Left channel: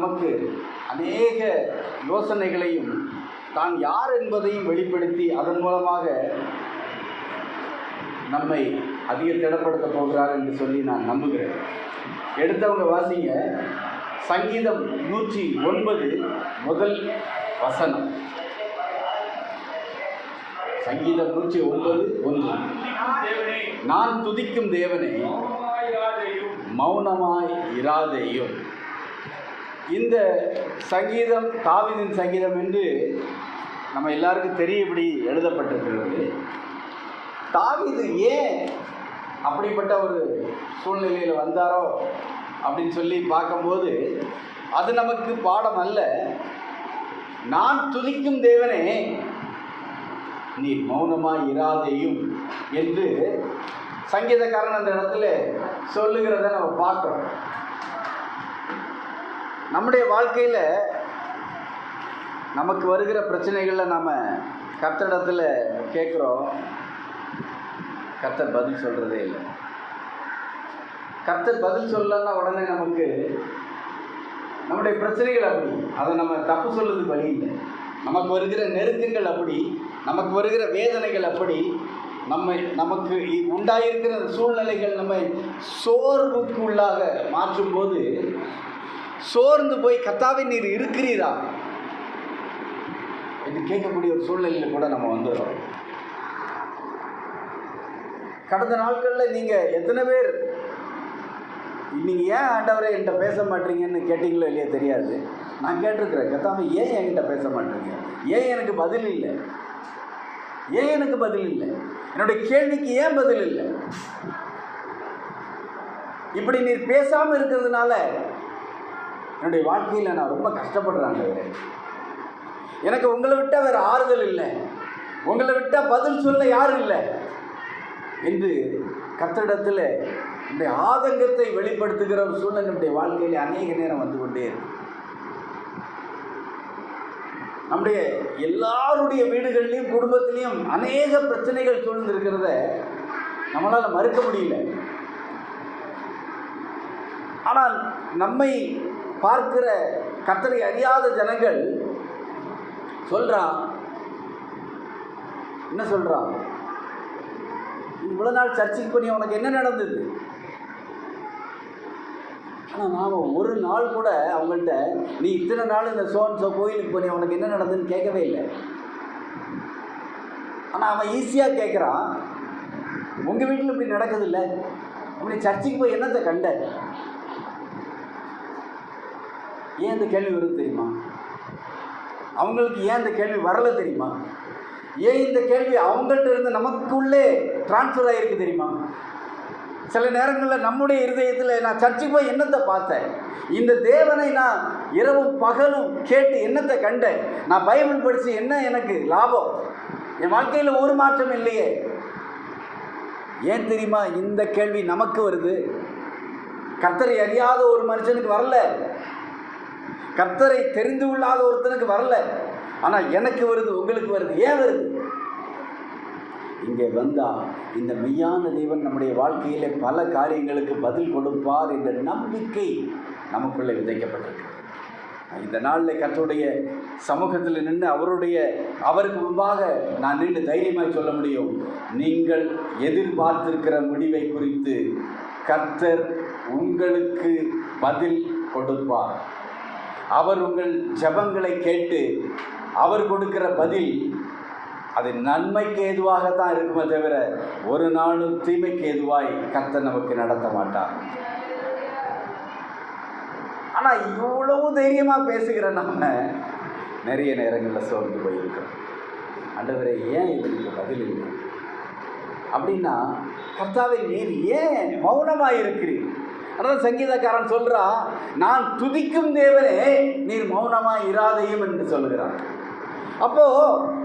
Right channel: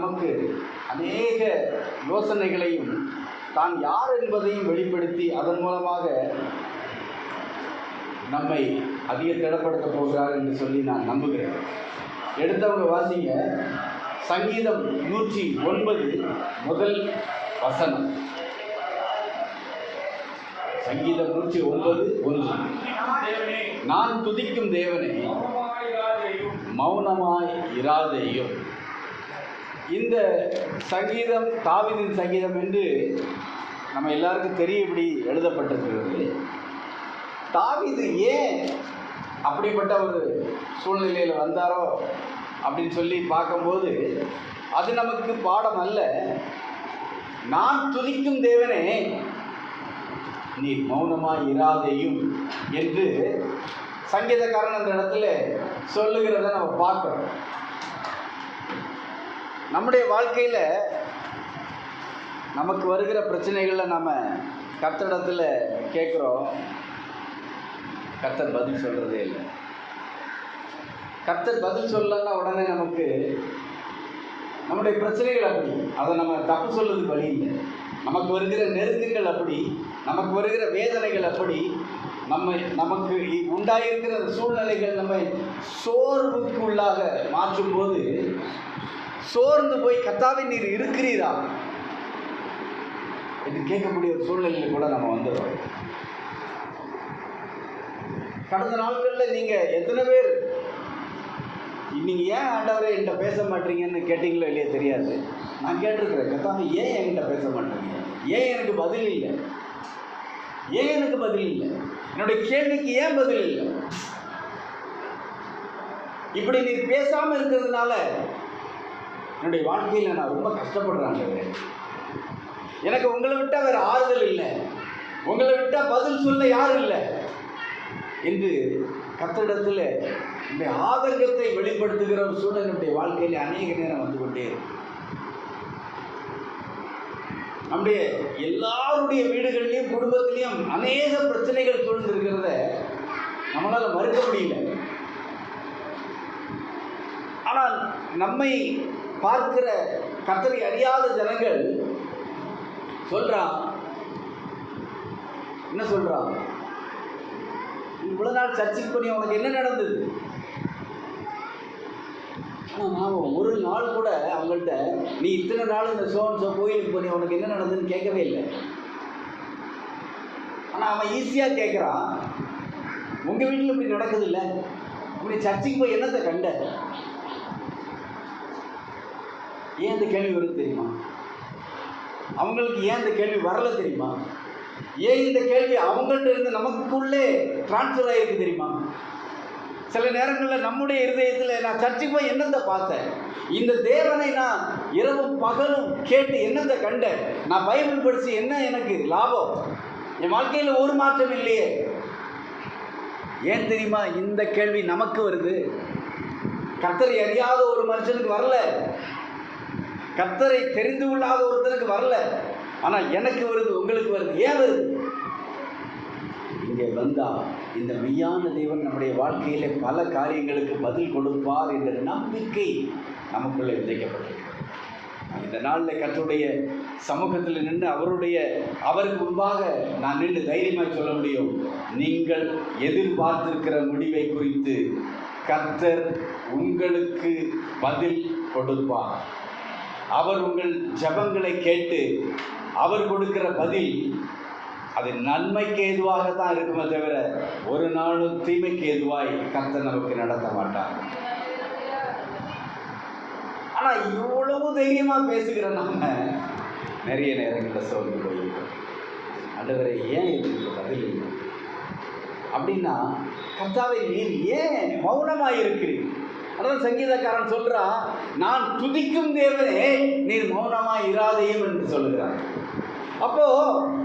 நமக்கு அநேக யோசனைகளையும் தான் யார் என்பதையும் வெளிப்படுத்தி அதன் மூலமாக நம்மை அதிக திடப்படுத்த போகிறார் என்று சொல்லி நான் நம்புகிறேன். எடுத்தவங்க வாசிங்க, சங்கீதம் 109 முதல் வசனம். சங்கீதம் 109:1. நான் துதிக்கும் தேவனே மௌனமாய் இராதேயும். இந்த சங்கீதம் தாவீதின் சங்கீதம் என்று நம்ம எல்லாருக்கும் தெரியபடி எழுதப்பட்டிருக்கிறது. தாவீது ஏன் அப்படிப்பட்ட ஒரு சூழ்நிலையில் வந்தாரோ அப்படின்னு சொல்லி பார்க்கும்போது அது நமக்கு பாடம் அல்ல. நான் துதிக்கும் தேவனே நீ மௌனமாய் இராதேயும் என்று சங்கீதக்காரன் அந்த இடத்துல சொல்லுகிறத நம்ம பார்க்குறோம். நம்முடைய வாழ்க்கையில் நமக்கு வருகிற பிரச்சனைகளில் நம்ம கர்த்தரிடத்தில் கேட்குறோம், கர்த்தர் பதில் சொல்கிறதே இல்லை. கர்த்தர் பதில் சொல்லலைன்னா உடனே நமக்கு நம்முடைய பிரச்சனைகள் அப்படி, அதை நம்ம தப்பு சொல்லுறது வழி இல்லை. நமக்கு வருகிற நெருக்கங்கள் அப்படி, நமக்கு வருகிற வேதனைகள் அப்படி, நமக்கு உண்டாயிருக்கிற சூழ்நிலைகள் நம்மை சோர்வுக்கு உள்ளாக மாற்றும்போது சோர்ந்து போய் கர்த்தாவே நீர் இருக்கிறீரா என்று கேட்கக்கூடிய ஒரு சூழ்நிலையில் கூட நம்ம வந்துடுறோம். கடந்த நாட்களில் நீங்கள் எத்தனை பேர் நீங்கள் ஏன் ஆண்டவரை என்கிட்ட பேச மாட்டீங்கன்னு கேட்டிங்களோ இல்லையா தெரியாது. நான் கேட்டிருக்கிறேன், கர்த்தாவே ஏன் என்கிட்ட பேச மாட்டீங்க, ஏன் எனக்கு பதில் இல்லை, ஏன் எனக்கு பதில் இல்லை, என்னுடைய கேள்விக்கு ஏன் பதில் இல்லை. இப்படி நீர் பேசாமல் இருக்கிறதுனால என்னுடைய வாழ்க்கையில் நான் ரொம்ப கஷ்டப்படுறேன் ஆண்டவரே. எனக்கு உங்களை விட்டால் வேறு ஆறுதல் இல்லை, உங்களை விட்டால் பதில் சொல்ல யாரும் இல்லை என்று கர்த்தரிடத்தில் இந்த ஆதங்கத்தை வெளிப்படுத்துகிற ஒரு சூழ்நிலை நம்முடைய வாழ்க்கையில் அநேக நேரம் வந்து கொண்டே இருக்கு. நம்முடைய எல்லாருடைய வீடுகள்லையும் குடும்பத்திலையும் அநேக பிரச்சனைகள் சூழ்ந்திருக்கிறத நம்மளால் மறுக்க முடியல. ஆனால் நம்மை பார்க்கிற கர்த்தரை அறியாத ஜனங்கள் சொல்றான், என்ன சொல்றான், இவ்வளவு நாள் சர்ச்சைக்கு பண்ணி உனக்கு என்ன நடந்தது? ஆனால் நாம் ஒரு நாள் கூட அவங்கள்ட்ட நீ இத்தனை நாள் இந்த சோ கோயிலுக்கு பண்ணி உனக்கு என்ன நடந்ததுன்னு கேட்கவே இல்லை. ஆனால் அவன் ஈஸியாக கேட்குறான், உங்கள் வீட்டில் இப்படி நடக்குது இல்லை, அப்படி சர்ச்சைக்கு போய் என்னத்தை கண்ட? ஏன் இந்த கேள்வி வருது தெரியுமா? அவங்களுக்கு ஏன் இந்த கேள்வி வரலை தெரியுமா? ஏன் இந்த கேள்வி அவங்கள்ட்ட இருந்து நமக்குள்ளே டிரான்ஸ்ஃபர் ஆகிருக்கு தெரியுமா? சில நேரங்களில் நம்முடைய இருதயத்தில் நான் சர்ச்சைக்கு போய் என்னத்தை பார்த்தேன், இந்த தேவனை நான் இரவும் பகலும் கேட்டு என்னத்தை கண்டேன், நான் பைபிள் படித்து என்ன எனக்கு லாபம், என் வாழ்க்கையில் ஒரு மாற்றம் இல்லையே. ஏன் தெரியுமா இந்த கேள்வி நமக்கு வருது? கர்த்தரை அறியாத ஒரு மனுஷனுக்கு வரல, கர்த்தரை தெரிந்து கொள்ளாத ஒருத்தனுக்கு வரல, ஆனால் எனக்கு வருது, உங்களுக்கு வருது. ஏன் வருது? இங்கே வந்தால் இந்த மெய்யான தேவன் நம்முடைய வாழ்க்கையில் பல காரியங்களுக்கு பதில் கொடுப்பார் என்ற நம்பிக்கை நமக்குள்ளே விதைக்கப்பட்டிருக்கு. இந்த நாளில் கர்த்தருடைய சமூகத்தில் நின்று அவருக்கு முன்பாக நான் நின்று தைரியமாக சொல்ல முடியும், நீங்கள் எதிர்பார்த்திருக்கிற முடிவை குறித்து கர்த்தர் உங்களுக்கு பதில் கொடுப்பார். அவர் உங்கள் ஜெபங்களை கேட்டு அவர் கொடுக்கிற பதில் அது நன்மைக்கு ஏதுவாகத்தான் இருக்குமே தவிர ஒரு நாளும் தீமைக்கு ஏதுவாய் கர்த்தர் நமக்கு நடத்த மாட்டார். ஆனால் இவ்வளவு தைரியமாக பேசுகிற நம்ம நிறைய நேரங்களில் சோர்ந்து போயிருக்கோம். ஆண்டவரே ஏன் இதுக்கு பதில் இல்லை அப்படின்னா, கர்த்தாவே நீர் ஏன் மௌனமாக இருக்கிறீர்? அதான் சங்கீதக்காரன் சொல்கிறான், நான் துதிக்கும் தேவனே நீர் மௌனமாக இராதேயும் என்று சொல்லுகிறான். அப்போது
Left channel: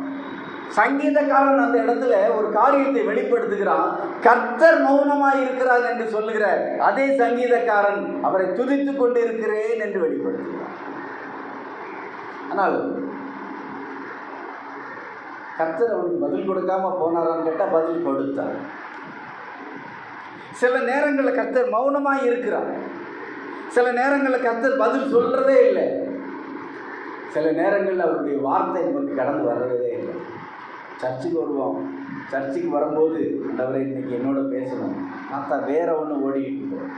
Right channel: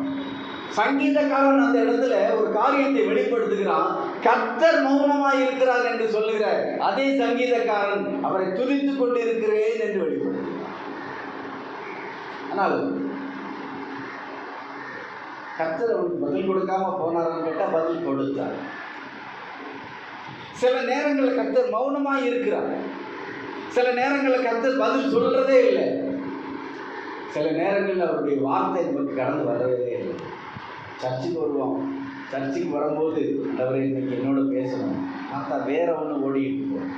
சங்கீதக்காரன் அந்த இடத்துல ஒரு காரியத்தை வெளிப்படுத்துகிறான். கர்த்தர் மௌனமாக இருக்கிறார் என்று சொல்லுகிற அதே சங்கீதக்காரன் அவரை துதித்து கொண்டு இருக்கிறேன் என்று வெளிப்படுத்துகிறான். ஆனால் கர்த்தர் அவனுக்கு பதில் கொடுக்காம போனாரான்னு கேட்டால் பதில் கொடுத்தார். சில நேரங்களில் கர்த்தர் மௌனமாக இருக்கிறார். சில நேரங்களில் கர்த்தர் பதில் சொல்றதே இல்லை. சில நேரங்களில் அவருடைய வார்த்தை நமக்கு கடந்து வர்றதே இல்லை. சர்ச்சுக்கு வருவோம், சர்ச்சுக்கு வரும்போது ஆண்டவரே இன்னைக்கு என்னோட பேசணும், பார்த்தா வேற ஒன்று ஓடிக்கிட்டு இருக்கோம்.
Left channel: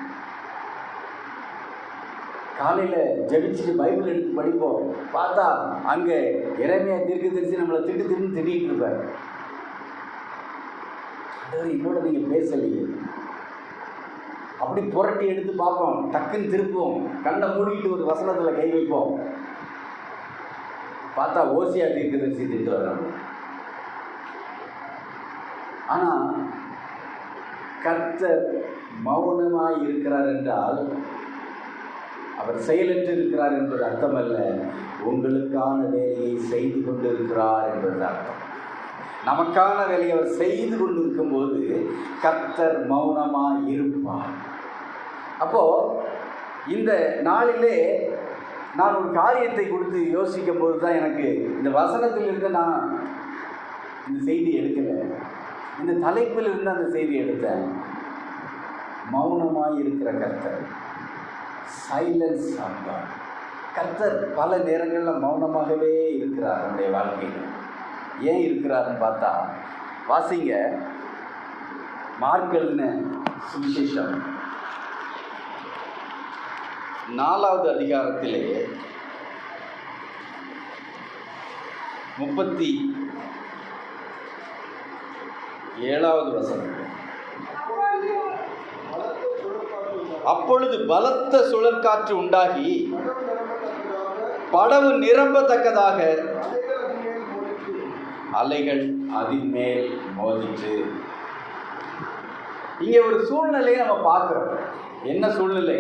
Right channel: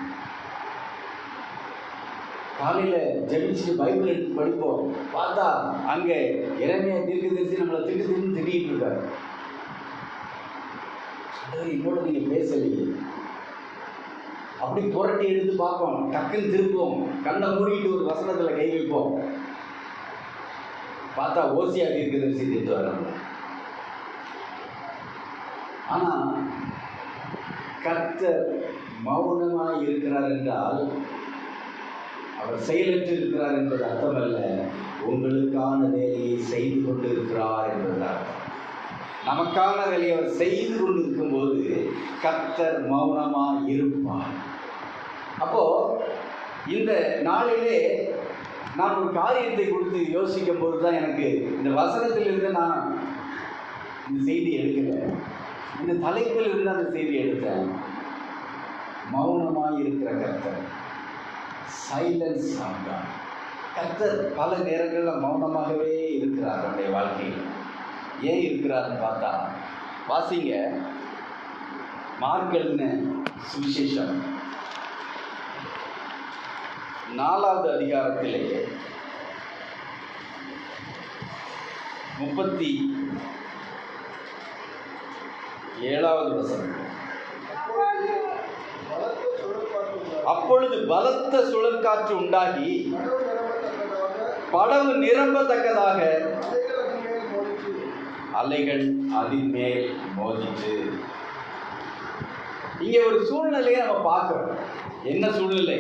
காலையில் ஜெபிச்சுட்டு பைபிள் எடுத்து படிப்போம், பார்த்தா அங்கே எரேமியா தீர்க்கதரிசி நம்மளை திட்டிட்டு இருப்பார். ஆண்டவரே என்னோட நீங்கள் பேசலையே. அப்படி புரட்டி எடுத்து பார்ப்போம், டக்குன்னு திருப்போம், கண்ணை மூடிட்டு ஒரு வசனத்தில் கை வைப்போம், பார்த்தா ஓசியா தீர்க்கதரிசி திட்டு வராங்க. ஆனால் கர்த்தர் மௌனமாய் இருக்கிறார் என்றால் அவர் செயலற்று இருக்கிறார் என்பது அர்த்தமல்ல, உங்களுக்கான வேலையை செய்து கொண்டு இருக்கிறார் என்பது அர்த்தம். நமக்கான வேலையை அவர் செய்து கொண்டு இருக்கும்போது கர்த்தர் மௌனமாய் இருப்பார். அப்போ இந்த நாளிலே நான் ஒரு காரியத்தை கொடுத்து யோசிக்கும் போது தான் எனக்கு இந்த வசனத்திலிருந்து நான் இந்த செய்தி எடுக்கலை, இந்த தலைப்பில் இருந்து அந்த செய்தி எடுத்தேன். மௌனமாய் இருக்கிற கர்த்தர், சைலன்ஸ் ஆகார். கர்த்தர் பல நேரங்களில் மௌனமாகவே இருக்கிறார் நம்முடைய வாழ்க்கையில். ஏன் இருக்கிறாருன்னு பார்த்தா, வாசிங்க மார்க் எழுதின சுவிசேஷம் 4வது அதிகாரத்திலே 37வது வசனம். அப்பொழுது பலத்த சுழற்காற்று உண்டாகி படகு நிரம்பத்தக்கதாக அலைகள் அதன் மேல் மோதிற்று. இங்கே ஒரு சூழ்நிலையை நம்ம பார்க்கிறோம். என்ன சூழ்நிலை?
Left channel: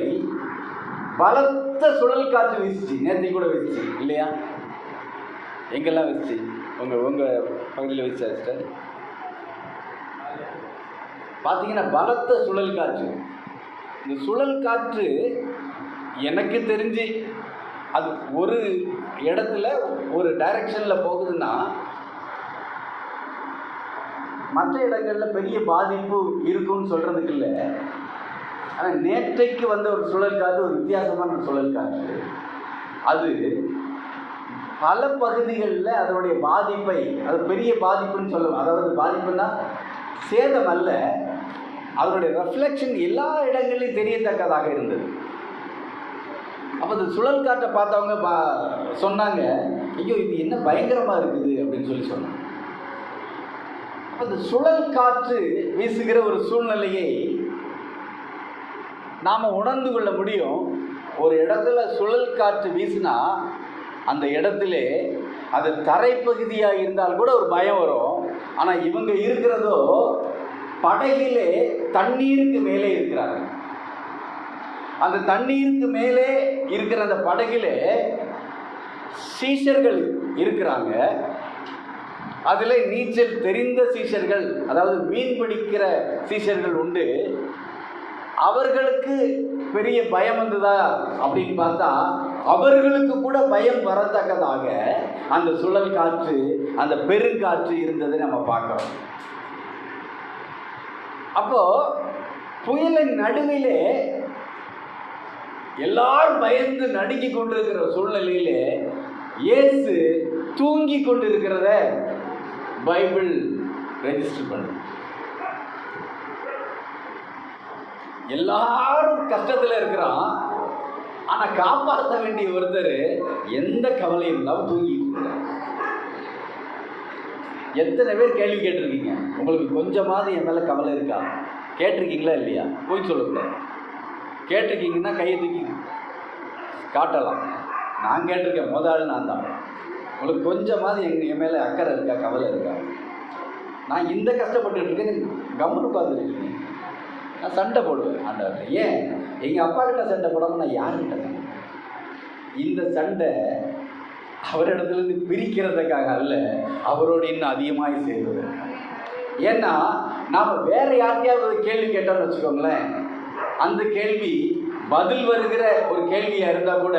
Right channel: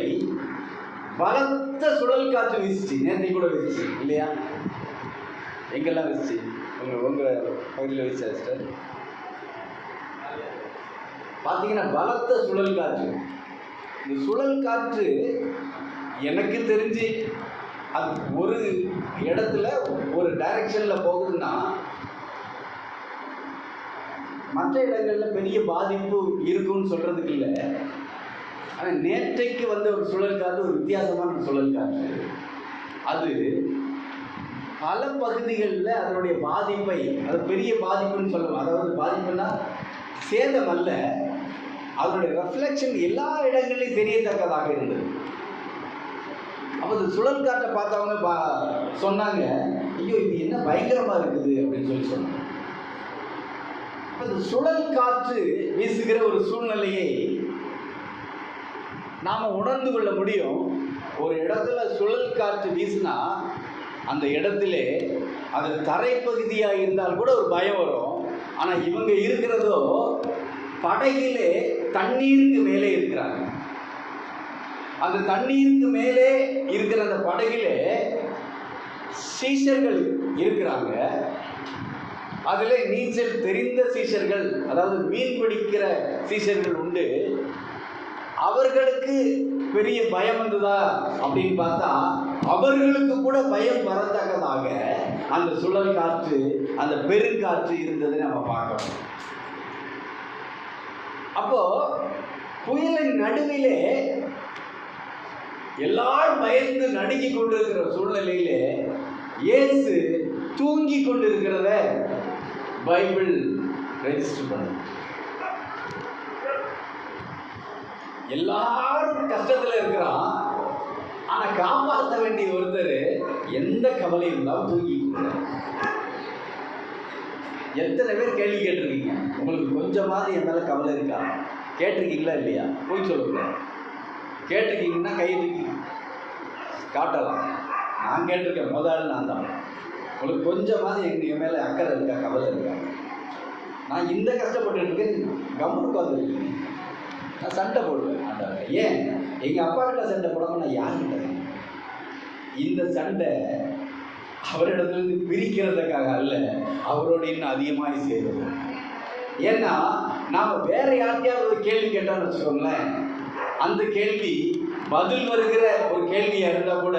பலத்த சுழல் காற்று வீசிச்சு. நேற்று கூட வீசிச்சு இல்லையா? எங்கெல்லாம் வீசிச்சு? உங்கள் பகுதியில் வீசிச்சா சிஸ்டர்? பார்த்தீங்கன்னா பலத்த சுழல் காற்று. இந்த சுழல் காற்று எனக்கு தெரிஞ்சு அது ஒரு இடத்துல ஒரு டைரக்ஷனில் போகுதுன்னா மற்ற இடங்களில் பெரிய பாதிப்பு இருக்குன்னு சொல்கிறதுக்கு இல்லை. ஆனால் நேற்றைக்கு வந்த ஒரு சுழல் காற்று ஒரு வித்தியாசமான சுழல் காற்று. அது பல பகுதிகளில் அதனுடைய பாதிப்பை, அது பெரிய பாதிப்புன்னு சொல்லுவோம். அதாவது பாதிப்புன்னா சேதம் அல்ல, அதனுடைய ரெஃப்ளெக்ஷன் எல்லா இடங்களையும் தெரியத்தக்கதாக இருந்தது. அப்போ இந்த சுழல் காற்றை பார்த்தவங்க சொன்னாங்க, ஐயோ இது என்ன பயங்கரமாக இருக்குது அப்படின்னு சொல்லி சொன்னாங்க. அப்போ இந்த சுழல் காற்று வீசுகிற ஒரு சூழ்நிலையை நாம் உணர்ந்து கொள்ள முடியும். ஒரு இடத்துல சுழல் காற்று வீசினா அந்த இடத்துல அது தரைப்பகுதியாக இருந்தால் கூட ஒரு பயம் வரும். ஆனால் இவங்க இருக்கிறதோ படகிலே தண்ணீருக்கு மேலே இருக்கிறாங்க. அந்த தண்ணீருக்கு மேலே இருக்கிற அந்த படகிலே சீஷர்கள் இருக்கிறாங்க. அதில் நீச்சல் தெரிந்த சீஷர்கள், அதாவது மீன் பிடிக்கிற சீஷர்கள் உண்டு. அவர்களுக்கு பெரிய பயம் வந்ததா அப்படின்னு பார்த்தா அவர்களுக்கு கூட பயம் வரத்தக்கதாக அந்த சுழல் காற்று, அந்த பெருங்காற்று இருந்ததை நம்ம பார்க்கிறோம். அப்போ புயலின் நடுவிலே எல்லாரும் பயந்து நடுங்கி கொண்டிருக்கிற சூழ்நிலையிலே இயேசு தூங்கி கொண்டிருக்கிறத பைபிள் ரெஜிஸ்டர் பண்ணு. எல்லாரும் கஷ்டத்தில் இருக்கிறான், ஆனால் காப்பாற்ற வேண்டிய ஒருத்தர் எந்த கவலையும் இல்லாமல் தூங்கிட்டு இருக்கிறார். எத்தனை பேர் கேள்வி கேட்டிருக்கீங்க? உங்களுக்கு கொஞ்சமாவது என் மேலே கவலை இருக்கா? கேட்டிருக்கீங்களா இல்லையா? போய் சொல்லுங்க. கேட்டிருக்கீங்கன்னா கையை தூக்கி காட்டலாம். நான் கேட்டிருக்கேன், முதல் நான் தான். உங்களுக்கு கொஞ்சமாவது என் மேலே அக்கறை இருக்கா, கவலை இருக்கா? நான் இந்த கஷ்டப்பட்டு இருக்கேன், கம்முன்னு உட்காந்துருக்கீங்க. நான் சண்டை போடுவேன் ஆண்டவர்கிட்ட. ஏன் எங்கள் அப்பா கிட்ட சண்டை போடாமல் நான் யார்கிட்ட? இந்த சண்டை அவரிடத்துலேருந்து பிரிக்கிறதுக்காக அல்ல, அவரோடு இன்னும் அதிகமாக செய்வது. ஏன்னா நாம் வேற யார்கிட்டையாவது கேள்வி கேட்டோம்னு வச்சுக்கோங்களேன், அந்த கேள்வி பதில் வருகிற ஒரு கேள்வியாக இருந்தால் கூட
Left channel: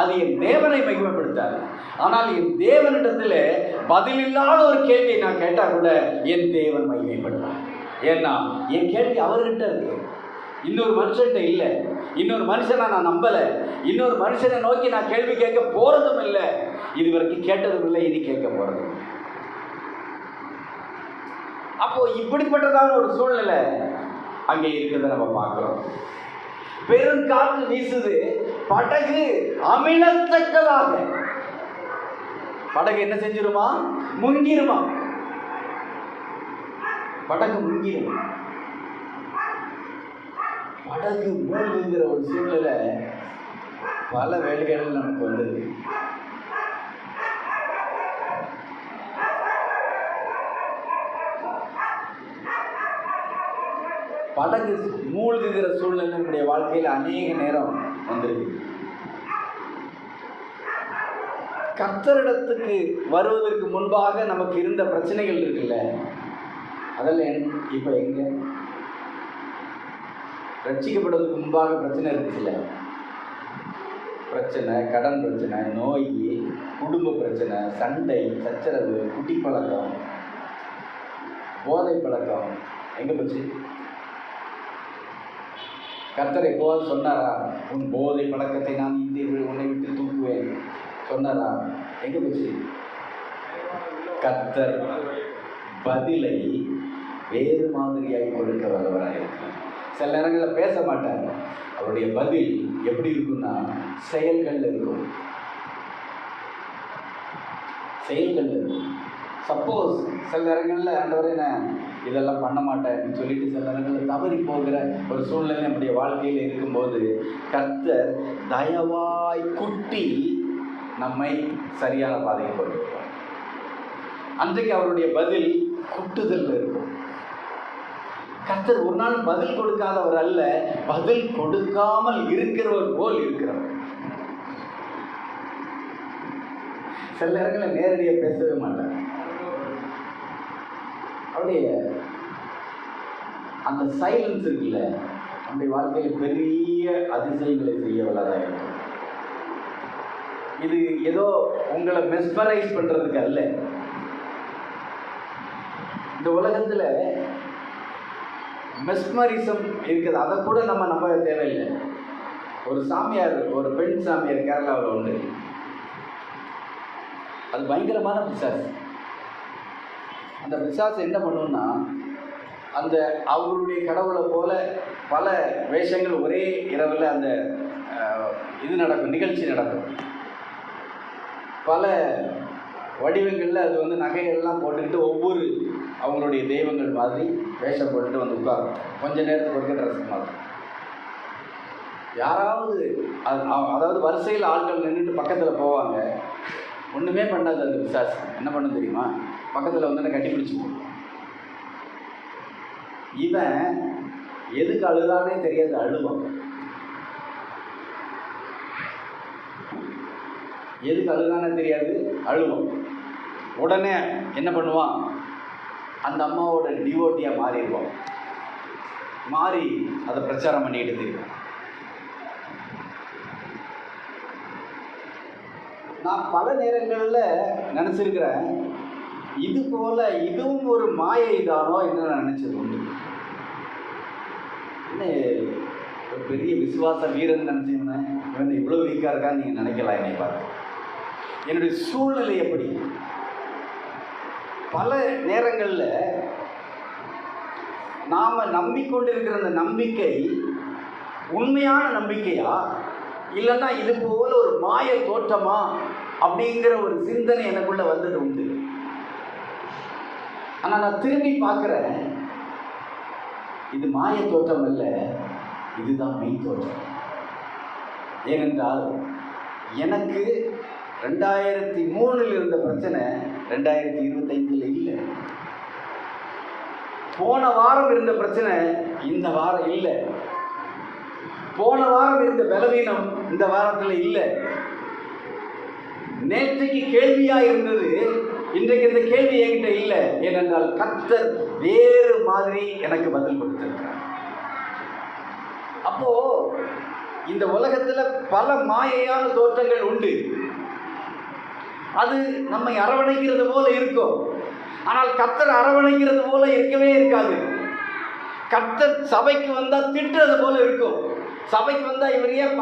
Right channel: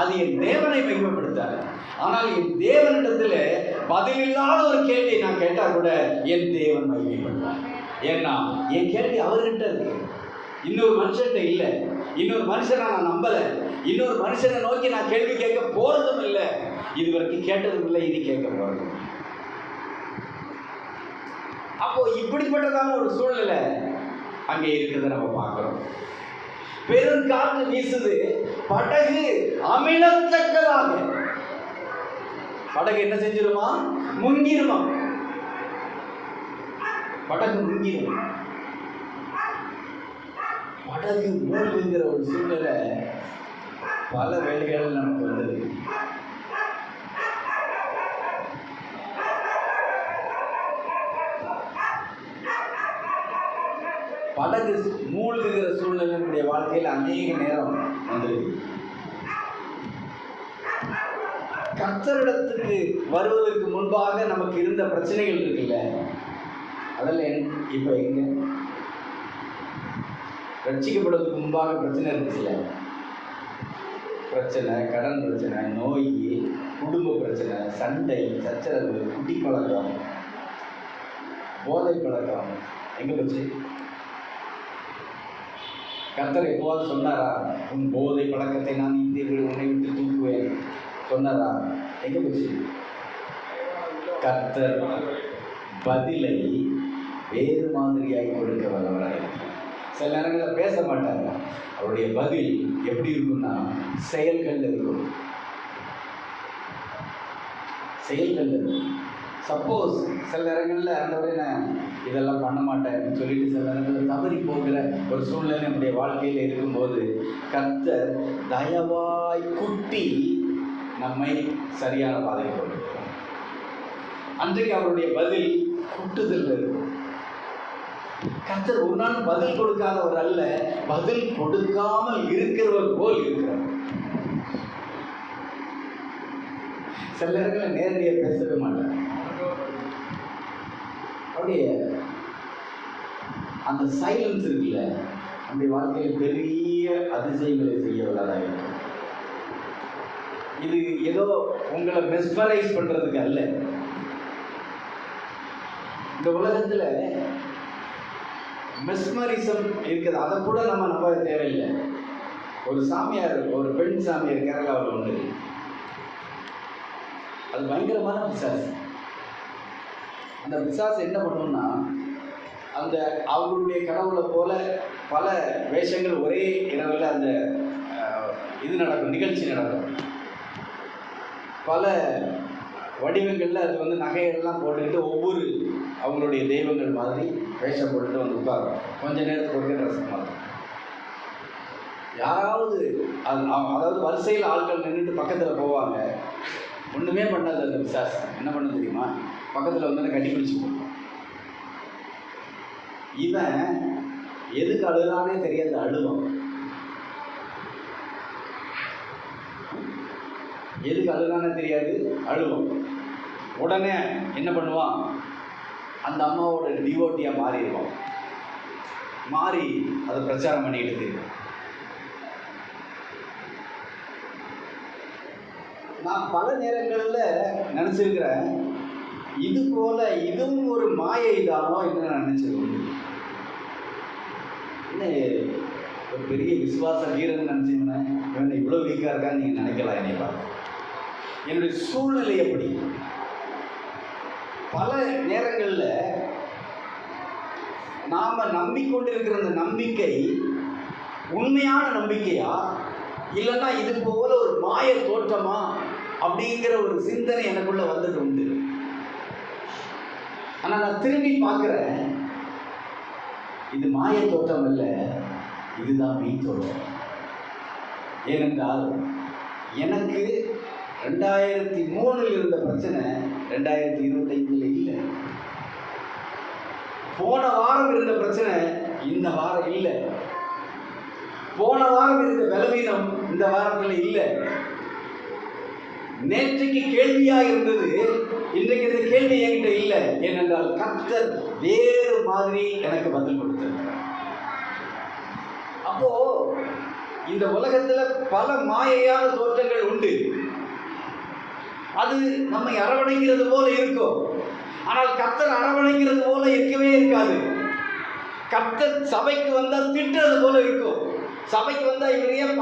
அது என் தேவனை மகிமைப்படுத்தாது. ஆனால் என் தேவனிடத்தில் பதில் இல்லாத ஒரு கேள்வியை நான் கேட்டால் கூட என் தேவன் மகிமைப்படுத்தார். ஏன்னா என் கேள்வி அவர்கிட்ட இருக்கு, இன்னொரு மனுஷன்கிட்ட இல்லை. இன்னொரு மனுஷனை நான் நம்பலை, இன்னொரு மனுஷனை நோக்கி நான் கேள்வி கேட்க போறதும் இல்லை, இதுவரைக்கும் கேட்டதும் இல்லை, இனி கேட்க போறதும். அப்போ இப்படிப்பட்டதான ஒரு சூழ்நிலை அங்கே இருக்கிறத நம்ம பார்க்கிறோம். பெருங்காற்று வீசுது, படகு அமிழத்தக்கதாக. படகு என்ன செஞ்சிருமா? முங்கிருமா. படகு முங்கிரும். படகு மூழ்குங்கிற ஒரு சூழ்நிலை பல வேலைகள் நமக்கு வந்தது. படகு மூழ்குகிற சூழ்நிலை நம்முடைய வாழ்க்கையில் அநேக நேரம் வந்திருக்கு. கர்த்தரிடத்துக்கு வருவதற்கு முன்பாக நமக்கு இருந்த பிரச்சனைகள் இருக்குல்ல, அதெல்லாம் இப்போ எங்க? ரட்சிக்கப்படுவதற்கு முன்பாக பிரச்சனை இருந்துச்சுல்ல, பிரச்சனை, கடன் பிரச்சனை, நோய், குடும்ப பிரச்சனை, சண்டை, சச்சரவு, குட்டி பழக்கம், போதை பழக்கம், எங்கே போச்சு? கர்த்தர் எப்போவாது சொன்னாரா, உன் போதை பழக்கத்தை நான் இந்தியர்கள் உன்னை விட்டு தூக்குவேன் சொன்னாரா? எங்கே போச்சு? கர்த்தர் பதிலை வேறு மாதிரியாய் கொடுக்க வரவராக. சில நேரங்களில் பேச மாட்டாங்க, அவருடைய பதில் எப்படி இருக்குன்னா செயல்கள் இருக்கும். செயல்கள் இருக்கும். சப்போஸ் சில நேரங்களில் ஆண்டவரே நான் இதெல்லாம் பண்ண மாட்டேன்னு சொல்லிட்டு சில நேரங்களில் தவறி போகிற ஒரு சூழ்நிலை நம்முடைய வாழ்க்கையில் இருக்கும்போது கர்த்தர் தயவாய் குட்டி நம்மை சரியான பாதைக்கு கொண்டிருக்கிறோம். அன்றைக்கு அவருடைய பதில் குட்டுதல் இருக்கும். கர்த்தர் ஒரு நாள் பதில் கொடுக்காதவர் அல்ல, பதில் கொடுக்காமல் இருக்கிறவர் போல் இருக்கிறவர். சில நேரங்களில் நேரடியாக பேசவே மாட்டார். அவருடைய அந்த சைலன்ஸ் இருக்குல்ல, நம்முடைய வாழ்க்கையில் பெரிய அதிசயங்களை செய்ய வல்லதாக இருக்கும். இது ஏதோ உங்களை மெஸ்மரைஸ் பண்றதுக்கு அல்ல. இந்த உலகத்தில் மெஸ்மரிசம் இருக்குது, அதை கூட நம்ம நம்ப தேவையில்லை. ஒரு சாமியார், ஒரு பெண் சாமியார் கேரளாவில் உண்டு. அது பயங்கரமான பிசாசு. அந்த பிசாசு என்ன பண்ணுன்னா, அந்த அவங்களுடைய கடவுளை போல பல வேஷங்கள் ஒரே இரவில் அந்த இது நடக்கும், நிகழ்ச்சி நடக்கும். பல வடிவங்களில் அது வந்து நகைகள்லாம் போட்டுக்கிட்டு ஒவ்வொரு அவங்களுடைய தெய்வங்கள் மாதிரி வேஷம் போட்டுட்டு வந்து உட்காரும். கொஞ்ச நேரத்துக்கு ஒரு ட்ரெஸ் மாதிரி. யாராவது அதாவது வரிசையில் ஆட்கள் நின்றுட்டு பக்கத்தில் போவாங்க, ஒன்றுமே பண்ணாது. அந்த பிசாசு என்ன பண்ண தெரியுமா? பக்கத்தில் வந்து கட்டி பிடிச்சி போடுவோம். இவன் எதுக்கு அழுதானே தெரியாது, அழுவான். எதுக்கு அழுதானே தெரியாது, அழுவான். உடனே என்ன பண்ணுவான்? அந்த அம்மாவோட டிவோட்டியாக மாறிடுவான். மாறி அதை பிரச்சாரம் பண்ணிக்கிட்டு தெரியும். நான் பல நேரங்களில் நினச்சிருக்கிறேன், இது போல இதுவும் ஒரு மாயை தானோ என்று நான் நினச்சிருக்கேன். என்ன ஒரு பெரிய விசுவாச வீரன் நினச்சிங்கன்னா இவன் இவ்வளோ வீக்காக இருக்கான்னு நீங்கள் நினைக்கலாம். என்னை பார்த்து என்னுடைய சூழ்நிலை எப்படி? பல நேரங்களில் நாம் நம்பிக்கொண்டிருக்கிற அந்த நம்பிக்கை உண்மையான நம்பிக்கையா, இல்லைன்னா இது போல ஒரு மாய தோற்றமா அப்படிங்கிற ஒரு சிந்தனை எனக்குள்ள வந்துட்டு உண்டு. ஆனால் நான் திரும்பி பார்க்குறேன், இது மாய தோற்றம் அல்ல, இதுதான் மெய் தோற்றம். ஏனென்றால் எனக்கு 2003 இருந்த பிரச்சனை 2025 இல்லை. போன வாரம் இருந்த பிரச்சனை இந்த வாரம் இல்லை. போன வாரம் இருந்த பலவீனம் இந்த வாரத்தில் இல்லை. நேற்றைக்கு கேள்வியாக இருந்தது, இன்றைக்கு இந்த கேள்வி என்கிட்ட இல்லை. ஏனென்றால் கர்த்தர் வேறு மாதிரி எனக்கு பதில் கொடுத்திருக்கிறார். அப்போ இந்த உலகத்தில் பல மாயையான தோற்றங்கள் உண்டு. அது நம்மை அரவணைக்கிறது போல இருக்கும். ஆனால் கர்த்தர் அரவணைக்கிறது போல இருக்கவே இருக்காது. கர்த்தர் சபைக்கு வந்தால் திட்டுறது போல இருக்கும். சபைக்கு வந்தால் இவர் ஏன்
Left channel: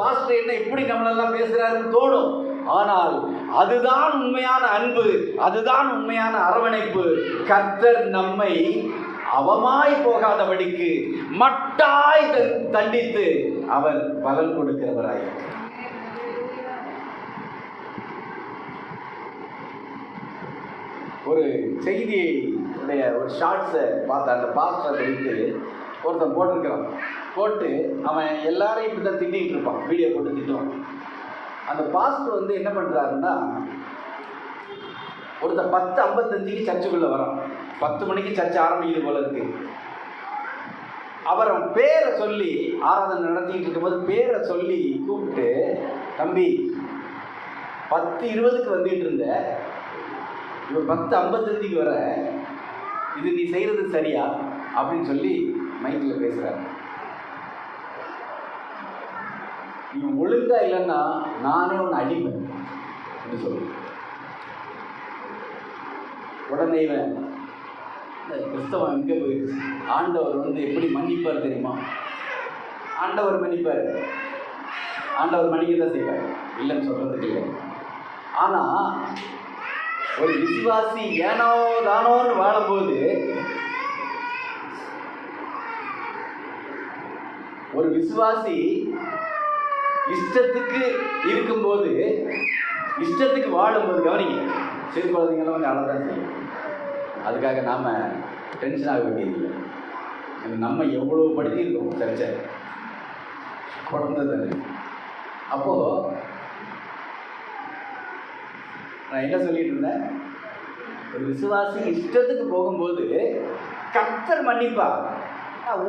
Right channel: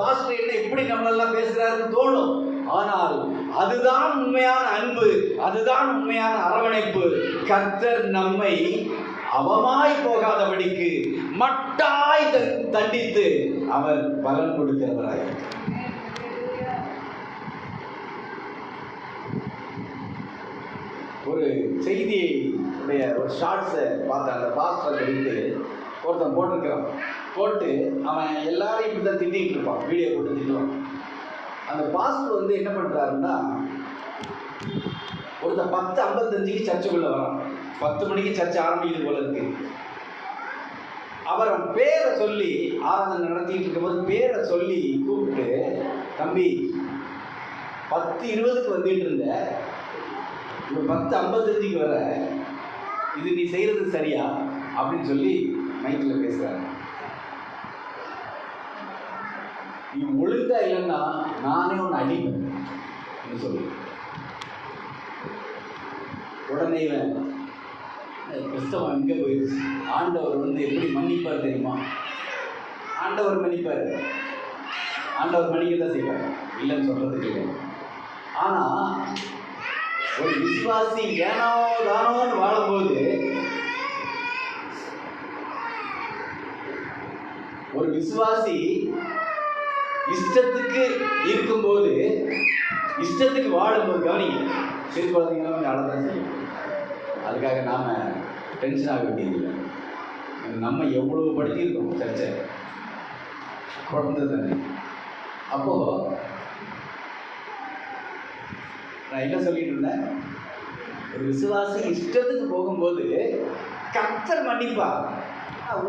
பாஸ்டர் என்ன இப்படி நம்மளெல்லாம் பேசுகிறாருன்னு தோணும். ஆனால் அதுதான் உண்மையான அன்பு, அதுதான் உண்மையான அரவணைப்பு. கர்த்தர் நம்மை அவமாய் போகாதபடிக்கு மட்டாய் தண்டித்து அவர் பலன் கொடுக்கிறவராய். ஒரு செய்தியை ஒரு ஷார்ட்ஸை பார்த்த அந்த பாஸ்டரை குறித்து ஒருத்தன் போட்டிருக்கிறான். போட்டு அவன் எல்லாரையும் இப்படி தான் திட்டிகிட்டு இருப்பான், வீடியோ போட்டு திட்டுவான். அந்த பாஸ்டர் என்ன பண்ணுறாருன்னா, ஒருத்தன் 10:55 சர்ச்சுக்குள்ளே வரான். 10 மணிக்கு சர்ச்சை ஆரம்பிக்குது போல இருக்கு. அவர் பேரை சொல்லி ஆராதனை நடத்திக்கிட்டு இருக்கும்போது பேரை சொல்லி கூப்பிட்டு, தம்பி 10:20 வந்துட்டு இருந்த, இப்போ 10:55 வர, இது நீ செய்கிறது சரியா அப்படின்னு சொல்லி மைக்கில் பேசுகிறாரு. நீ ஒழுங்கா இல்லைன்னா நானே ஒன்று அடிப்பேன் சொல்லு. உடனே இவன் கிறிஸ்தவன் எங்கே போயிடுச்சு. ஆண்டவர் எப்படி மன்னிப்பார் தெரியுமா? ஆண்டவர் மன்னிப்பார், ஆண்டவர் மன்னிக்க தான் செய்வார், இல்லைன்னு சொல்கிறதுக்கு இல்லை. ஆனால் ஒரு விசுவாசி ஏனோ தானோன்னு வாழும்போது, ஒரு விசுவாசி இஷ்டத்துக்கு இருக்கும்போது, இஷ்டத்துக்கு வாழும்போது, கவனிங்க, சிறு குழந்தைங்களாம் கொஞ்சம் அழகாக செய்யும். அதுக்காக நாம் டென்ஷன் ஆக வேண்டியதில்லை. நம்ம எவ்வளோ படிச்சிருக்கோம் சர்ச்சை, குழந்தை தானே. அப்போது நான் என்ன சொல்லிட்டு இருந்தேன், ஒரு விசுவாசி இஷ்டத்துக்கு போகும்போது கர்த்தர் மன்னிப்பா.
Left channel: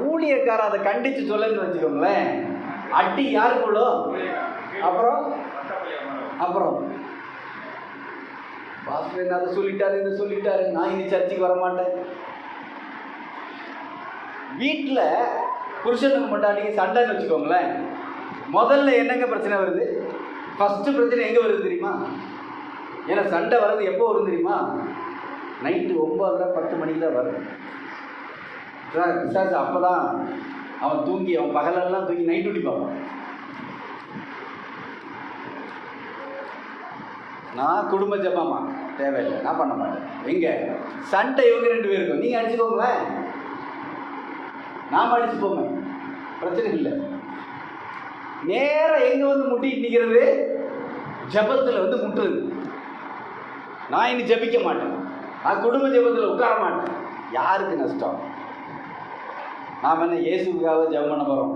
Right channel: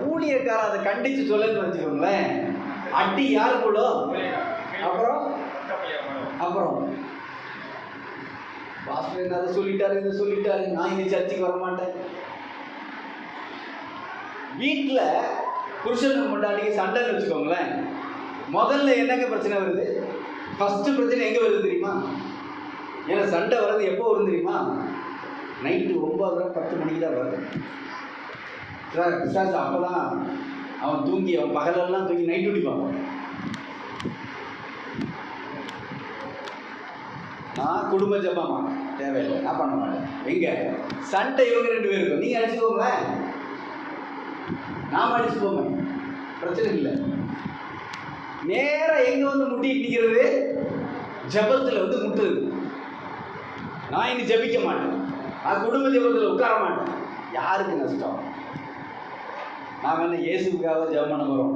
ஊழியக்காரன் அதை கண்டித்து சொல்லன்னு வச்சுக்கோங்களேன், அடி யாருக்குள்ளோ. அப்புறம் பாஸ்டர் என்ன அதை சொல்லிட்டாரு, இதை சொல்லிட்டாரு, நான் இனி சர்ச்சைக்கு வர மாட்டேன். வீட்டில் புருஷனுக்கு முன்னாடி சண்டைன்னு வச்சுக்கோங்களேன், முதல்ல என்னங்க பிரச்சனை வருது? ஃபஸ்ட்டு பிரச்சனை எங்கே வருது தெரியுமா? ஏன்னா சண்டை வர்றது எப்போ வரும் தெரியுமா? நைட்டு 9:30-10 மணிக்கு தான் வரும். பிசாசு அப்போ தான் அவன் தூங்கி, அவன் பகலெல்லாம் தூங்கி நைட் டியூட்டி பார்ப்பான். நான் குடும்ப ஜமாமா தேவையில்லை, நான் பண்ண மாட்டேன். எங்கே சண்டை இவங்க 2 பேருக்கும், நீங்கள் அடிச்சுக்கோங்களேன், நாம் அடிச்சுக்கோங்க, பிரச்சனை இல்லை. நேராக எங்கே முட்டிட்டு நிற்கிறது? ஜபத்தில் முட்டுது. நான் இனி ஜபிக்க மாட்டேன், நான் குடும்ப ஜபத்தில் உட்கார மாட்டேன். யாருக்கு நஷ்டம்? நாம் என்ன இயேசுக்காக ஜபம் பண்ண போகிறோம்?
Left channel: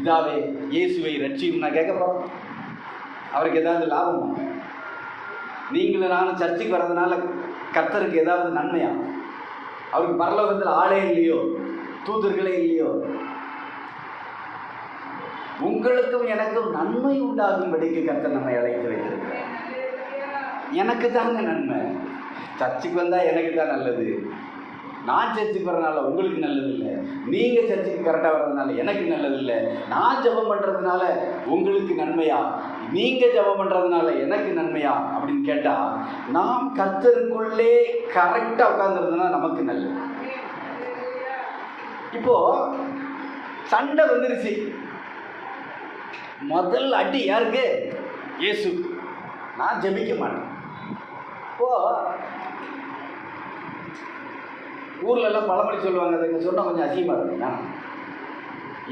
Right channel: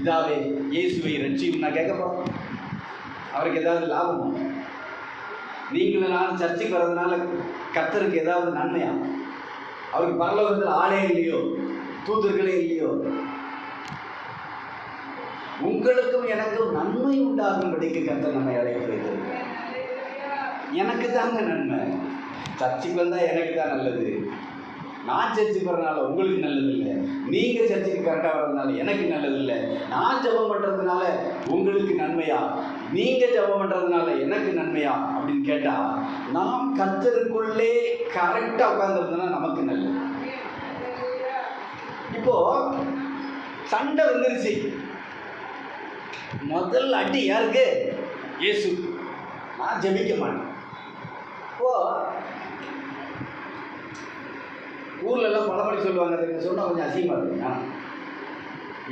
இதாவே இயேசுவை ரட்சிக்கும் நான் கேட்க போகிறோம். அவருக்கு ஏதாவது லாபமா? நீங்களும் நானும் சர்ச்சைக்கு வர்றதுனால கர்த்தருக்கு ஏதாவது நன்மையா? அவருக்கு பரலோகத்தில் ஆளே இல்லையோ, தூதர்களே இல்லையோ? உங்களுக்கும் எனக்கும் நன்மை உண்டாகும்படிக்கு கர்த்தர் நம்மை அழைத்து வைத்திருக்கிறார். எனக்கு தாங்க நன்மை. சர்ச்சைக்கு வந்தால் எனக்கு தான் நல்லது. நான் சர்ச்சைக்கு வர்றதுனால உங்களுக்கு நல்லது இல்லை, நீங்கள் சர்ச்சைக்கு கரெக்டாக வர்றதுனால எனக்கு நல்லது இல்லை. நான் ஜெபம் பண்ணுறதுனால உங்களுக்கு நன்மையா, நீங்கள் ஜெபம் பண்ணுறதுனால எனக்கு நன்மையா அப்படின்னு கேட்டால், நாம் கர்த்தருக்குள்ளே கரெக்டாக உட்காந்துருந்தோன்னா நமக்கு நல்லது. இப்போது சண்டை வந்துருச்சு, முதல் அடி யாருக்கு? இயேசு. நான் ஜெபிக்க மாட்டேன். இப்போது ஊர்லெல்லாம் பழமொழி சொல்லுவாங்க, அதை சொன்னால் கொஞ்சம் அசிங்கமாக இருக்குங்க.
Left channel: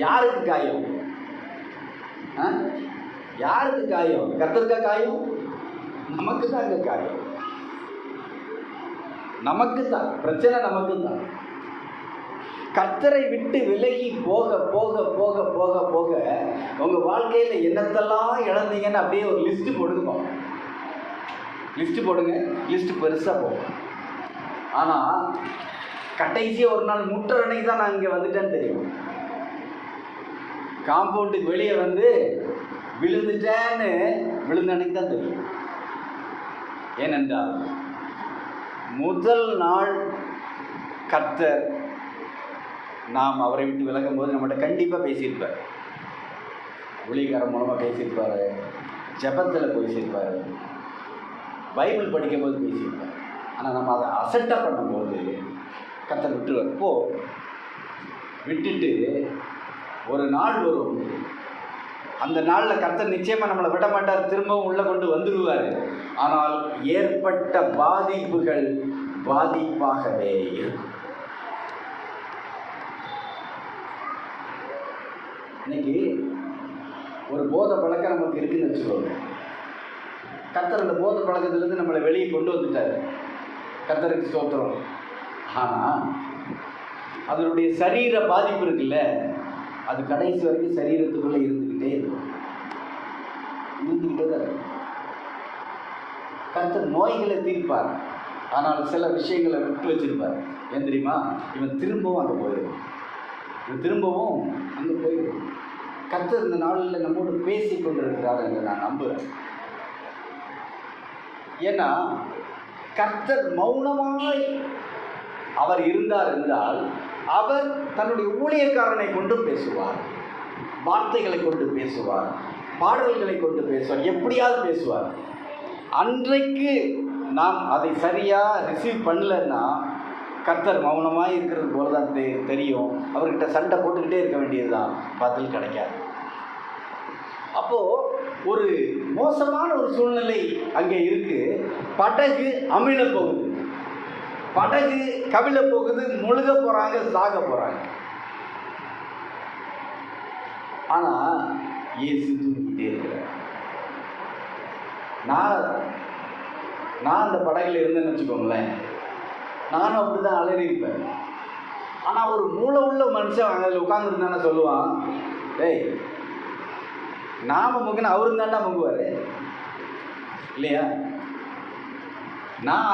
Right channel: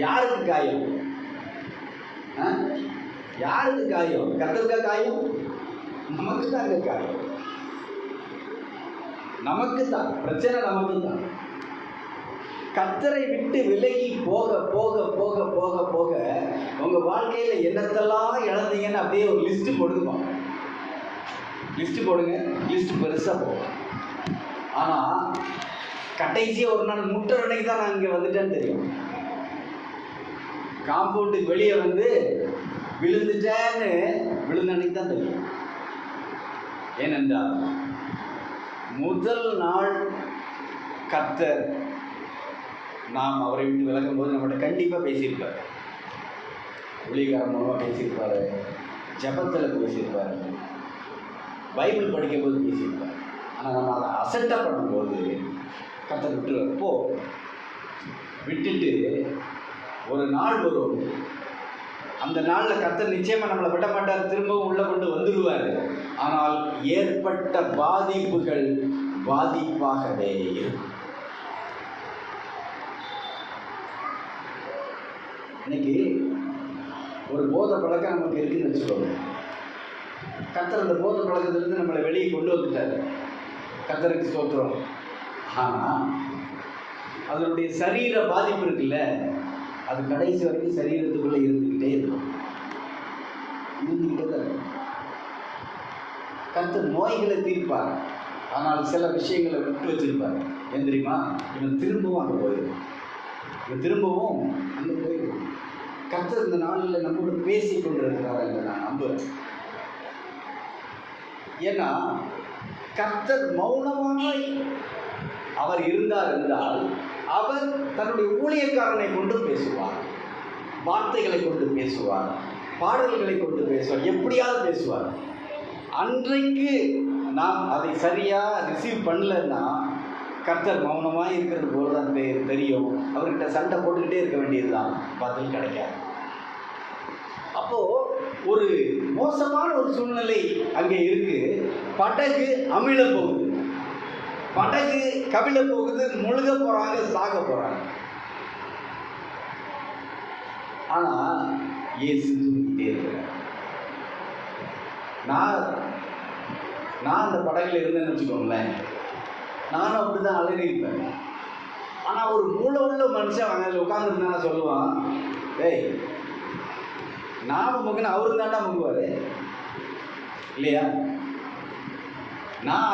யாருக்கு காயம்? யாருக்கு காயம்? கர்த்தருக்கா காயம்? நமக்கு தான் இங்கே காயம், நமக்கு தான் பிரச்சனை, நமக்கு தான். கர்த்தரை விட்டு விலகி போக போக போக போக போக உங்கள் வாழ்க்கையில் என்னத்தெல்லாம் இழந்தீங்கன்னு அப்படியே ஒரு லிஸ்ட்டு போடுங்க. லிஸ்ட்டு போடுங்க, லிஸ்ட்டு பெருசாக போகும். ஆனால் கடைசியாக ஒரு நாள் முட்டுற அன்னைக்கு தான் நான் இங்கே வந்துட்டேன்னு தெரியும். காம்பவுண்டுக்கு வெளியே விழுந்துட்டேன்னு விழுந்த அன்னைக்கு தான் தெரியும். ஏனென்றால் முதல் நாள் கர்த்தர் நாம் அவரை விட்டு விலகும் போது நம்மகிட்ட கண்டிப்பாக பேசியிருப்பார். ஊழியக்காரன் மூலமாக பேசியிருப்பார், ஜெபத்தில் பேசியிருப்பார், பைபிள் படிக்கும்போது பேசியிருப்பார். ஆனால் நம்ம அதை அசட்டாக பண்ணும்போது கர்த்தர் விட்டுருவார். விட்டுட்டு ஒரு நாள் வரும், அந்த நாளில் கர்த்தர் நிச்சயமாக நம்மளை விட மாட்டார், திரும்பவும் உள்ளே கொண்டு வந்துடுவார். ஆனால் ஏற்பட்ட பாதிப்புகள் பாதிப்பாகவே இருக்கும். இன்னைக்கு ஒரு போதை பழக்கம் நமக்கு இருக்குன்னு வச்சுக்கோங்க. கர்த்தர் அந்த போதை பழக்கத்திலிருந்து நம்மளை வெளியே கொண்டு வந்துட்டார், கர்த்தருக்கு ஸ்தோத்திரம். ஆனால் அதனுடைய சரீர பாதிப்பு இருக்குல்ல, அது கடைசி வரைக்கும் சரீரத்துக்குள்ளே இருந்துக்கிட்டே இருக்கும். கர்த்தர் நோய்களை தீர்ப்பார், ஆனால் சில விஷயங்களை விட்டு வச்சிருப்பார். ஏன் தெரியுமா? இவன் திரும்பவும் அங்கே போயிடும், இவன் திரும்பவும் அங்கே போயிடும். கர்த்தர் இந்த நாளில் நம்மோடு பேசி கொண்டிருக்கிறார் என்று நான் நம்புகிறேன். ஏன்னா கர்த்தர் மௌனமாய் அவர் இருந்தார் என்றால் அவர் தன்னுடைய ஊழியக்காரனை கொண்டு பேசுவார், வார்த்தைகளை கொண்டு பேசுவார், பாடல்களை கொண்டு பேசுவார், எப்படியாவது பேசுவார். அன்றைக்கு நாம் அதை சரியாக ரிசீவ் பண்ணலன்னா கர்த்தர் மௌனமாக இருக்கிறது போல தான் தெரியும். அவர்கிட்ட சண்டை போட்டுக்கிட்டே இருக்க வேண்டியது தான், பதில் கிடைக்காது. அப்போது ஒரு மோசமான ஒரு சூழ்நிலை அங்கே இருக்கு. படகு அமிழ போகுது, படகு கவிழ போகுது, முழுக போகிறாங்க, சாக போகிறாங்க. ஆனால் இயேசு தூங்கிட்டே இருக்கிறார். நான் அந்த படகுல இருந்தேன்னு வச்சுக்கோங்களேன், நானும் அப்படி தான் அலறியிருப்பேன். ஆனால் ஒரு மூளை உள்ள மனுஷன் அதில் உட்காந்துருந்தானே சொல்லுவான், ஏய் நாம முங்கின அவரு தாண்டா முங்குவார் இல்லையா? நான்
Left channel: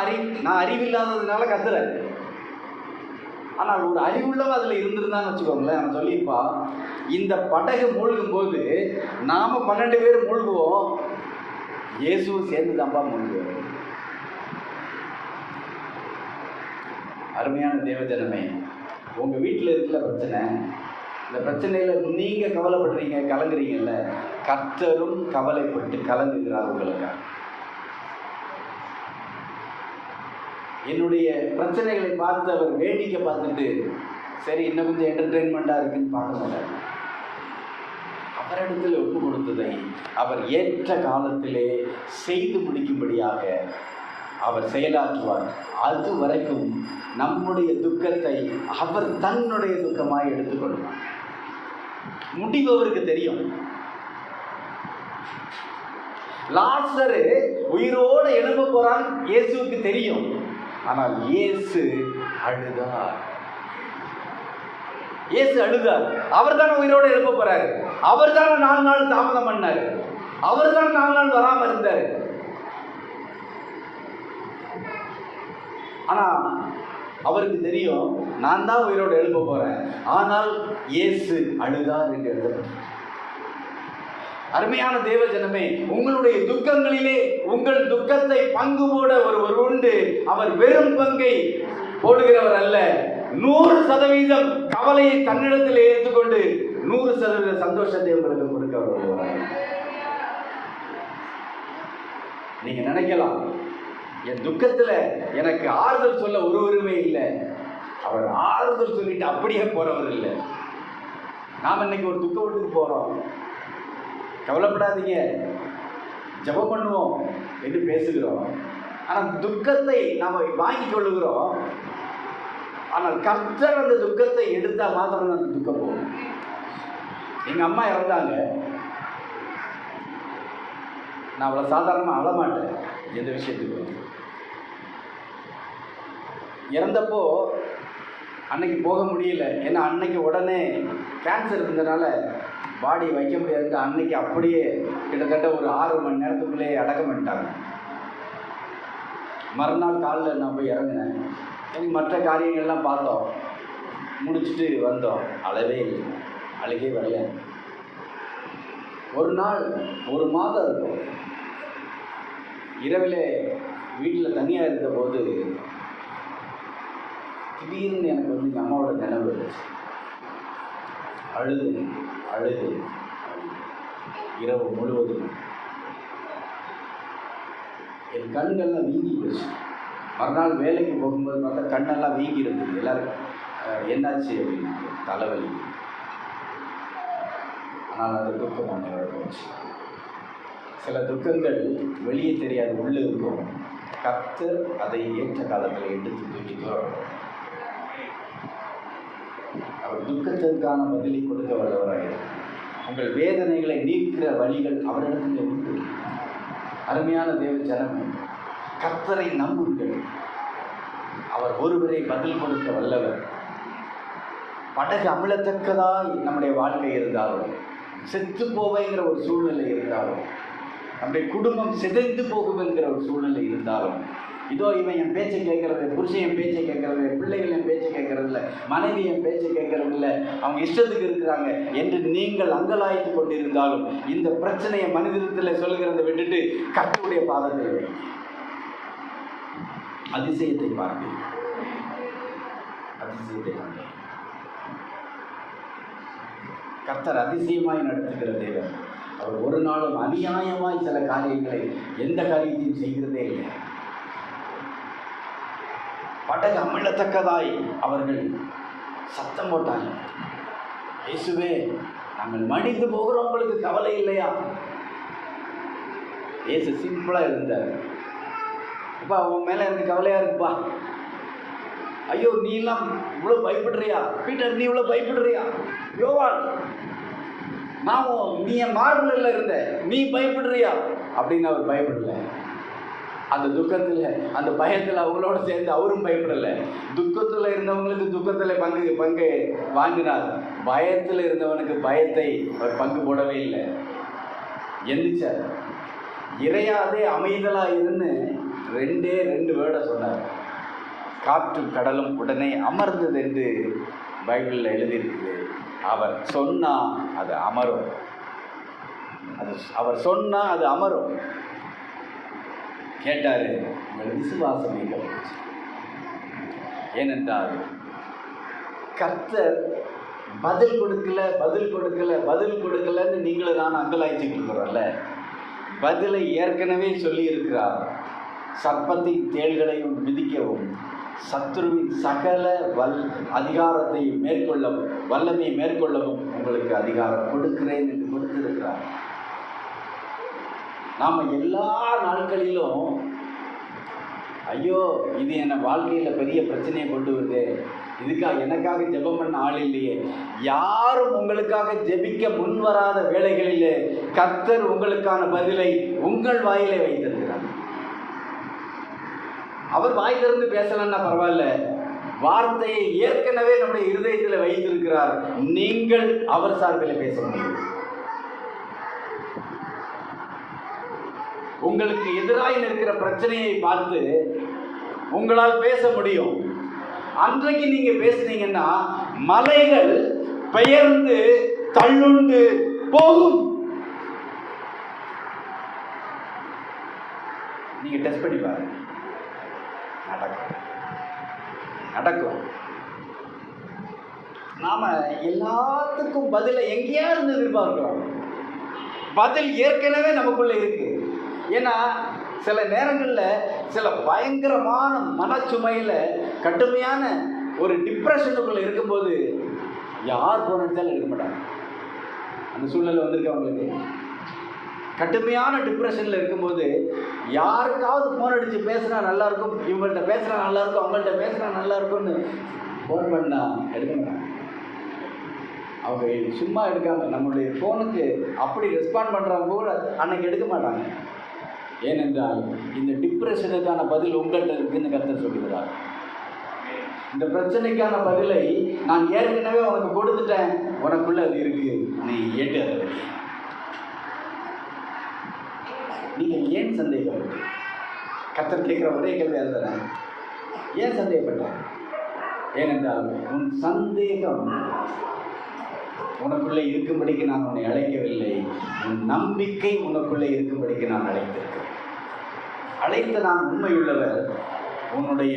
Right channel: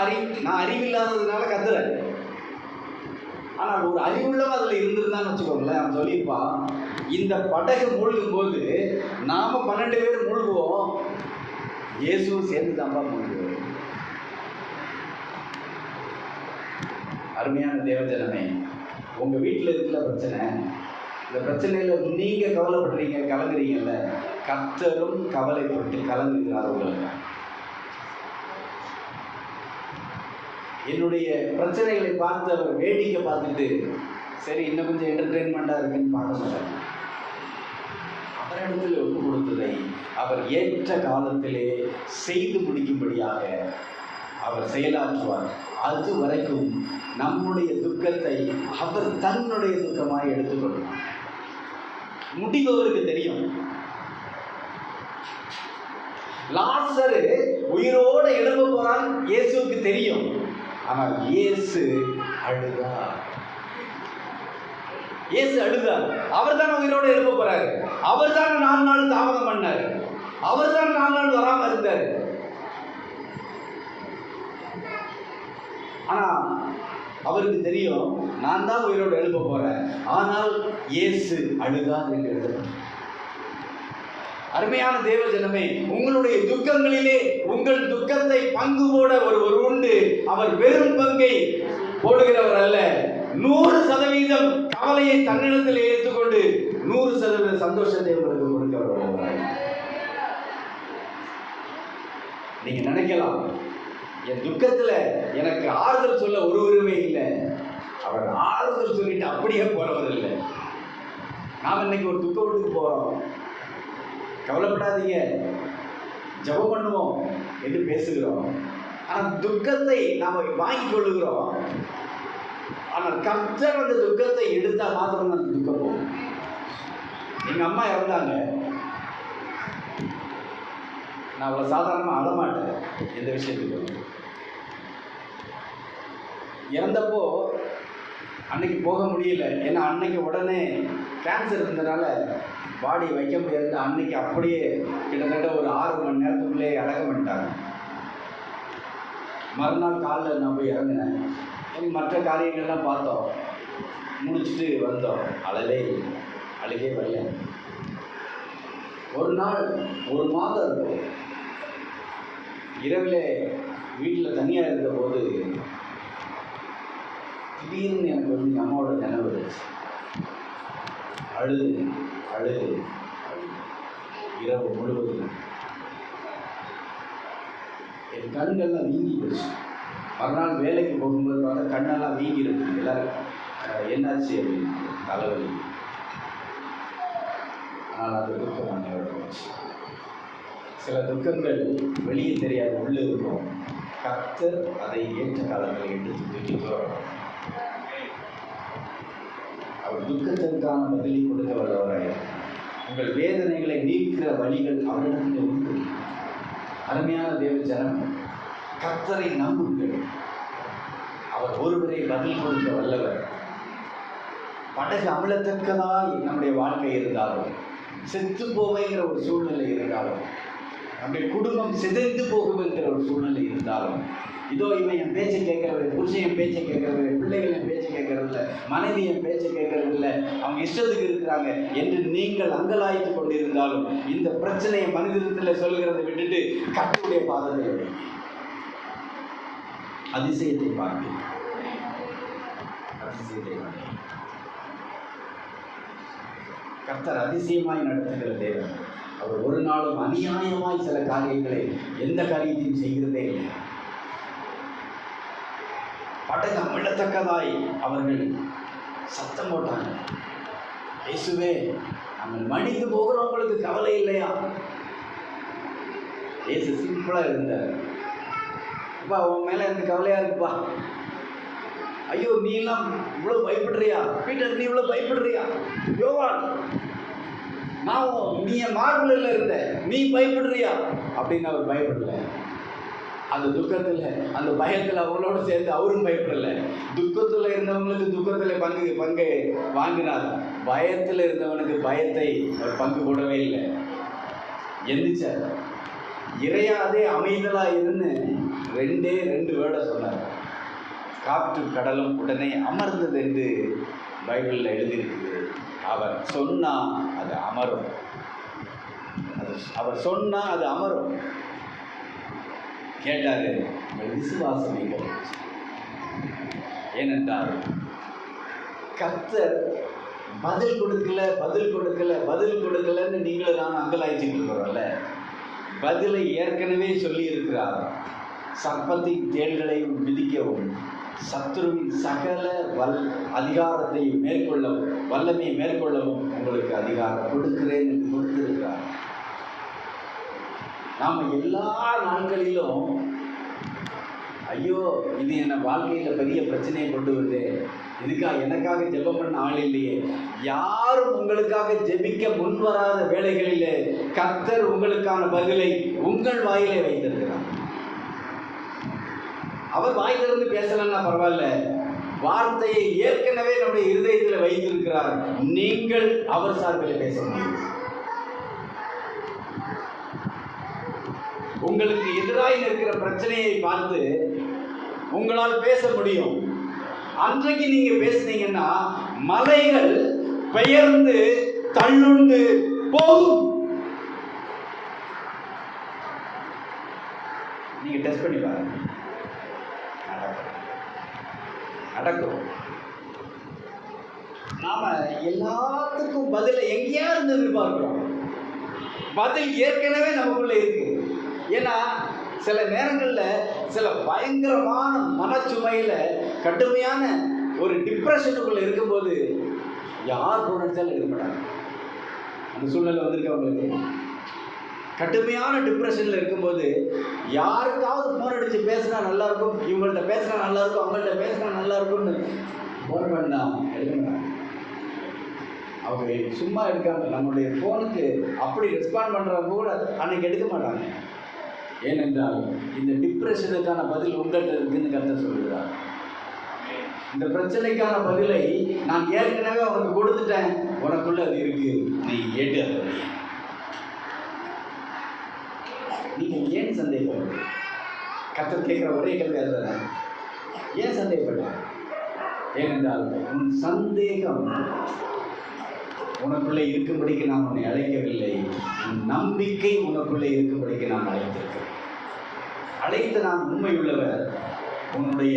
அறிவில்லாததுனால கத்துறேன். ஆனால் ஒரு அறிவுள்ளவன் அதில் இருந்திருந்தான்னு வச்சுக்கோங்களேன், அவன் சொல்லியிருப்பா, இந்த படகு மூழ்கும் போது நாம் 12 பேர் மூழ்குவோம், இயேசுவும் சேர்ந்து தான்ப்பா மூழ்குவோம். அருமையான தேவஜனமே, உங்கள் வீட்டில் இருக்கிற பிரச்சனை, இந்த பிரச்சனையில் நீங்கள் கவலைப்படுறீங்க, கலங்குறீங்கல்ல, கர்த்தரும் கவலைப்பட்டு கலங்குகிறார் உங்களுக்கு. என்னுடைய பிரச்சனைகளை பார்த்து அவர் வேடிக்கை பார்த்துட்டு சரி இன்னும் கொஞ்சம் என்டர்டெயின்மெண்ட்டாக இருக்குன்னு பார்க்க மாட்டாங்க. அவரிடத்தில் ஒப்பு கொடுத்ததை அவர் ஏற்ற காலத்திலே செய்து முடிக்கும்படியாக அவர் செயலாற்றுவார். அது வரைக்கும் நம்முடைய துக்கத்தை அவர் தன்னுடைய துக்கமாய் எடுத்துக்கொள்வார். முடிவு அவருக்கு தெரியும். லாசரு உயிரோடு எழும்ப போறான் இயேசுவுக்கு தெரியும். ஆனால் இயேசு அழுதார். இயேசு அழுதார். அவர் தானே உயிரோடு எழும்ப போறாரு, அவர் தானே 4 நாள் தாமதம் பண்ணாரு, அவர் தானே 4 நாள் வராம இருந்தாரு. ஆனா அவருக்கு தெரியும், நான் தான் உயிரோடு எழுப்ப போறேன். ஆனால் இயேசு அழுதார் என்று எழுதப்பட்டது. அருமையான தேவஜனமே, உங்களுடைய துக்கங்களிலே உங்கள் துக்கத்தை பங்கு போட ஒருவர் உண்டு. அவர் வெறும் பங்கை போடுகிறவர் அல்ல. 100% கவலையை தன்னிடத்தில் ஏற்றுக்கொண்டு 100% சந்தோஷத்தை உங்களுக்கு கொடுக்க வருவார். நீங்க நினைக்கலாம், என் துக்கத்துல எனக்கு ஆறுதல் சொல்ல ஒருவருமே இல்லை. அவர் ஆறுதல் சொல்லிட்டு அப்படியே போறவர் இல்லை. நாம் இன்னைக்கு ஒரு துக்க வீட்டுக்கு போறோம், கவலைப்படாதீங்க, ஜெபம் பண்ணுவோம் என்று பேசுகிறோம். ஆனால் துக்கத்தை நாம் வாங்கிக் கொள்ளுகிறோம். ஆனால் கர்த்தர் அந்த துக்கத்தை எடுத்தால் மாத்திரம் அந்த துக்கம் போகும். எங்கள் அம்மா இறந்தாங்க, நான் அவ்வளோ சாதாரணமாக அழமாட்டேன் எந்த விஷயத்துக்கு. இறந்தப்போ அன்னைக்கு போக முடியல, ஏன்னா அன்னைக்கு உடனே கேன்சர் இருந்ததுனால பாடி வைக்க முடியாது. அன்னைக்கு அப்படியே கிட்டத்தட்ட ஒரு 6 மணி நேரத்துக்குள்ளே அடக்கம் பண்ணிட்டாங்க. மறுநாள் காலையில் நான் போய் இறங்கினேன். மற்ற காரியங்கள்லாம் பார்த்தோம், முடிச்சுட்டு வந்தோம். அழவே இல்லை, அழுகே வரல. ஒரு நாள் 1 மாதம் இருக்கும், இரவில் வீட்டில் தனியாக இருந்த போது திடீர்னு எனக்கு வந்து எங்கள் அம்மாவோட நினைவு அழுது அழுது இரவு முழுவதும் என் கண்ணெல்லாம் வீங்கி போச்சு. மறுநாள் வேலைக்கு போகும்போது பார்த்தா கண்ணெல்லாம் வீங்கி இருக்குது. எல்லோரும் என்னாச்சு அப்படின்னா தலைவலி. ஆனால் அது துக்கம் என்னோட போச்சு. சில துக்கங்கள் வெளியே தெரியாது, உள்ளே இருக்கும். கர்த்தர் அதை ஏற்ற காலத்தில் எடுத்து தூக்கிட்டு வரும். அவர் துக்கத்திற்கான பதிலை கொடுக்க வல்லவராக. உங்கள் வேதனைகளை நீக்கிற வழிகள் அவரிடத்தில் உண்டு. அருமையான தேவ ஜனமே, கர்த்தரை நம்புங்கள். அவர் ஒருவரை பதில் கொடுக்க வல்லவர். படகு அமிழத்தக்கதாய் நம்முடைய வாழ்க்கை இருந்தாலும், செத்து போவைங்கிற ஒரு சூழ்நிலை இருந்தாலும், நம்முடைய குடும்பம் சிதைந்து போகும் என்கிற ஒரு சூழ்நிலை இருந்தாலும், இதோ இவன் என் பேச்சை கேட்கறது, புருஷன் என் பேச்சை கேட்கறது, பிள்ளைகள் என் பேச்சை கேட்கறது இல்லை, மனைவி என் பேச்சை கேட்கறது இல்லை, அவங்க இஷ்டத்துக்கு இருக்கிறாங்க என்று நீங்கள் அங்கலாய்த்து கொண்டிருந்தாலும், இந்த பிரச்சனையை மனிதத்தில் சொல்லுகிறதை விட்டுட்டு கர்த்தருடைய பாதத்தில் அதிசயத்தை பார்ப்பேன். அதிசயத்தை கர்த்தர் அதிசயமாய் நடத்துகிற தேவன். அவர் ஒரு நாளும் அநியாயமாய் சில காரியங்களை, எந்த காரியத்தையும் செய்கிறதே இல்லை. படகு அமிழத்தக்கதாய் அவர்கள் சத்தம் போட்டாங்க. இயேசுவே, நம்ம மடிந்து போகிறவங்களுக்கு கவலை இல்லையா? இயேசு சிம்பிளாக இருந்தார். அப்பா, உன் மேலே எனக்கு கவலையாக இருக்குப்பா. ஐயோ, நீ எல்லாம் இவ்வளோ பயப்படுறியா? பீட்டர், நீ இவ்வளோ பயப்படுறியா? யோவான், நீ என் மார்பிளில் இருந்த, நீ பயப்படுறியா அப்படின்னு அவர் பயப்படலை. அந்த துக்கத்தில், அந்த பயத்தில் அவங்களோட சேர்ந்து அவரும் பயப்படலை. துக்கத்தில் இருந்தவங்களுக்கு துக்கத்தில் பங்கு வாங்கினார். பயத்தில் இருந்தவனுக்கு பயத்தை அவர் பங்கு போடவே இல்லை. எந்திரிச்சார். இறையாதே அமைதலாக இருந்து ரெண்டு வேர்டை சொன்னார். காற்று கடலும் உடனே அமர்ந்தது என்று பைபிளில் எழுதியிருக்குது. அவர் சொன்னால் அது அமரும். அவர் சொன்னால் அது அமரும். கேட்டார், உங்கள் விசுவாசம் எங்கே போச்சு? ஏனென்றால் கர்த்தர் பதில் கொடுக்கலன்னு நீங்களும் நான் அங்கலாய்ச்சிட்டு இருக்கிறோம்ல. பதிலை ஏற்கனவே சொல்லி இருக்கிறார். சர்ப்பத்தின் தேள்களையும் மிதிக்கவும், சத்துருவின் சகல அதிகாரத்தை மேற்கொள்ளவும், வல்லமையை மேற்கொள்ளவும் உங்களுக்கு அதிகாரம் கொடுக்கிறேன் என்று கொடுத்திருக்கிறார். நாம் எல்லா நாட்களிலும் ஐயோ, இது என்ன வாழ்க்கையில் பெரிய பிரச்சனையை கொண்டு வருது, எனக்காக ஜெபம் பண்ண ஆள் இல்லையே, யாரும் உங்களுக்காக ஜெபிக்க முன்வராத வேளைகளிலே கர்த்தர் உங்களுக்கான பதிலை உங்கள் வாயிலே வைத்திருக்கிறார். அவர் வாய் திறந்து பேசலன்னா பரவாயில்ல, வார்த்தையை ஏற்கனவே நம்முடைய இருதயத்தில் வைத்திருக்கிறார். நீங்கள் அவர் சார்பில் பேச முடியும். உங்களுக்கு எதிராக இருக்கிற பிரச்சனையை பார்த்து உங்களால் பேச முடியும். அன்றைக்கு நீங்க பேசுனீங்கன்னா மலைகள் பெயர்ந்து தள்ளுண்டு போகும். நீங்க டெஸ்ட் பண்ணி பாருங்க, நடக்கும். நாம எல்லாத்துக்கும் பதிலை எங்கேயாவது எதிர்பார்க்கிறோம். பதில் ஏற்கனவே நமக்குள்ள இருக்கு. ஏன்னா சில நேரங்களில் சில பயங்கரமான மனச்சுமையில் கடுமையான ஒரு டிப்ரெஷனுக்குள்ளே இருக்கும்போது யார் ஃபோன் அடித்தாலும் எடுக்க மாட்டாங்க. அந்த சூழ்நிலை வந்திருக்கு அவங்களுக்கு. கடுமையான டிப்ரெஷனில் இருக்கும்போது யாருக்காவது ஃபோன் அடித்து பேசுனா நல்லாயிருக்கும், இவங்கள்ட்ட பேசுனா நல்லாயிருக்கும், அவங்கள்ட்ட பேசுனா நல்லாயிருக்கும்னு ஃபோன் பண்ணால் எடுக்க மாட்டாங்க. அவங்க சும்மா எடுக்காமல் நம்மளுடைய ஃபோனுக்கு அப்படி ரெஸ்பாண்ட் பண்ணுறவங்க கூட அன்னைக்கு எடுக்க மாட்டாங்க. ஏனென்றால் இந்த டிப்ரெஷனுக்கான பதில் உங்கள்கிட்ட இருக்குன்னு கர்த்தர் சொல்லுகிறார். இந்த பிரச்சனைக்கான பதிலை நான் ஏற்கனவே உனக்கு கொடுத்துட்டேன், உனக்குள்ள அது இருக்கு, நீ ஏற்று. நீங்கள் ஏன் சந்தேகம்? கர்த்தர் கேட்குற ஒரே கேள்வி அதுதான், ஏன் சந்தேகப்பட்ட? ஏனென்றால் உன் சந்தேகம் உனக்குள்ளே இருக்கும்படிக்கு நான் உன்னை அழைக்கவில்லை, உன் நம்பிக்கை உனக்குள்ளே இருக்கும்படிக்கு நான் அழைத்திருக்கிறேன். அழைத்த நான் உண்மை உள்ளவர், உன்னுடைய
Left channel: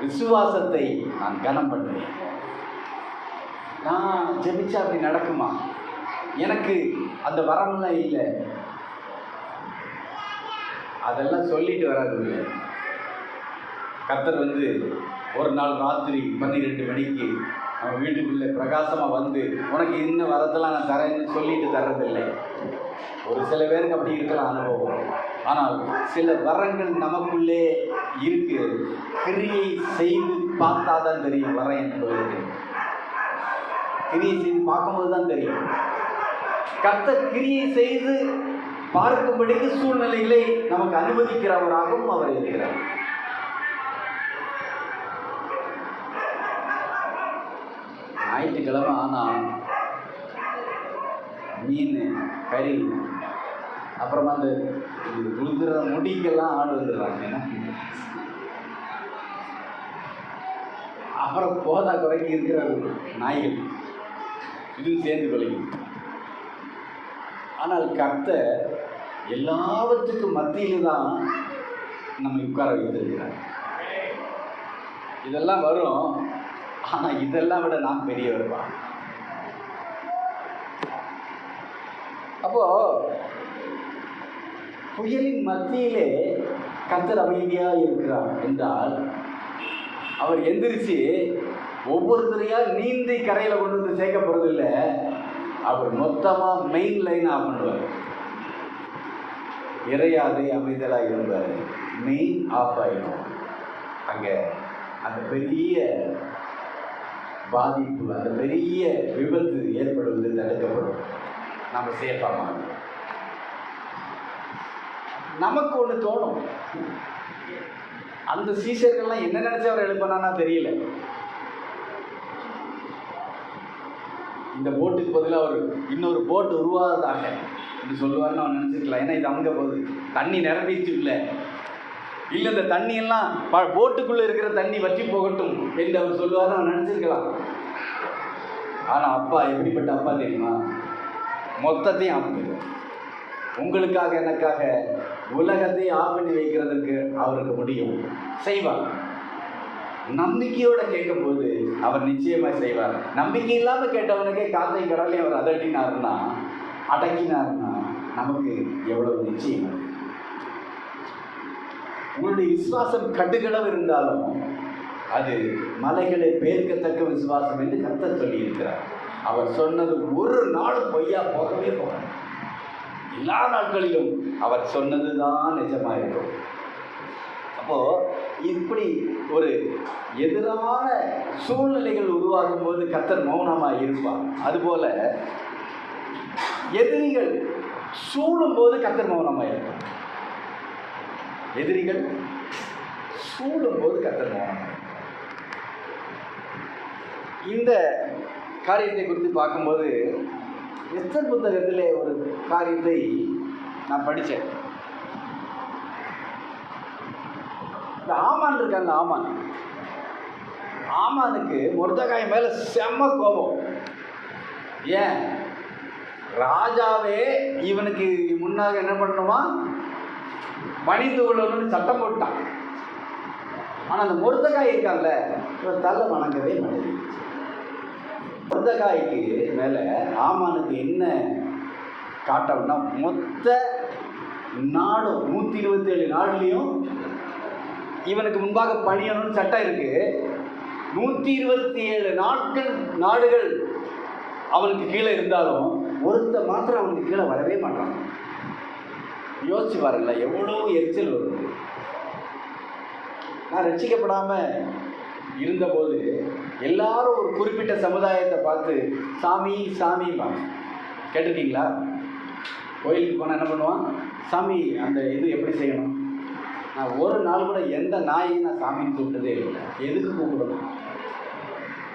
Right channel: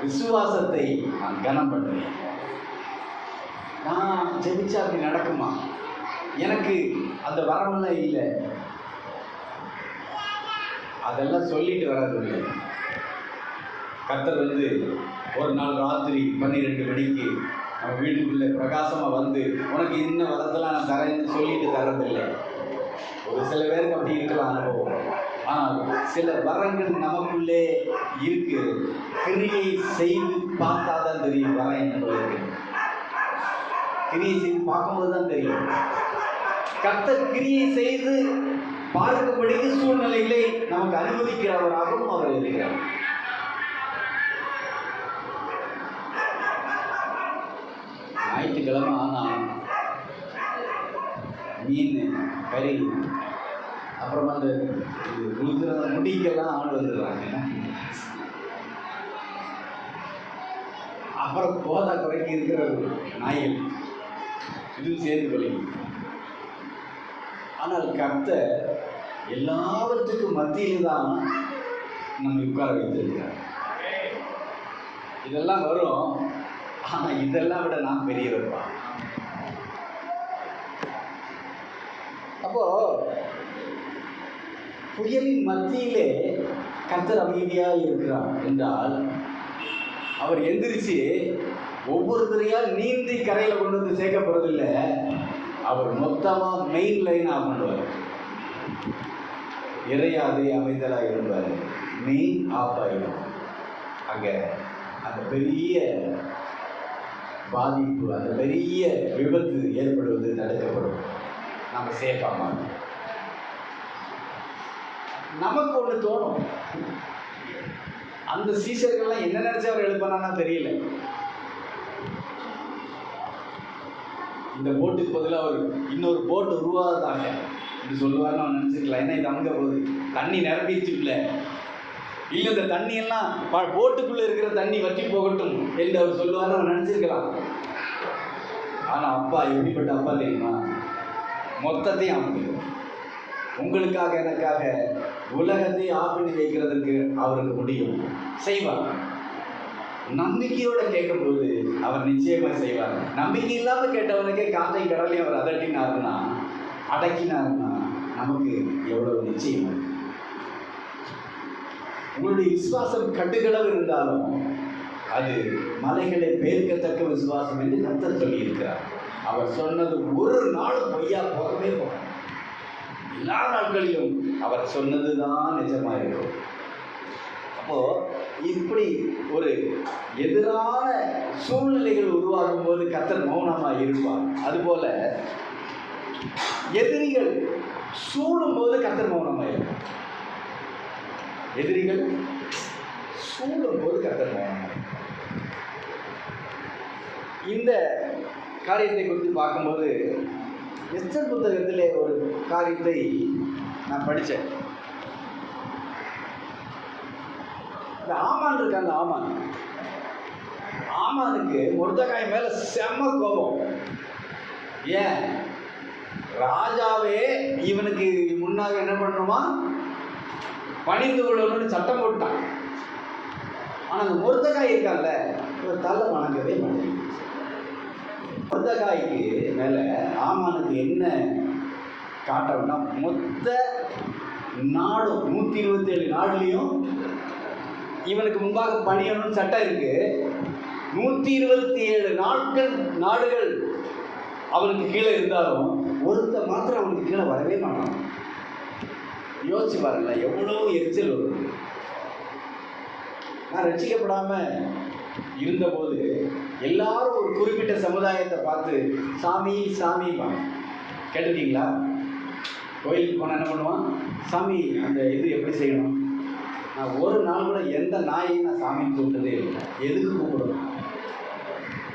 விசுவாசத்தை நான் கனம் பண்ணுவேன். நான் ஜெபிச்சா அப்படி நடக்குமா? எனக்கு அந்த வரமெல்லாம் இல்லை. அதெல்லாம் சொல்லிட்டு வராது இல்லை. கர்த்தர் ஒரு நாள் ராத்திரி 12 மணிக்கு நம்ம வீட்டுக்குள்ளே பிரகாசமாக வந்து உனக்கு இன்னும் வரதெல்லாம் நான் தரேன்னு சொல்லிட்டு தர்றதில்லை. ஒரு சில பேருக்கு அப்படி இருக்கலாம் அனுபவம். ஆனால் சில வரங்கள் நமக்குள்ளே இருக்கு. கிரியை செய்து பார்த்தா தான் தெரியும் வரம் என்பது. கிரியை செய்து பார்க்கும்போது தான் தெரியும். கர்த்தர் கிரியை செய்து பார்க்கும்படிக்கு சூழ்நிலைகளை நமக்கு அனுமதிக்கிறவராகவும் அவர் இருக்கிறார். ஞாயிற்றுக்கிழமை ஆனால் மீன் கறி, அப்புறமா அந்த உளுந்துற முடிக்கெல்லாம் ஆள் வந்துடுறாங்க. அப்புறம் போதா குறைக்கு இருக்கிற நாய்கள் இதுவும் சேர்ந்து கொள்ளும். ஆனால் கர்த்தர் எல்லாவற்றுக்கும் மத்தியில் தான் நம்ம உட்கார வைத்திருக்கிறார். இதெல்லாம் வரும், ஆனால் இதெல்லாம் விட நான் பெரியவர்ப்பா. அப்போ புயலின் மத்தியிலே கர்த்தர் அமைதியாக இருக்கிறார் என்றால், அவர் எந்திரிச்சு ஒவ்வொருத்தரையா நீந்தி கரையில் கொண்டு வந்து சேர்க்கப்படுறதில்லை. அவர் மொத்தமாக மெயின் லைனாக பண்ணுவார். இறையாதே அமைதலாக இருந்தார், மெயின் ஆஃப் ஆகிடும். அங்கே அந்த பெரிய பாதிப்பு, அந்த பெரிய விபத்து ஏற்படுவது தடுக்கப்படும். நம்ம சேஃபாக மாட்டோம். நமக்கு ஒன்று தோணும், அந்த சீசர்கள்லாம் என்ன நினைச்சு அவர் எழுப்பினா தெரியல. இந்த போட்டுக்கு பதிலாக அவர் இன்னொரு போட்டு உருவாதாக இப்படி சொல்லுவார்னு அவன் நினச்சிருக்கலாம். ஏன்னா இது அமுங்க போகுது, தண்ணி நிரம்பிச்சு இல்லை இந்த தண்ணியெல்லாம் போட்டுக்குள்ளே இருக்கிற தண்ணி வற்றி போகட்டும் என்று அவர் சொல்லுவார்னு அவன் நினச்சிருக்கலாம். ஆனால் அப்பா எப்படிப்பட்ட அப்பா தெரியுமா? மொத்தத்தையும் அமைக்கிறது. உங்களுக்காக எனக்காக உலகத்தை ஆஃப் பண்ணி வைக்கிறதுக்கு அவருக்கு முடியும், செய்வார். நம்பிக்கையோடு கேட்கும்போது அவர் நிச்சயமாக செய்வார். நம்பிக்கை இல்லாமல் கேட்டவனுக்கே காற்றை கடலையும் அவர் அடக்கினார்னா நமக்கு எவ்வளவு நிச்சயம். உங்களுடைய விசுவாசம் கட்டுகளவு இருந்தாலும் அது மலைகளை பேர்க்கத்தக்க விசுவாசம் என்று கர்த்தர் சொல்லியிருக்கிறார். அவர் சொன்னது ஒரு நாளும் பொய்யா போகவே போக. எல்லா நாட்களிலும் அவர் சொன்னது தான் நிஜமாக இருக்கும். அப்போது இப்படி ஒரு எதிரான சூழ்நிலைகள் உருவாகும் போது கர்த்தர் மௌனமாக இருப்பார். அதுபோல எதிரிகள் சூழும் போது கர்த்தர் மௌனமாக இருப்பார். எதிரிகள் சூழும் போது கர்த்தர் மௌனமாக. இந்த காரியத்தை குறித்து பார்க்கும்போது எஸ்தர் புத்தகத்திலே ஒரு காரியத்தை நான் படித்தேன். இந்த ஆமான் இருக்காங்க, ஆமானுக்கு மொர்தெகாய் மேலே செம்ம கோபம். ஏன்? ராஜாவே இவனுக்கு முன்னாக என்ன பண்ணணுமா, பணிந்து கொள்ளணும்னு சட்டம் போட்டான். ஆனால் அந்த மொர்தெகாய் இருக்கான்ல, இவர் தலை வணங்கவே மாட்டேங்குது. மொர்தெகாய்க்கு மேலே ஆமானுக்கு என்ன காட்டம்னா, மொத்த நாடும் 127 நாடுலேயும் இவனுக்கு முன்பாக பணியணும்னு சட்டம் இருக்கு. 127 நாடுகள் அவனுக்கு கீழே இருந்தாலும் ஒருத்த மாத்திரம் அவனுக்கு கீழே வரவே மாட்டான். யோசிச்சு வரல, எவ்வளோ எரிச்சல் வருது. நான் ரட்சிக்கப்படாமல் இருந்தபோது எல்லாரும் ஒரு குறிப்பிட்ட சமுதாயத்தை பார்த்து சாமி சாமிப்பாங்க. கேட்டிருக்கீங்களா? கோயிலுக்கு போனால் என்ன பண்ணுவான்? சாமி அந்த இது எப்படி செய்யணும்? நான் ஒரு நாள் கூட எந்த நாயையும் நான் சாமின்னு கூப்பிட்டதே இல்லை. எதுக்கு கூப்பிடணும்?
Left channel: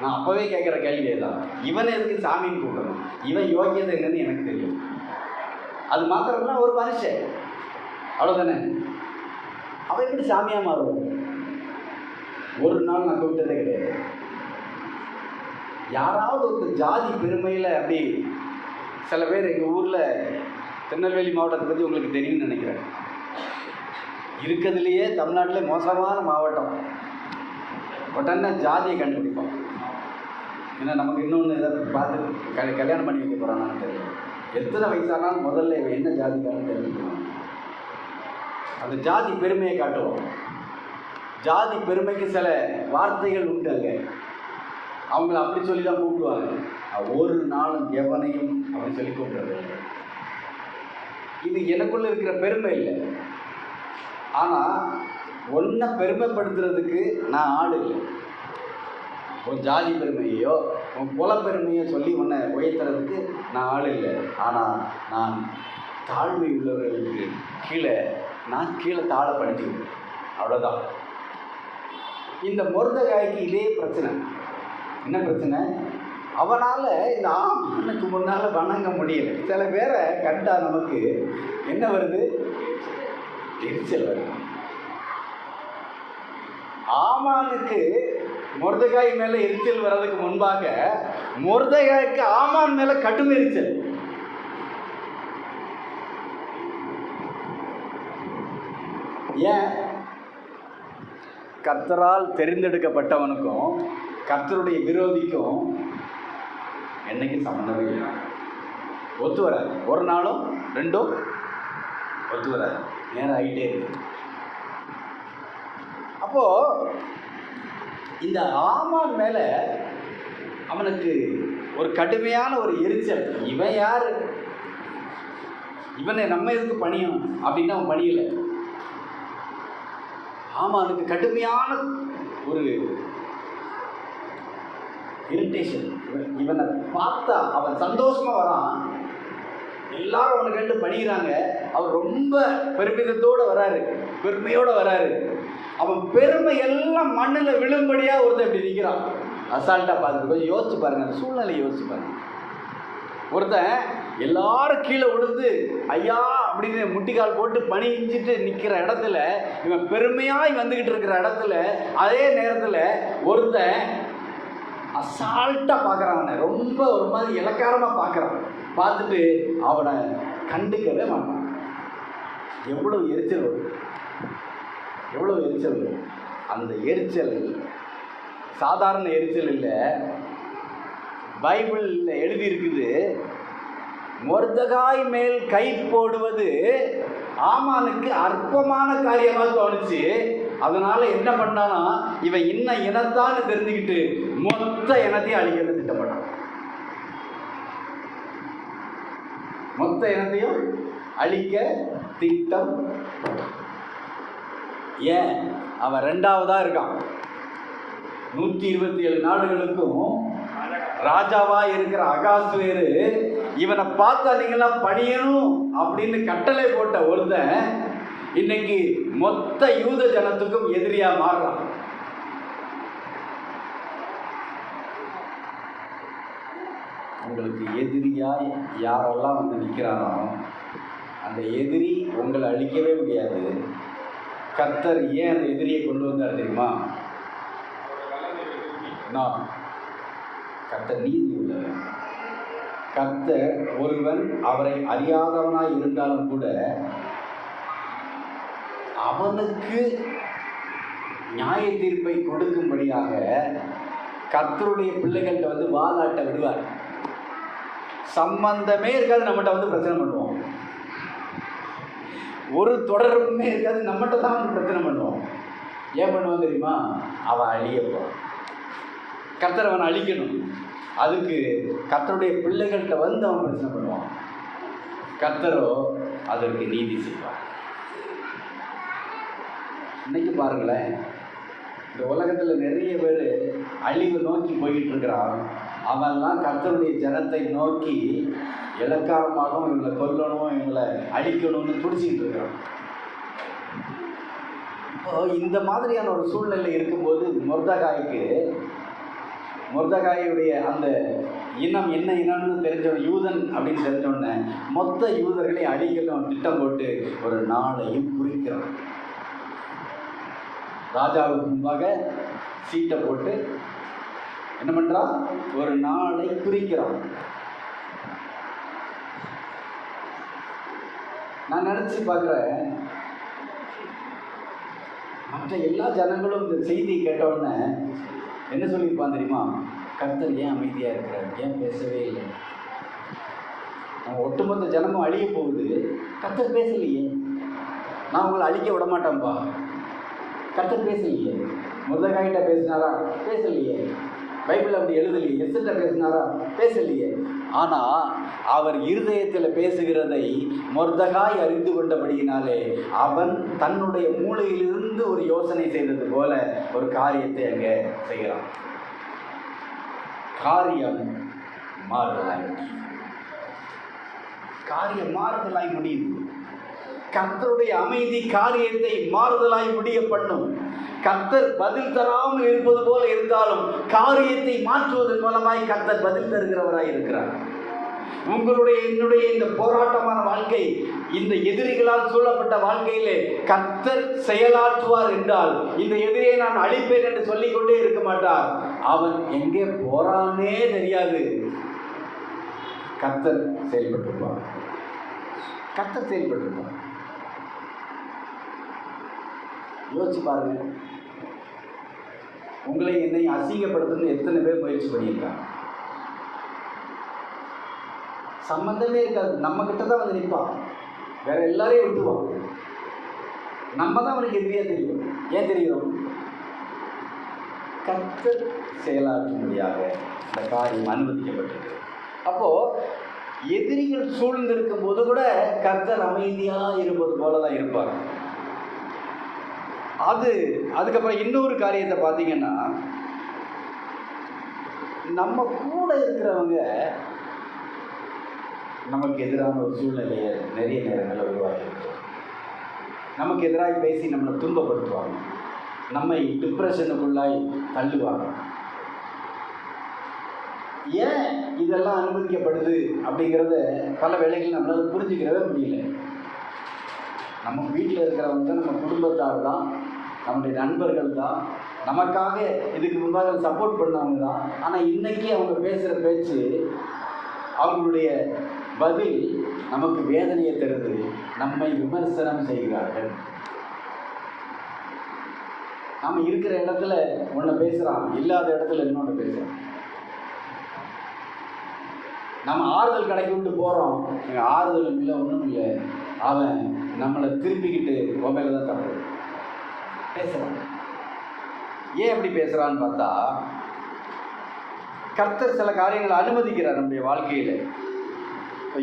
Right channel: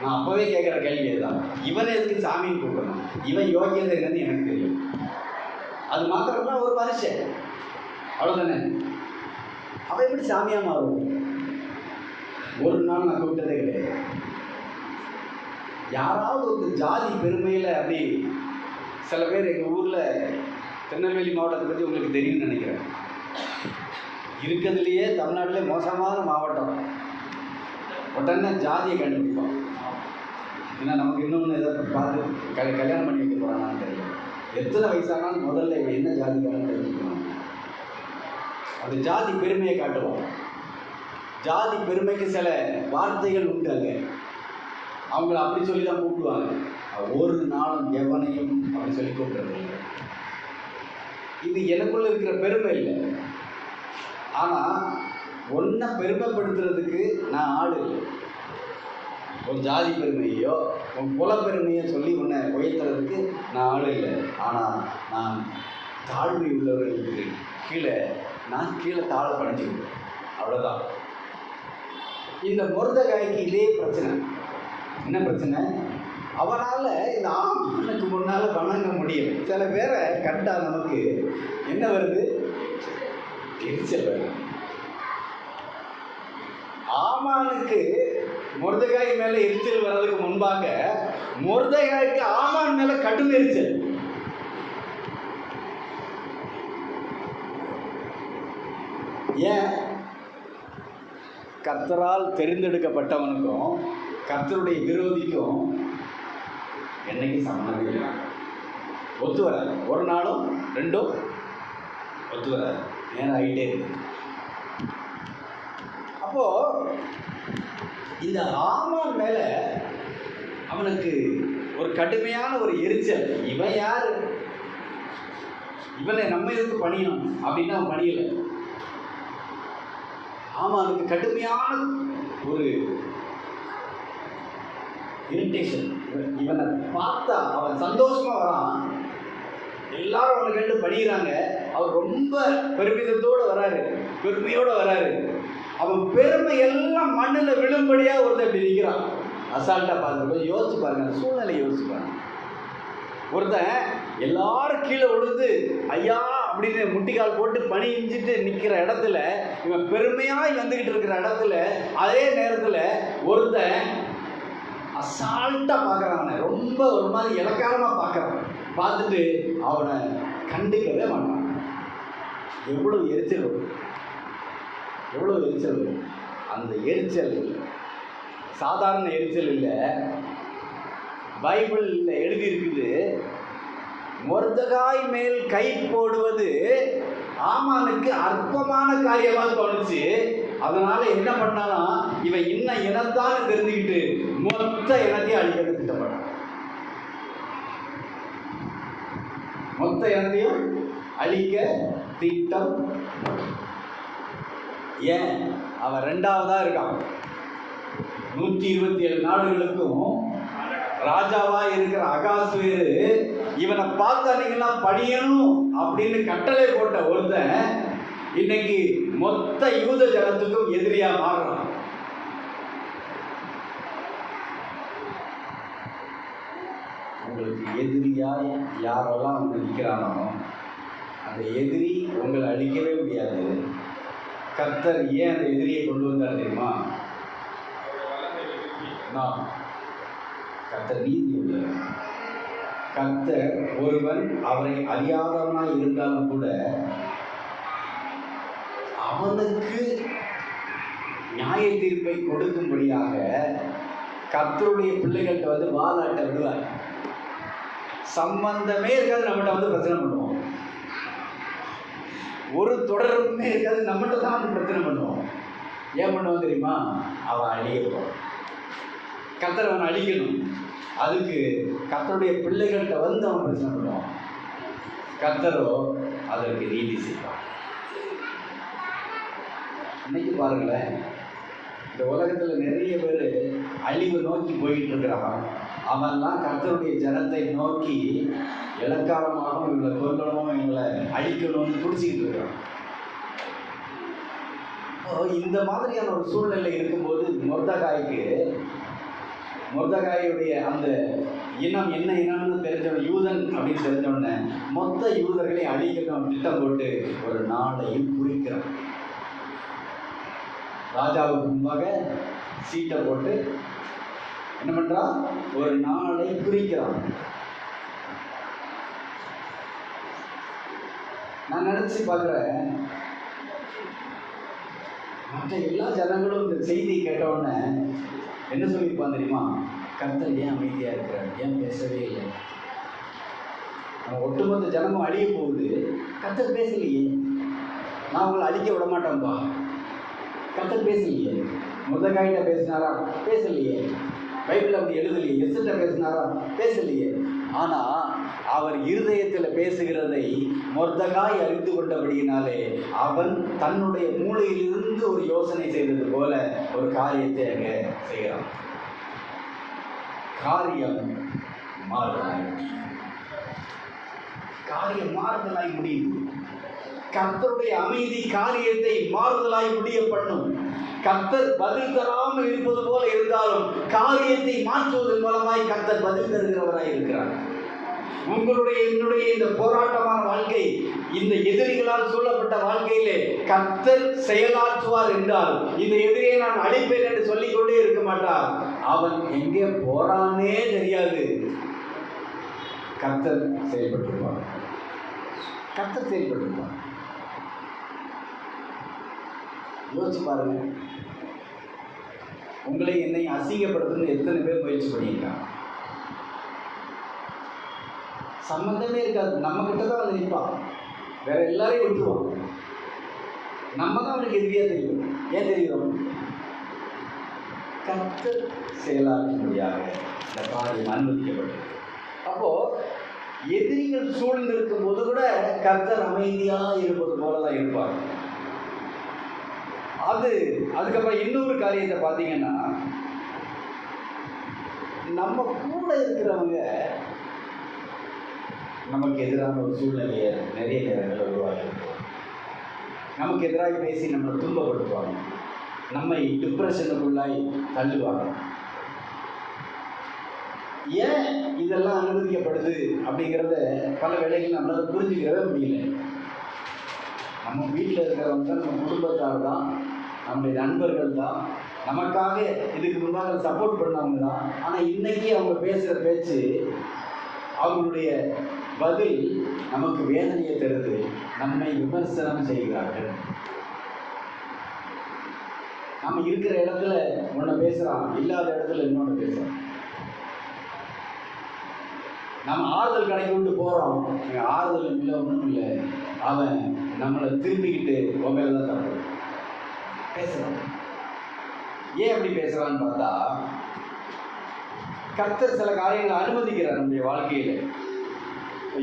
நான் அப்போவே கேட்குற கேள்வி தான், இவனை எதுக்கு சாமின்னு கூப்பிடணும்? இவன் யோகியதை என்னன்னு எனக்கு தெரியும். அது மாத்திரம்னா ஒரு மனுஷன், அவ்வளோதானே. அவன் எப்படி சாமியாக மாறுவான்? ஒரு நாள் நான் கூப்பிட்டதே கிடையாது. யாராவது ஒரு ஜாதி பெருமையில் அப்படி சில பேர் எங்கள் ஊரில் திருநெல்வேலி மாவட்டத்தை பற்றி உங்களுக்கு தெரியும்னு நினைக்கிறேன். இருக்கிறதுலையே தமிழ்நாட்டிலே மோசமான மாவட்டம். உடனே ஜாதியை கண்டுபிடிப்போம். ஏன்னா நமக்கு இன்னொன்று எதாவது பார்த்து கல்யாணம் பண்ணி வைக்க போகிறானான்னு தெரியும். எத்தனை வயசானாலும் முதல்ல என்ன ஜாதிக்காரன்னு தெரிஞ்சுக்கணும். அந்த ஜாதி பெருமையை காட்டுவோம். ஜாதி பெருமைக்கு சில வார்த்தைகள் உண்டு. அங்கே அவங்கள அப்படி சொல்லி தான் கூப்பிடுவாங்க. ஒரு நாளும் எவனையும் அப்படி சொல்லி கூப்பிடுறது. இது எனக்குள்ள இருக்கிற பெருமை இல்லை. ஆனால் ஒன்றை பெருமைப்படுத்துறதுக்கு நான் ஆள் இல்லை. உன் ஜாதி பெருமையோ உன் குல பெருமையோ சொல்லி உன்னை உயர்த்துறதுக்கு நான் ஆள் இல்லை. ஆனால் நான் தாழ்மை உள்ளவர்களுக்கு நான் கீழே தாழப்படுத்திக்கிறேன், அவ்வளோதான். இந்த மொர்தெகாய்க்கு இதே பிரச்சனை. என்ன பிரச்சனை? அவனால் இந்த ஆமானுக்கு முன்னால் வணங்க முடியல. சில பேரை கண்டா நமக்கு என்ன வருது? எரிச்சல் வருது. ஆமானுக்கு மொர்தெகாய் மேலே எரிச்சல் வர்றதுக்கு முன்பாக மொர்தெகாய்க்கு ஆமான் மேலே கடும் எரிச்சல். ஏன்? கர்த்தரால் தெரிந்தெடுக்கப்பட்டவனுக்கும் கர்த்தருடைய விரோதிக்கும் என்னைக்கு சம்மந்தமே இல்லை. ஒத்து வராது. ஒரு நாளும் ரெண்டும் ஒத்து வராது. நேரம் ஆகிட்டே இருக்கு. அப்போ இந்த ஆமான் மேலே அவனுக்கு ஒரு கடுமையான ஒரு எரிச்சல். இவன் யாரு? இவனை நம்ம எதுக்கு பணியணும் அப்படின்னு அவன் பணியலை. ஆமானுக்கு கடுமையான ஒரு இரிட்டேஷன். இவனை பார்த்தா அவன் சந்தோஷமா வரான். எல்லாரும் அவனை கண்டு பணிகிறாங்க. அவர் ரொம்ப பெருமிதத்தோடு வராரு, பெருமையோடு வராரு. அவன் பெருமை எல்லாம் மண்ணில் விழும்படியா ஒருத்தர் அப்படி நிற்கிறான். அசால்ட்டா பார்த்து கொஞ்சம் யோசிச்சு பாருங்க, அந்த சூழ்நிலையை யோசிச்சு பாருங்க. ஒருத்தன் எல்லாரும் கீழே விழுந்து ஐயா அப்படின்னு முட்டிக்கால் போட்டு பணிஞ்சிட்டு நிற்கிற இடத்துல, இவன் பெருமையாய் வந்துக்கிட்டு இருக்கிற இடத்துல, அதே நேரத்தில் ஒருத்தன் அசால்ட்டாக பார்க்குறான். ரொம்ப ஒரு மாதிரி இலக்காரமாக பார்க்குறான். பார்த்துட்டு அவனை கண்டுக்கவே மாட்டான். எவ்வளோ எரிச்சல் வரும், எவ்வளோ எரிச்சல் வரும். அந்த எரிச்சல் சாதாரண எரிச்சல் இல்லை. பைபிளில் எழுதியிருக்குது, மொர்தெகாய் மேல் கை போடுவது ஆமானுக்கு அற்பமான காரியமாக தோணுச்சு. அதனால என்ன பண்ணானா, இவன் இன்னும் இனத்தான் தெரிஞ்சுக்கிட்டு மொத்த இனத்தையும் அழிக்க திட்டப்பட்டான். மொத்த இனத்தையும் அழிக்க திட்டம். ஏன்? அவன் ரெண்டாவதா இருக்கான். 127 நாடுகளுக்கும் ராஜாவா இருக்கிற அகாஸ்வேரு இவனை பார்த்தா நீங்களாம் படியணும் அப்படின்னு கட்டளை போட்ட ஒருத்தன் இன்னைக்கு மொத்த யூத ஜனத்துக்கும் எதிரியா மாறுறான். உங்களுக்கு எதிரியா யாரெல்லாம் வந்து நிற்கிறானோ அந்த எதிரி உங்களை அழிக்கவே முடியாது. கர்த்தர் ஏன் அந்த எதிரியை கொண்டு வந்தார் தெரியுமா? கர்த்தர் நீதி உள்ளவர். கர்த்தர் ஒருவன் அவரை அறியாதவனாய் இருந்தாலும் கூட அவனுக்கு நியாய தீர்ப்பை கொடுக்கும்படியாக கர்த்தருடைய பிள்ளைகள்கிட்ட வந்து வாதாட்ட விடுவார். சம்பந்தமே இருக்காது, நம்மகிட்ட வந்து பிரச்சனை பண்ணுவோம். ஒரு தொடர்புமே இருக்காது, நம்மகிட்ட தான் வந்து பிரச்சனை பண்ணுவோம். ஏன் பண்ணுவோம் தெரியுமா? அவன் அழியப்போம். கர்த்தர் அவனை அழிக்கணும். அதுக்கு கர்த்தருடைய பிள்ளைகள்கிட்ட வந்து அவன் பிரச்சனை பண்ணுவான். கர்த்தரோ அதற்கு நீதி செய்வான். இன்னைக்கு பாருங்களேன், இந்த உலகத்தில் நிறைய பேர் அழிவை நோக்கி போயிட்டு இருக்கிறான். அவன்லாம் கர்த்தருடைய ஜனத்தை நோக்கி இலக்காரமாக இவங்களை கொல்லணும், இவங்களை அழிக்கணும்னு துடிச்சிக்கிட்டு இருக்கிறான். இந்த மாதிரியான ஒரு சூழ்நிலை இருக்கும்போது மொர்தெகாயுடைய அந்த இனம் என்ன இனம்னு தெரிஞ்சவன், யூதன் அப்படின்னு தெரிஞ்சவொடனே மொத்த யூதர்களையும் அழிக்கணும் திட்டம் போட்டு ஒரு நாளையும் குறிக்கிறான். ராஜாவுக்கு முன்பாக சீட்டை போட்டு என்ன பண்றான்? ஒரு நாளை குறிக்கிறான். நான் நினைச்சு பார்க்குறேன், மற்ற எல்லா ஜனங்களும் இந்த செய்தி கேட்டவுடனே என்ன சொல்லியிருப்பான் தெரியுமா? கர்த்தர் ஏன் அமைதியாக இருக்கிறார், ஏன் பேசவே இல்லை? ஒட்டுமொத்த ஜனமும் அழிய போகுது, கர்த்தர் பேசலையே. நான் உங்களை அழிக்க விட மாட்டேன்பா, கர்த்தர் பேசலையே. மொர்தெகாயிட்ட பேசினாரா? பேசலையே. பைபிள் அப்படி எழுதலையே. எஸ்தர்ட்ட பேசினாரா? பேசலையே. ஆனால் அவர் இருதயத்தில் பேசுகிறதை மொர்தகாய் அறிந்து கொண்டபடியினாலே அவன் தன்னுடைய மூளையிலிருந்து ஒரு யோசனை செய்தது போல ஒரு காரியத்தை அங்கே செய்கிறான். காரியம் மாறுதலாய் முடியும். கர்த்தருடைய அமைதி காரியத்தை மாறுதலாய் முடிய பண்ணும். கர்த்தர் பதில் தராமல் இருப்பது போல இருந்தாலும் காரியத்தை மாற்றுவதன் மூலமாய் கர்த்தர் பதில் தருகிறவராய் இருக்கிறார். உங்களுடைய என்னுடைய இந்த போராட்டமான வாழ்க்கை, இந்த எதிரிகளால் சூழப்பட்ட வாழ்க்கையிலே கர்த்தர் செயலாற்றுவார் என்றால் இந்த எதிரியை நான் அழிப்பேன் என்று சொல்லிக்கொண்டே இருக்க மாட்டார். அவன் எங்கே போறானே தெரியாது. கர்த்தர் செயல்பட்டிருப்பார். கர்த்தர் செயல்பட்டிருப்பார். யோசிச்சு பாருங்க. உங்களை என்னை அசிங்கப்படுத்தணும்னு எத்தனை பேர் முயற்சி பண்ணியிருக்காங்க. சம்பந்தமே இருக்காது. நம்ம கிட்ட தான் வந்து நிற்பான். வேற எல்லாரையும் விட்டுருவோம். நம்ம தான் அவனுக்கு எதிரியா தெரியும். ஏன் தெரியும்? கர்த்தர் செயலாற்றும்படியாக இந்த காரியம் அனுமதிக்கப்பட்டது. அப்போ எதிரிகள் சூழ்ந்திருக்கும் போது கூட கர்த்தர் அமைதியாக இருப்பது போலதான் இருப்பார். அதுக்கப்புறம் இன்னொரு காரியத்தை பார்த்தீங்கன்னா, நம்ம கூட இருக்கிறவங்க நமக்கு எதிரான ஒரு சூழ்நிலையை நிறைய நேரங்களில் உருவாகிருக்கும். நமக்கு எதிராக பேசி நம்மளை துன்பப்படுத்துவாங்க, நம்மை டிப்ரெஷனுக்குள்ளாய் தள்ளுவாங்க. ஏன் இதெல்லாம் அனுமதிக்கப்படுது அப்படிங்கிறத பல வேளைகள் நம்மளால் புரிஞ்சுக்கிறவே முடியல. நம்ம வீட்டில் இருக்கிறவங்க தான், நம்ம குடும்பத்தார் தான், நம்முடைய நண்பர்கள் தான், நமக்காக இதுக்கு முன்பாக சப்போர்ட் பண்ணவங்க தான். ஆனால் இன்னைக்கு அவங்க பேசுகிற பேச்சு, அவங்களுடைய பதில் நமக்கு வேதனையை தருது. நம்மை விமர்சனம் செய்கிறார்கள். நம்ம இருக்கிற இடத்துல ஒன்று பேசுகிறான், இல்லாத இடத்துல இன்னொன்று பேசுகிறான். நம்ம ஆறுதல் கிடைக்கிட்டு போகிறோம், ஆறுதல் இல்லை, ஒன்றும் இல்லை. அவன் நம்மளை திரும்பிக்கிட்டு உண்மையில தான் தப்பு பேசுகிறான். ஏன் அப்படி பேசுகிறான்னு பார்த்தா, கர்த்தர் சில காரியங்களை அனுமதிக்கிறார் நம்முடைய வாழ்க்கையில்.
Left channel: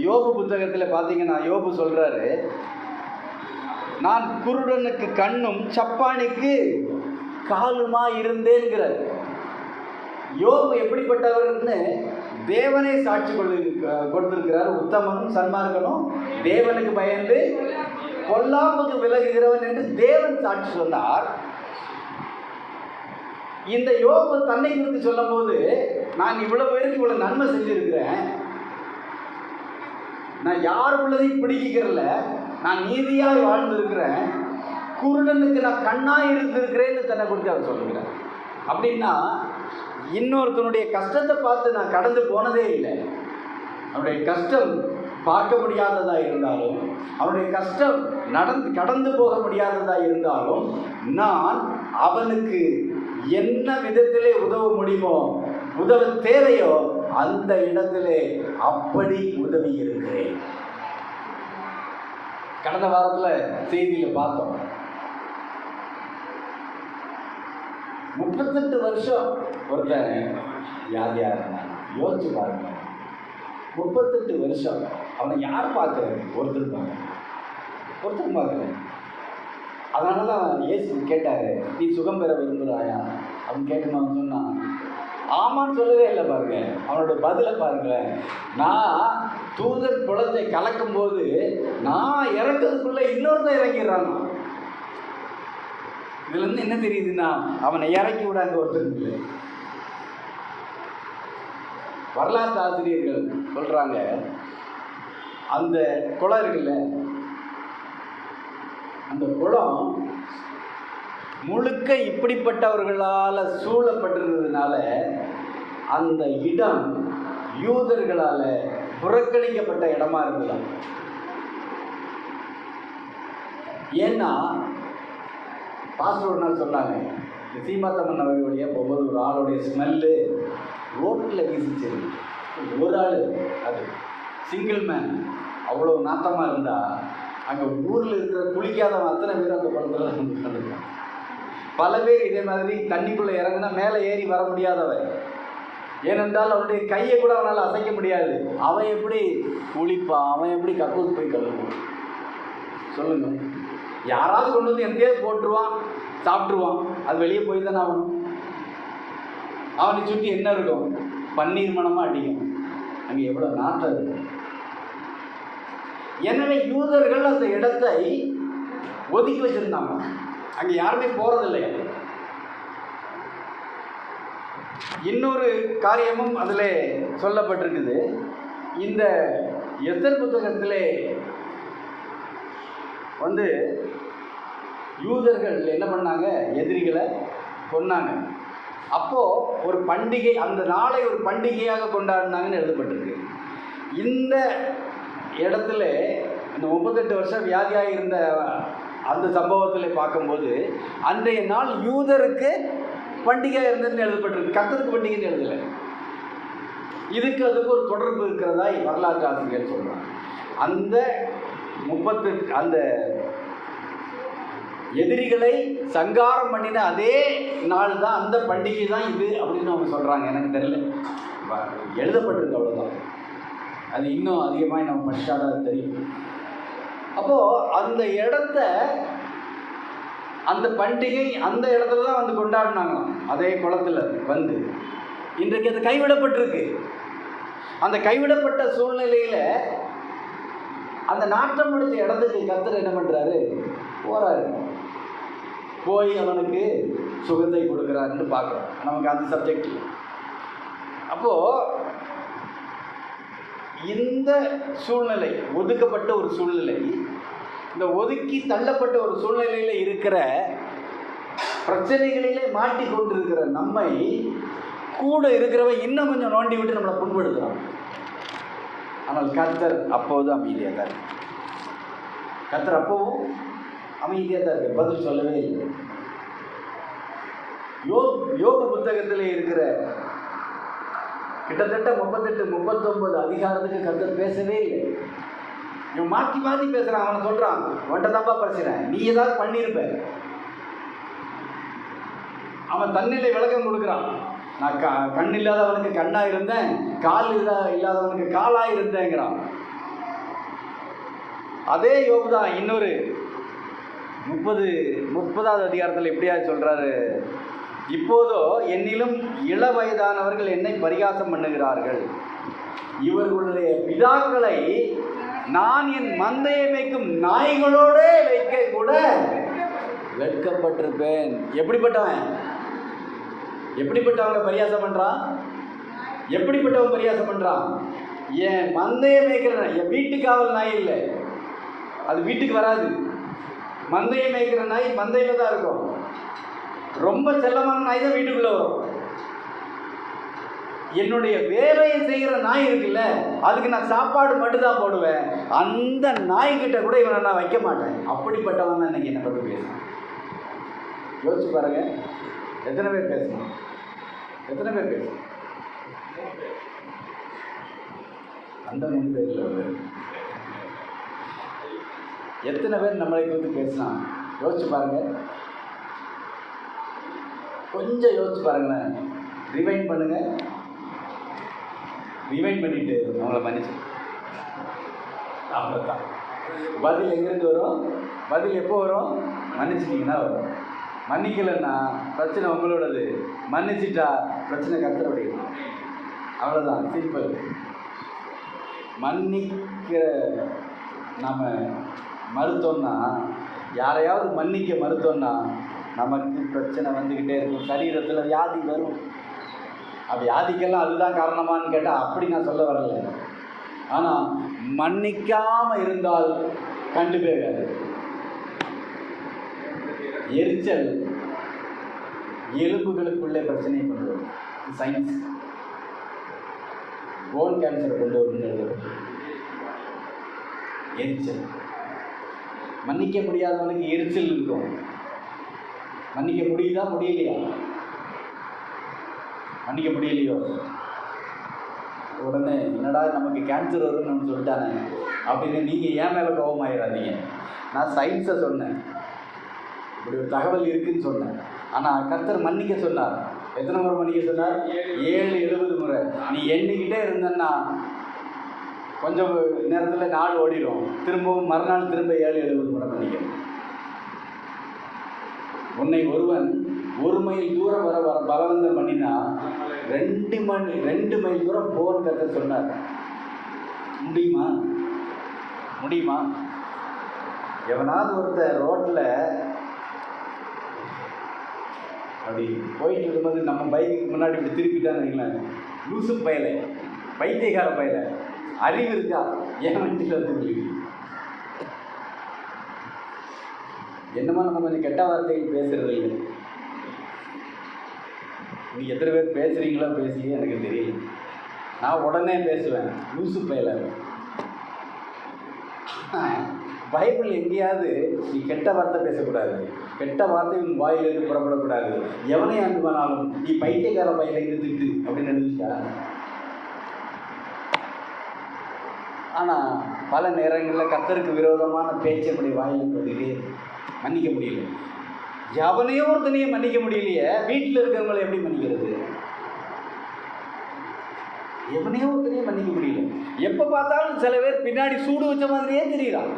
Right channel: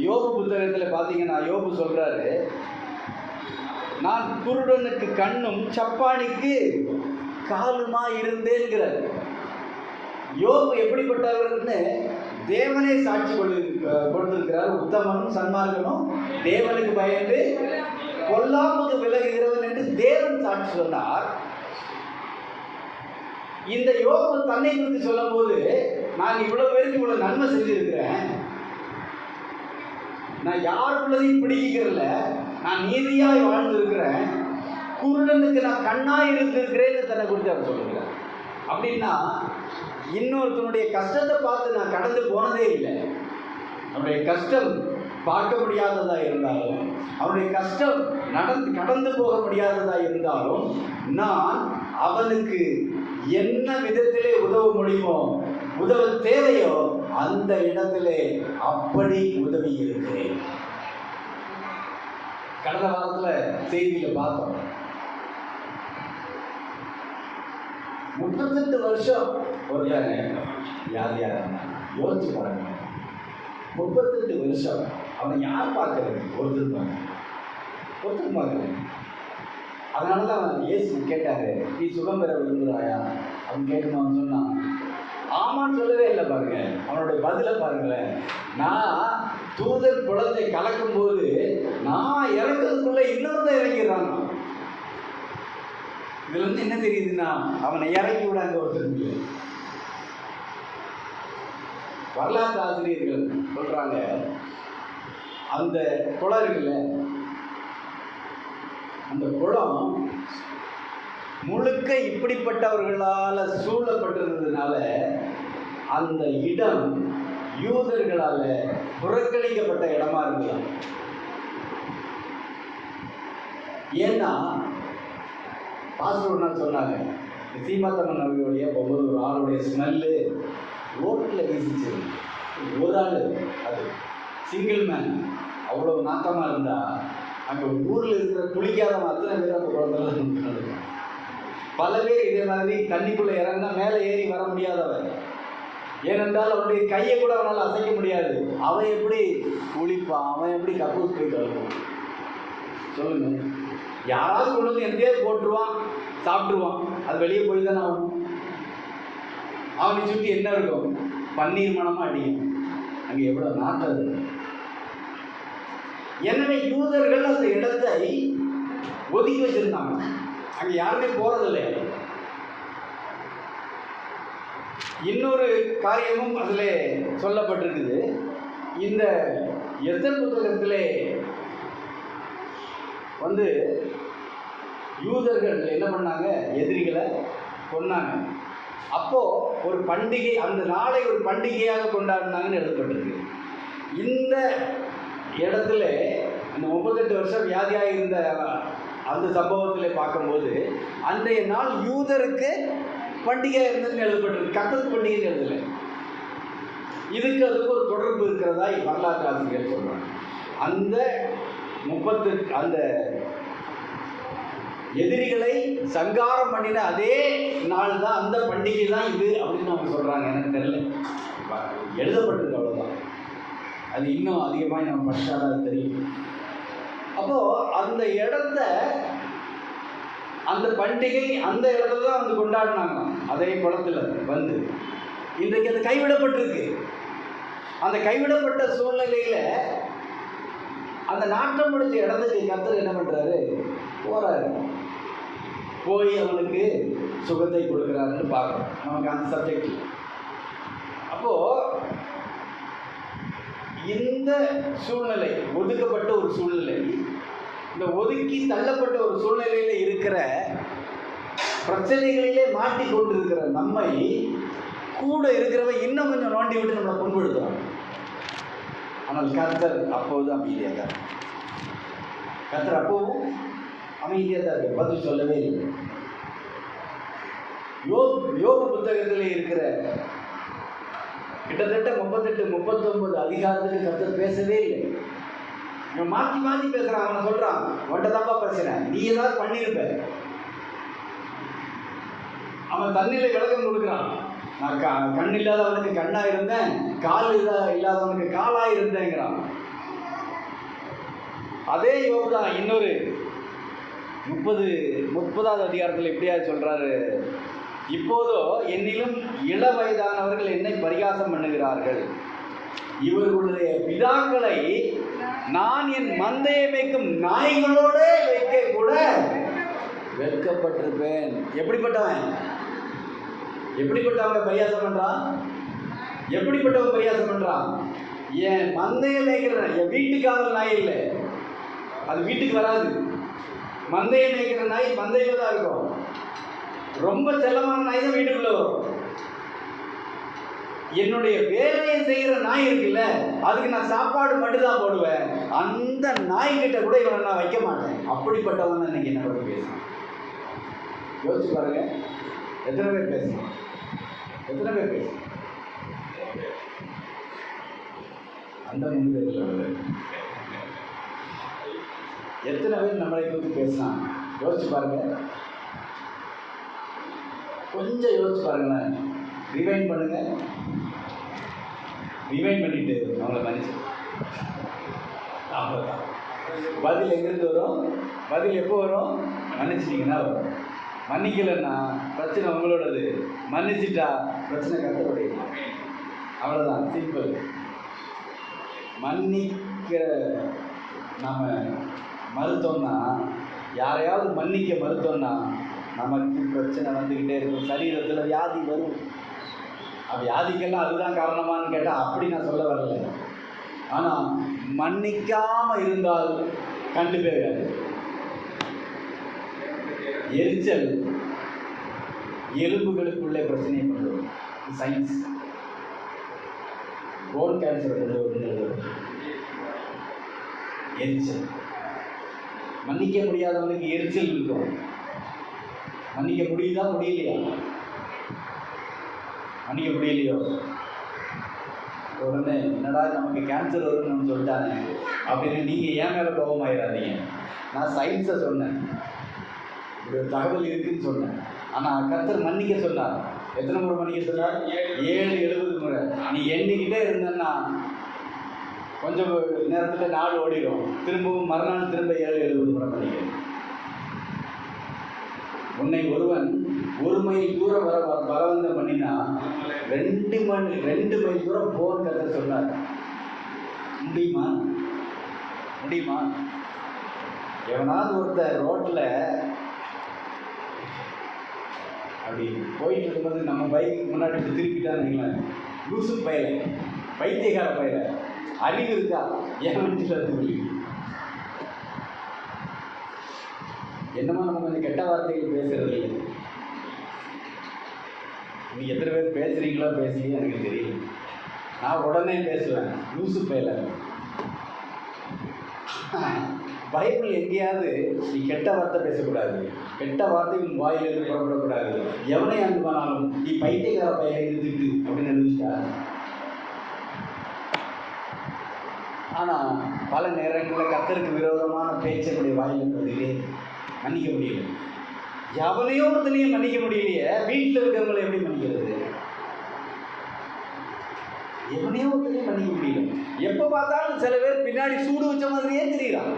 யோபு புத்தகத்தில் பார்த்தீங்கன்னா, யோபு சொல்கிறாரு, நான் குருடனுக்கு கண்ணும் சப்பானிக்கு காலுமா இருந்தேங்கிறார். யோபு எப்படிப்பட்டவர்னு தேவனே சாட்சி கொடுத்திருக்கிறார். உத்தமனும் சன்மார்க்கனும் தேவனுக்கு பயந்து பொல்லாப்புக்கு விலகுகிறவன் என்று தேவன் சாட்சி சொன்னார். இந்த யோபு தன்னை குறித்து சொல்லும் போது, நான் இவ்வளவு பேருக்கு இவ்வளவு நன்மை செஞ்சிருக்கிறேன், நான் யாருக்குள்ளதையும் பிடிக்கிறல, நான் நீதியாக வாழ்ந்திருக்கிறேன், குருடனுக்கு நான் கண்ணாக இருந்திருக்கிறேன்னு தன்னை குறித்து அவர் சொல்லுகிறார். அப்படின்னா இன்னொருத்தனுடைய கஷ்டத்தை பார்த்து நான் கடந்து போனதே இல்லை. அவனுடைய கஷ்டம் பார்க்க முடியாததா இருந்தாலும், அவனுடைய கஷ்டம் கடந்து போக முடியாததா இருந்தாலும், நான் அவனுக்கு என்ன விதத்திலே உதவ முடியுமோ, உதவ தேவையோ அந்த இடத்திலே அப்படி உதவி இருக்கிறேன். கடந்த வாரத்தில் செய்தியில் பார்த்தோம், 38 வருஷம் ஒருத்தர், யார் யோசிச்சு பாருங்க, 38 வருஷம் அவனை யார் பார்க்கறது? ஒருத்தர் பார்க்கறது. அதனால தான் அவன் இயேசு கேட்டாரு, நீ சுகம் பெற விரும்புகிறாயா அவன் கேட்கணும். அவன் சொன்னான், ஆமான்னு சொல்லவே இல்லை. பாருங்க அவனுடைய பதிலை பாருங்களேன். நான் தூதர் குளத்தை கலக்கும் போது நான் இறக்கிறதுக்குள்ள இன்னொருத்தர் இறங்கிறான். இதுல இருந்து என்ன தெரியுதுன்னா, அவனை இறக்கி விட அங்கே ஒருத்தர் இல்லை. வரலாற்று ஆசிரியர்கள் சொல்றாங்க, அந்த குளம் இருக்குல்ல, அந்த குளம் முழுக்க இப்படிப்பட்டவர்களால் சூழப்பட்டிருந்ததுனால அந்த இடம் யூதர்களால் புறக்கணிக்கப்பட்ட இடமா இருக்கலாம். ஏன்னா பாஸ்டர் ஒரு நாள் சொன்னாங்க, சீமாத்தம்மன் அவர்களுடைய ஒவ்வொரு ஒரு ஆளுடைய ஸ்மெல்லு ரோட்டில் வீசிச்சு. ஒரு ஆள், அது சிங்கிள் மேன், அவ்வளோ நாட்டமாக இருந்தால் அங்கே ஊரில் இருக்கிற குளிக்காதவன் அத்தனை பேர் அந்த குளத்தில் பல பேர் இதே மாதிரி தண்ணிக்குள்ளே இறங்கினா மேலே ஏறி வர முடியாதவன். ஏனென்றால் அவனுடைய கையை கூட அவனால் அசைக்க முடியாது. அவன் எப்படி குளிப்பான், அவன் எப்படி கக்கூஸ் போய் கலக்குவான் சொல்லுங்க. யாராவது கொண்டு வந்து எங்கேயோ போட்டுருவான், சாப்பிட்ருவான். அது வெளியே போய் தானே ஆகணும். அவனை சுற்றி என்ன இருக்கும்? பன்னீர் மனமாக அடிக்கும். அங்கே எவ்வளோ நாட்டம் இருக்கும். எனவே யூதர்கள் அந்த இடத்தை ஒதுக்கி வச்சிருந்தாங்க. அங்கே யாருமே போறதில்லை. இன்னொரு காரியமும் அதில் சொல்லப்பட்டிருக்குது. இந்த எஸ்தர் புத்தகத்திலே யூதர்கள் என்ன பண்ணாங்க? எதிரிகளை கொன்னாங்க. அப்போ ஒரு பண்டிகை, அந்த நாளை ஒரு பண்டிகையாக கொண்டாடினாங்கன்னு எழுதப்பட்டிருக்கு. இந்த இடத்துல இந்த 38 வருஷம் வியாதியாக இருந்த அந்த சம்பவத்தில் பார்க்கும்போது அன்றைய நாள் யூதருக்கு பண்டிகை இருந்ததுன்னு எழுதப்பட்டிருக்கு. கர்த்தருக்கு பண்டிகைன்னு எழுதலை. இதுக்கு அதுக்கு ஒரு தொடர்பு இருக்கிறதா வரலாற்று ஆசிரியர் சொல்கிறாங்க. அந்த 38 அந்த எதிரிகளை சங்காரம் பண்ணின அதே நாள் தான், அந்த பண்டிகை தான் இது அப்படின்னு அவங்க சொல்கிறாங்க. எனக்கு தெரியல, எழுதப்பட்டிருக்கு, அவ்வளோதான். அது இன்னும் அதிகமாக நம்ம படித்தாதான் அது தெரியும். அப்போது அந்த இடத்த, அந்த பண்டிகை அந்த இடத்துல தான் கொண்டாடினாங்க. அதே குளத்தில் இன்றைக்கு அது கைவிடப்பட்டிருக்கு. அந்த கைவிடப்பட்ட சூழ்நிலையில் அந்த நாட்டம் முடிச்ச இடத்துக்கு கர்த்தர் என்ன பண்ணுறாரு? போகிறாரு. போய் அவனுக்கு சுகத்தை கொடுக்குறாருன்னு பார்க்குறோம். நமக்கு அந்த சப்ஜெக்ட். அப்போது இந்த சூழ்நிலை, ஒதுக்கப்பட்ட ஒரு சூழ்நிலை, இந்த ஒதுக்கி தள்ளப்பட்ட ஒரு சூழ்நிலையில் இருக்கிற பிரச்சனைகளிலே மாட்டிக்கொண்டிருக்கிற நம்மை கூட இருக்கிறவன் இன்னும் கொஞ்சம் நோண்டி விட்டு நம்மளை புண்படுத்துறான். ஆனால் கர்த்தர் அப்போது அமைதியாக தான். கர்த்தர் அப்போவும் அமைதியாக தான் இருக்கு, பதில் சொல்லவே இல்லை. யோபு புத்தகத்தில் இருக்கிற கிட்டத்தட்ட 38-39 அதிகாரத்துக்கு கர்த்தர் பேசவே இல்லை. இவன் மாற்றி மாற்றி பேசுகிறான். அவன் சொல்கிறான், உன்ட்ட தான்ப்பா பேசுகிறேன், நீ ஏதாவது பண்ணியிருப்ப. அவன் தன்னிலை விளக்கம் கொடுக்குறான். நான் கண் இல்லாதவனுக்கு கண்ணாக இருந்தேன், கால் இல்லாதவனுக்கு காலாக இருந்தேங்கிறான். அதே யோபு தான் இன்னொரு 30வது அதிகாரத்தில் எப்படியாவது சொல்கிறாரு, இப்போதோ என்னிலும் இள வயதானவர்கள் என்னை பரிகாசம் பண்ணுகிறார்கள். இவர்களுடைய பிதாக்களை நான் என் மந்தையை மேய்க்கும் நாய்களோட வைக்க கூட வெட்கப்பட்டிருப்பேன். எப்படிப்பட்டவங்க பரியாசம் பண்ணுறான்? எப்படிப்பட்டவங்க பரியாசம் பண்ணுறான்? என் மந்தையை மேய்க்கிற, என் வீட்டுக்காவல் நாய் இல்லை, அது வீட்டுக்கு வராது. மந்தையை மேய்க்கிற நாய் மந்தையில் தான் இருக்கும். ரொம்ப செல்லமான நாய் தான் வீட்டுக்குள்ளே வரும். என்னுடைய வேலையை செய்கிற நாய் இருக்குல்ல, அதுக்கு நான் சாப்பாடு மட்டும்தான் போடுவேன். அந்த நாய்கிட்ட கூட இவனை நான் வைக்க மாட்டேன். அப்படிப்பட்டவன் தான் இன்னைக்கு என்னை பற்றி பேசுகிறேன். யோசிச்சு பாருங்க, எத்தனை பேர் பேசுகிறேன்? அந்த மனிதர்கள் எத்தனை பேர் நம்மளை பற்றி பேசினாங்க? யோசிச்சு பாருங்க, கொஞ்சம் யோசிச்சு பாருங்க. ரிவைண்ட் பண்ணுங்க. ரிவைண்ட் பண்ணிட்டு நம்மளை மன்னிச்சு. அவ்வளோதான். பதில் எங்கேருந்து வரும்? பதில் எப்போ வரும்? மன்னிச்சிட்டிங்கன்னா வரும். மன்னிக்கலைன்னா பிரச்சனை உங்களோடது, மன்னிச்சிட்டா பிரச்சனை கர்த்தருடைய. அவ்வளோதான், சிம்பிள். மன்னிக்க நாம் மறுத்தோம்னா, யாரையாவது மன்னிக்க மறுத்தோம்னா நமக்கு பிரச்சனை வந்துக்கிட்டே இருக்கும். சரீரத்தில் வியாதி வரும். வியாதிக்கெல்லாம் அதுதான் காரணமானு கேட்டால் அப்படி நான் சொல்ல வரல. ஆனால் மன்னிக்காமல் இருந்தால் கண்டிப்பாக எரிச்சல் எலும்புகளுக்குள்ளே பிரச்சனையை கொண்டு வரும். சயின்ஸ் போன் கேன்சரை கொண்டு வரும். எரிச்சல், மன்னிக்க முடியாதவனுக்கு எரிச்சல் இருக்கும். மன்னிக்க முடியுதா? முடியலையா? மன்னிக்க முடியலையோ உடனே என்னடா நமக்கு கேன்சர் வரும்னு சொல்லிட்டாங்க அப்படின்னு நீங்கள் ஏன் மேலே கோபமாயிடாதீங்க. நான் சயின்ஸை சொன்னேன். இப்படி ஒரு தகவல் இருக்குன்னு சொன்னேன். ஆனால் கர்த்தர் மன்னிக்க சொன்னார். எத்தனை முறை மன்னிக்க சொன்னார்? 7-70 முறை. நீ எண்ணிக்கிட்டே இருந்தன்னா கொஞ்சம் நேரத்தில் நாள் ஓடிடும். திரும்பவும் மறுநாள் திரும்ப 7-70 முறை மன்னிக்க. உன்னை ஒருவன் 1 மைல் தூரம் வர பலவந்தம் பண்ணினா 2 மைல் தூரம் போன்னு கர்த்தர் சொன்னார். முடியுமா? எவனாவது ஒருத்தர் ரோட்டில் அப்படி போயிட்டு இருக்கும்போது நம்ம பைக்கு முன்னாடி இப்படி திருப்பிட்டான்னு லூசு பயிர, பைத்தியக்கார பயிர, அறிவு இருக்கா? ஏன் வண்டியில் இருக்கு? என்னமா நம்ம கொஞ்சம் கெட்ட வார்த்தைகள் பேசுறது இல்லை. நீங்கள் எத்தனை பேர் பேசுகிறீங்களோ பேசி எனக்கு தெரியல. நான் உடனே பேசுவேன், லூசு பயில. பைபிள் எங்கேயாவது நீ கெட்ட வார்த்தை பேசக்கூடாது, கெட்ட வார்த்தை உன் வாயிலிருந்து புறப்படக்கூடாது, எவனை அனுப்பினாலும் நீ பைத்தியக்கார பையில திட்டு அப்படின்னு எழுதிட்டா. ஆனால் பல நேரங்களில் கர்த்தருக்கு விரோதமான பேச்சை நம்முடைய வாயிலிருந்து வருகிறே, மன்னிக்க முடியல. எவனையோ ஒருத்தனையும் மன்னிக்க முடியலையே, வீட்டில் இருக்கிறவங்களை எப்படி மன்னிக்கிறது? எவனையோ ஒருத்தனையும் மன்னிக்க முடியல. எப்போ பார்த்தாலும் சில பேர் பின்னாடி சூடு வச்ச மாதிரியே தெரியலாம்.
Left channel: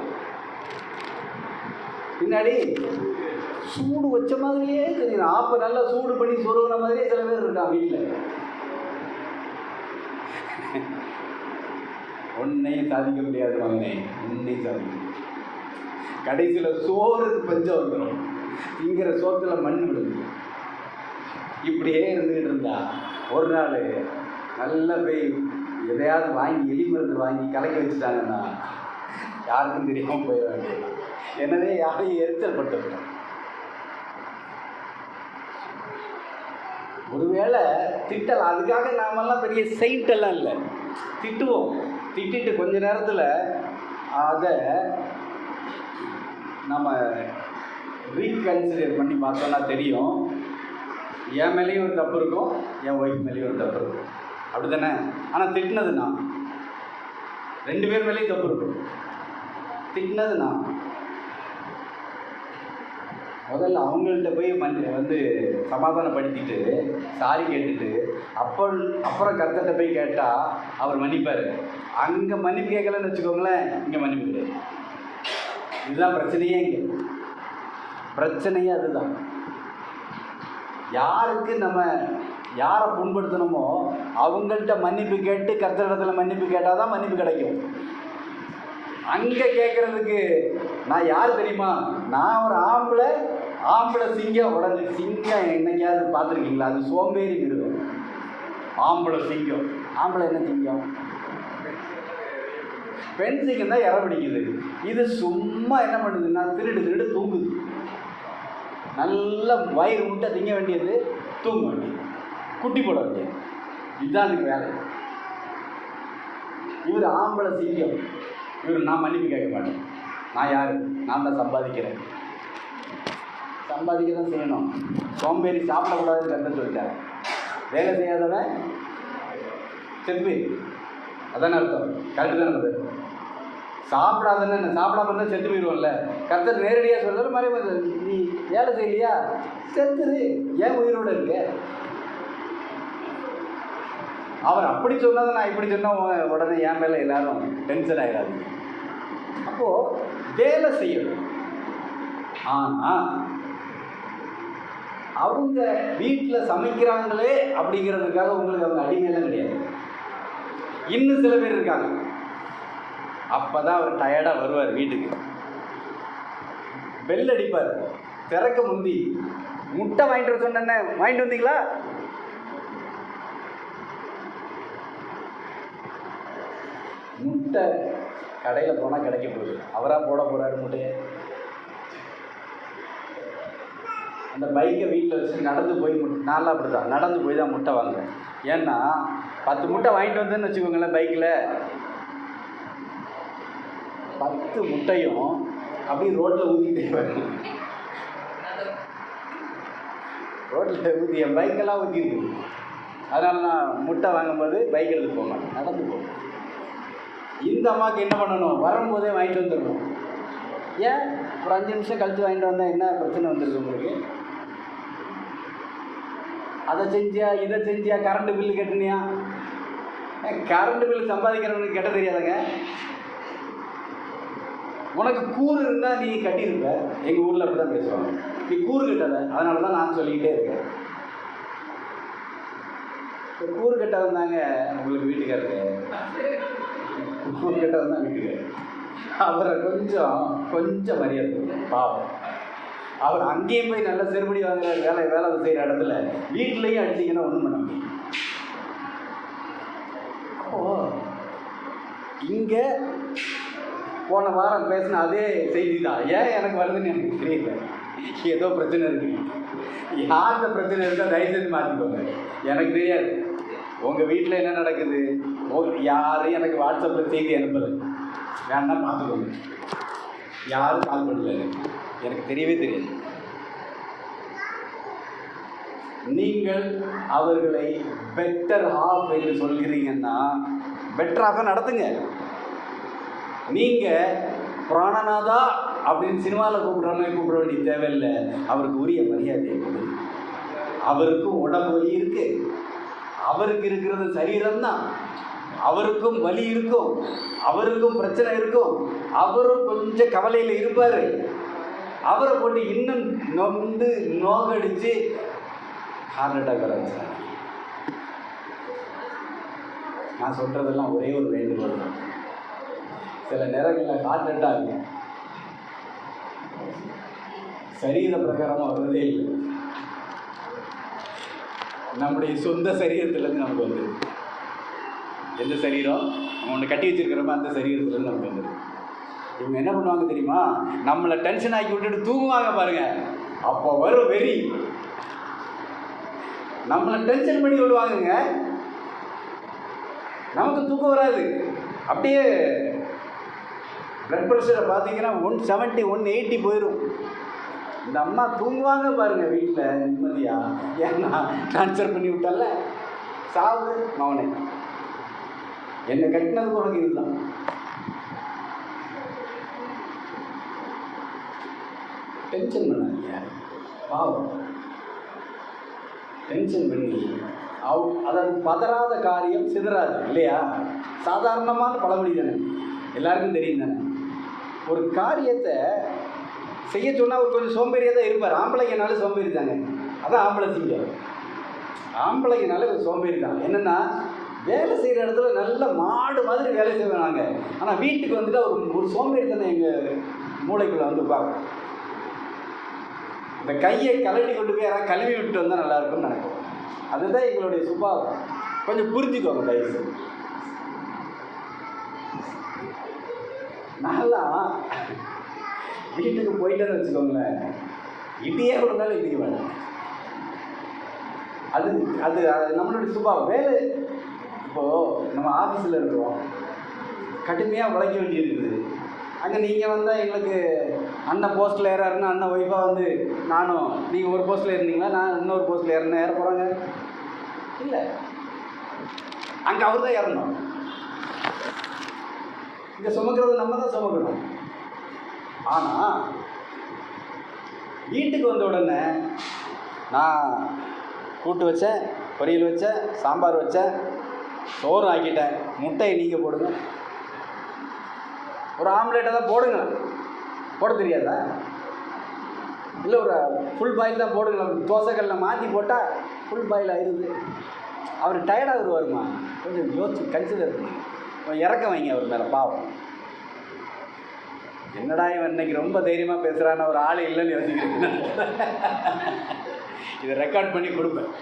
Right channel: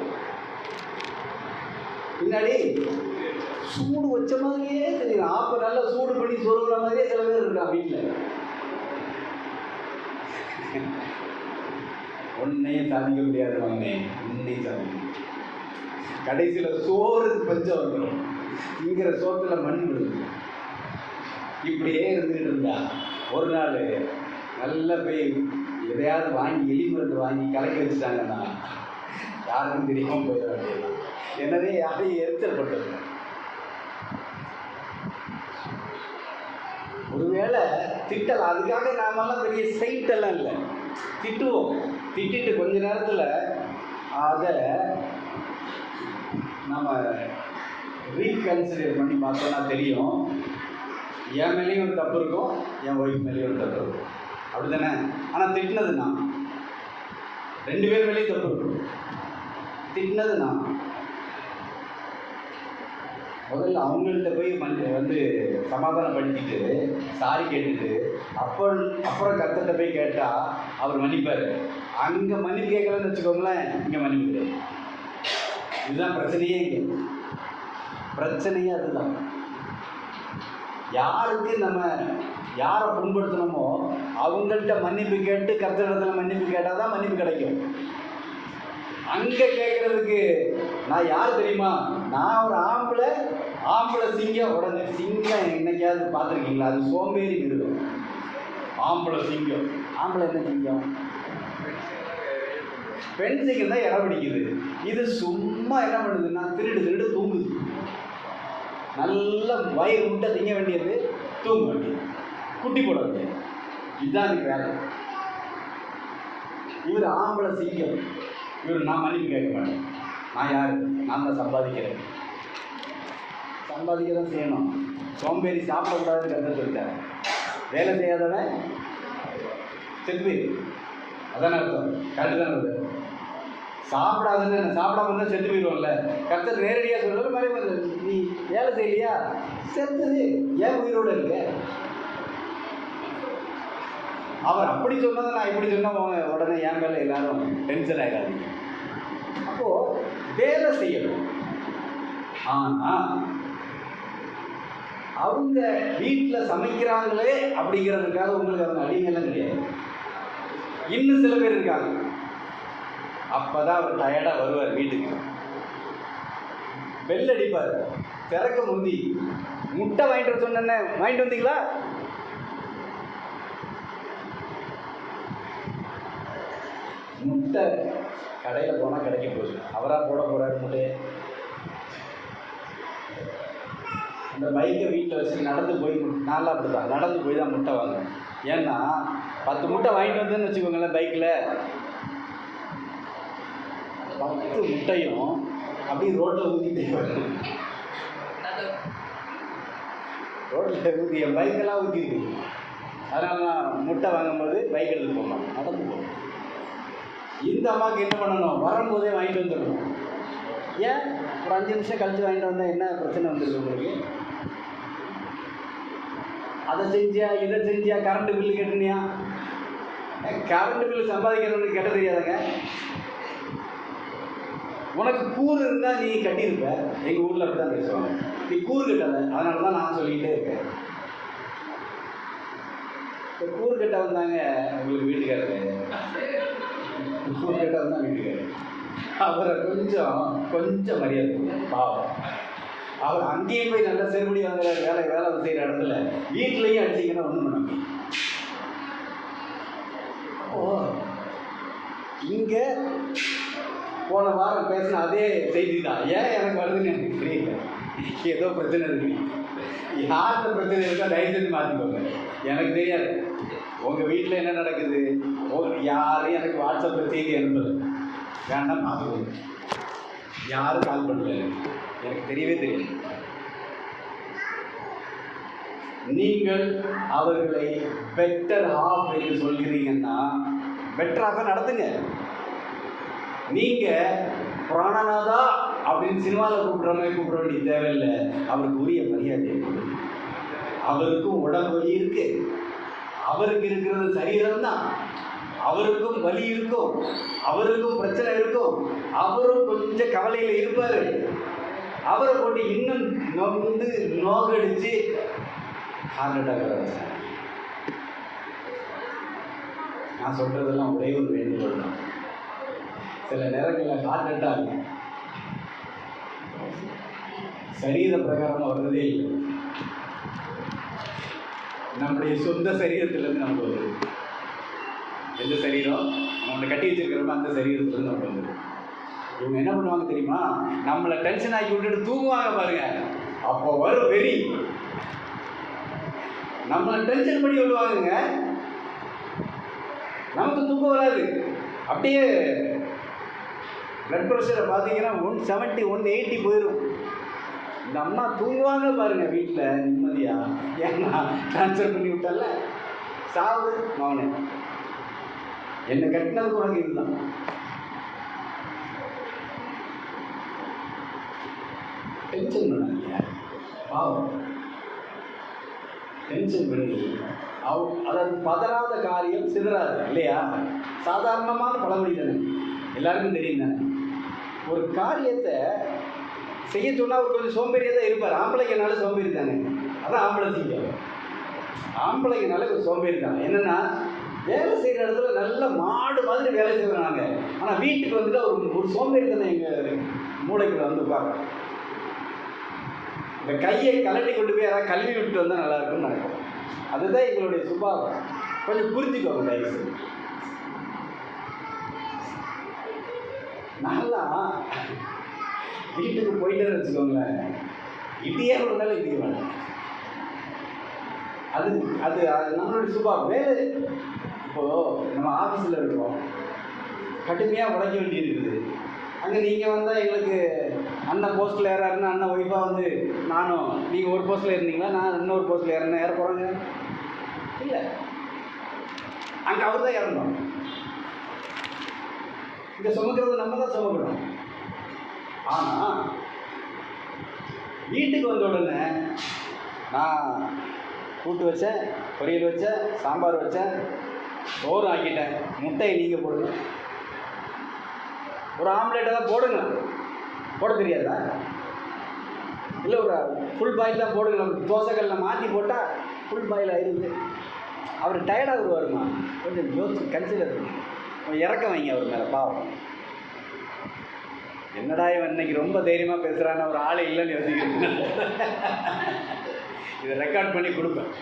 பின்னாடி சூடு வச்ச மாதிரியே தெரியலாம். ஆப்ப நல்லா சூடு பண்ணி சொருகிற மாதிரியே சில பேர் இருக்கான் வீட்டில். ஒன்னையும் சாதிக்க முடியாது மகனே, ஒன்னையும் சாதிக்க. கடைசியில் சோறுக்கு பஞ்சம் வந்துடும். திங்கிற சோத்துல மண் விடுது. இப்படியே இருந்துகிட்டு இருந்தா ஒரு நாள் நல்ல போய் எதையாவது வாங்கி எலி மருந்து வாங்கி கலக்கி வச்சுட்டாங்கன்னா யாருக்கும் தெரியாமல் போயிடாது. எனவே யாரையும் எரிச்சல் பட்டது. ஒருவேளை திட்டலாம், அதுக்காக நாமெல்லாம் பெரிய சைட்டெல்லாம் இல்லை, திட்டுவோம். திட்டிட்டு கொஞ்ச நேரத்தில் அதை நம்ம ரீகன்சிடர் பண்ணி பார்த்தோம்னா தெரியும், என் மேலேயும் ஒரு தப்பு இருக்கும், என் ஒய்ஃப் மேலேயும் ஒரு தப்பு இருக்கும். அப்படி தானே? ஆனால் திட்டினது நான், 2 பேர் மேலேயும் தப்பு இருக்கும். திட்டினது நான். முதல்ல அவங்கள்ட்ட போய் சமாதானப்படுத்திட்டு சாரி கேட்டுட்டு அப்புறம் கர்த்தர்கிட்ட போய் கேட்டால் அவர் மன்னிப்பார். அங்கே மன்னிப்பு கேட்கலன்னு வச்சுக்கோங்களேன், இங்கே மன்னிப்பு கிடையாது. இதுதான் பிரச்சனையே. இங்கே பிரச்சனையே அதுதான். யாருக்கு நம்ம யாரை புண்படுத்தணுமோ அவங்கள்ட்ட மன்னிப்பு கேட்டு கர்த்தரிடத்தில் மன்னிப்பு கேட்டால் தான் மன்னிப்பு கிடைக்கும். அங்கே கேட்குறதுக்கு நான் யார் தெரியுமா? நான் ஒரு ஆம்பளை சிங்கம். உடனே சிங்கம் என்னைக்காவது பார்த்துருக்கீங்களா? அது சோம்பேறி மிருகம். ஆம்பளை சிங்கம். ஆம்பளை என்ன சிங்கம்? பெண் சிங்கம் தான் இற பிடிக்குது. இது சும்மா என்ன பண்ணுதுன்னா திருடு தூங்குது. நல்ல வயிறு முட்டை திங்க வேண்டியது, தூங்க வேண்டியது, குட்டி போட வேண்டியது. இதுதான் நீ வேலை. இவர் ஆம்பளை சிங்கம். இவர் நான் மன்னிப்பு கேட்க மாட்டேன். நான் யார்? நான் தான் சம்பாதிக்கிறேன் செய்யணும். சோம்பேறி சாப்பிடக்கூடாதுன்னு கற்று சொல்லிட்டார். வேலை செய்யாதவன் செத்து, அதானே அர்த்தம். கரெக்டு தானே? சாப்பிடாம இருந்தால் செத்து போயிடுவோம்ல. கர்த்தர் நேரடியாக சொல்கிற மாதிரி, நீ வேலை செய்யலையா, செத்துது, ஏன் உயிரோடு இருக்க? அவர் அப்படி சொன்னதை நான் இப்படி சொன்னால் உடனே என் மேலே எல்லாரும் டென்ஷன் ஆகிடாது. அப்போது வேலை செய்யணும். ஆனால் அவங்க வீட்டில் சமைக்கிறாங்களே அப்படிங்கிறதுக்காக உங்களுக்கு அவங்க அடிமையெல்லாம் கிடையாது. இன்னும் சில பேர் இருக்காங்க, அப்போ தான் அவர் டயர்டாக வருவார் வீட்டுக்கு. பெல் அடிப்பார். திறக்க முந்தி முட்டை வாங்கிட்டு வர சொன்னேன்னே, வாங்கிட்டு வந்தீங்களா? முட்டை கடையில் போனால் கிடைக்க போகுது. அவராக போட போகிறாரு முட்டையை. அந்த பைக்கை வீட்டில் வச்சு நடந்து போய், நான்லாம் அப்படி தான் நடந்து போய் தான் முட்டை வாங்குவேன். ஏன்னா 10 முட்டை வாங்கிட்டு வந்தேன்னு வச்சுக்கோங்களேன், பைக்கில் 10 முட்டையும் அப்படியே ரோட்டில் ஊற்றிட்டே வரேன். ரோட்டில் ஊற்றி என் பைக்கெல்லாம் ஊற்றிருக்கு. அதனால் நான் முட்டை வாங்கும்போது பைக் எடுத்து போவேன், நடந்து போவேன். இந்த அம்மாவுக்கு என்ன பண்ணணும்? வரும்போதே வாங்கிட்டு வந்துடணும். ஏன் ஒரு 5 நிமிஷம் கழித்து வாங்கிட்டு வந்தால் என்ன பிரச்சனை வந்துருக்கு உங்களுக்கு? அதை செஞ்சியா, இதை செஞ்சியா, கரண்ட் பில்லு கட்டினியா? கரண்ட் பில்லு சம்பாதிக்கிறவனுக்கு கட்ட தெரியாதுங்க. உனக்கு கூறு இருந்தால் நீ கட்டியிருப்ப. எங்கள் ஊரில் அப்படி தான் பேசுவாங்க. நீ கூறு கட்டலை, அதனால தான் நான் சொல்லிக்கிட்டே இருக்கேன். இப்போ கூறு கட்ட வந்தாங்க உங்களுக்கு வீட்டுக்காரருக்கு, கூறு கட்ட வந்தால் வீட்டுக்காரர் அவரை கொஞ்சம் மரியாதை பாவம். அவர் அங்கேயும் போய் நல்ல செருமடி வாங்குற வேலை செய்கிற இடத்துல வீட்லேயும் அடிச்சிங்கன்னா ஒன்றும் பண்ண முடியும். இங்கே போன வாரம் பேசின அதே செய்தி தான். ஏன் எனக்கு வருதுன்னு எனக்கு தெரியல. ஏதோ பிரச்சனை இருக்கு. யார்கிட்ட பிரச்சனை இருந்தால் தயவுசெய்து மாற்றிக்கோங்க, எனக்கு தெரியாது. உங்கள் வீட்டில் என்ன நடக்குது, யாரும் எனக்கு வாட்ஸ்அப்பில் செய்தி அனுப்பலை, வேணா பார்த்துக்கோங்க. யாரும் கால் பண்ணல, எனக்கு தெரியவே தெரியாது. நீங்கள் அவர்களை பெட்டர் ஹாஃப் என்று சொல்கிறீங்கன்னா பெட்டர் ஹாஃபாக நடத்துங்க. நீங்கள் பிராணநாதா அப்படின்னு சினிமாவில் கூப்பிட வேண்டிய தேவையில்லை. அவருக்கு உரிய மரியாதையை கொடுங்க. அவருக்கும் உடம்பு வலி இருக்கு, அவருக்கு இருக்கிறது சரீரம்தான், அவருக்கும் வலி இருக்கும், அவருக்கும் பிரச்சனை இருக்கும், அவரும் கொஞ்சம் கவலையில் இருப்பார். அவரை போட்டு இன்னும் நோக்கடிச்சு ஹார்ட் அட்டாக் வர வச்சாங்க. நான் சொல்கிறதெல்லாம் ஒரே ஒரு வேண்டுகோள் தான். சில நேரங்களில் ஹார்ட் அட்டாக் சரீர பிரகாரமாக வருவதே இல்லை, நம்முடைய சொந்த சரீரத்திலேருந்து நமக்கு வந்துடும். எந்த சரீரம் நம்ம கட்டி வச்சிருக்கிறோமோ அந்த சரீரத்துலேருந்து நமக்கு வந்துடும். இவங்க என்ன பண்ணுவாங்க தெரியுமா, நம்மளை டென்ஷன் ஆக்கி விட்டுட்டு தூங்குவாங்க பாருங்க. அப்போ வரும் வெறி, நம்மளை டென்ஷன் பண்ணி விடுவாங்க. நமக்கு தூக்கம் வராது. அப்படியே பிளட் ப்ரெஷரை பார்த்தீங்கன்னா 170 180 போயிடும். இந்த அம்மா தூங்குவாங்க பாருங்க வீட்டில் நிம்மதியாக. ஏன்னா ட்ரான்ஸ்ஃபர் பண்ணி விட்டால, சாவு மவனே, என்னை கட்டினதுக்கு உனக்கு இதுதான். டென்ஷன் பண்ணாங்க பாவம், டென்ஷன் பண்ணி அதாவது பதறாத காரியம் சிதறாது இல்லையா? சாதாரணமான பழமொழி தானே, எல்லாருக்கும் தெரியும் தானே. ஒரு காரியத்தை செய்ய சொன்னால் ஒரு கொஞ்சம் சோம்பேறியாக தான் இருப்பார். ஆம்பளைங்கனால சோம்பேறி தானே, அதான் ஆம்பளை செய்யும். ஆம்பளைங்கனால ஒரு சோம்பேறி தான். என்னென்னா வேலை செய்கிற இடத்துல நல்ல மாடு மாதிரி வேலை செய்வோம் நாங்கள். ஆனால் வீட்டுக்கு வந்துட்டு ஒரு சோம்பேறி தானே எங்கள் மூளைக்குள்ள வந்து பார்ப்போம். இந்த கையை கலட்டி கொண்டு போய் யாராவது கழுவி விட்டு வந்தால் நல்லா இருக்குன்னு நினைப்போம். அதுதான் எங்களுடைய சுபாவம். கொஞ்சம் புரிஞ்சுக்கோங்க தயவு. நான்லாம் வீட்டுக்கு போயிட்டேன்னு வச்சுக்கோங்களேன், இடியே விழுந்தாலும் இடிக்குவாங்க. அது அது நம்மளுடைய சுபாவம். வேலை இப்போது நம்ம ஆஃபீஸில் இருக்கிறோம், கடுமையாக உழைக்க வேண்டி இருக்குது. அங்கே நீங்கள் வந்தால் எங்களுக்கு அண்ணன் போஸ்ட்டில் ஏறாருன்னா அண்ணன் ஒய்ஃபாக வந்து நானும் நீங்கள் ஒரு போஸ்ட்டில் இருந்தீங்களா, நான் இன்னொரு போஸ்ட்டில் ஏற போகிறாங்க இல்லை, அங்கே அவர் தான் ஏறணும். இங்கே சுமக்கிறது நம்ம தான் சுமக்கணும். ஆனால் வீட்டுக்கு வந்த உடனே நான் கூட்டு வச்சேன், பொரியல் வச்சேன், சாம்பார் வச்சேன், சோறு ஆக்கிட்டேன், முட்டையை நீங்கள் போடுங்க, ஒரு ஆம்லேட்டை தான் போடுங்க. போட தெரியாதா? இல்லை ஒரு ஃபுல் பாயில் தான் போடுங்க. தோசைகளில் மாற்றி போட்டால் ஃபுல் பாயில் ஆயிடுது. அவர் டயர்டாக வருவாருமா, கொஞ்சம் யோசிச்சு கன்சிடர் பண்ணி இறக்க வைங்க அவர் மேலே. பாவம், என்னடா இவன் இன்னைக்கு ரொம்ப தைரியமாக பேசுகிறான்னு ஒரு ஆள் இல்லைன்னு யோசிக்கிறேன். இதை ரெக்கார்ட் பண்ணி கொடுப்பேன்.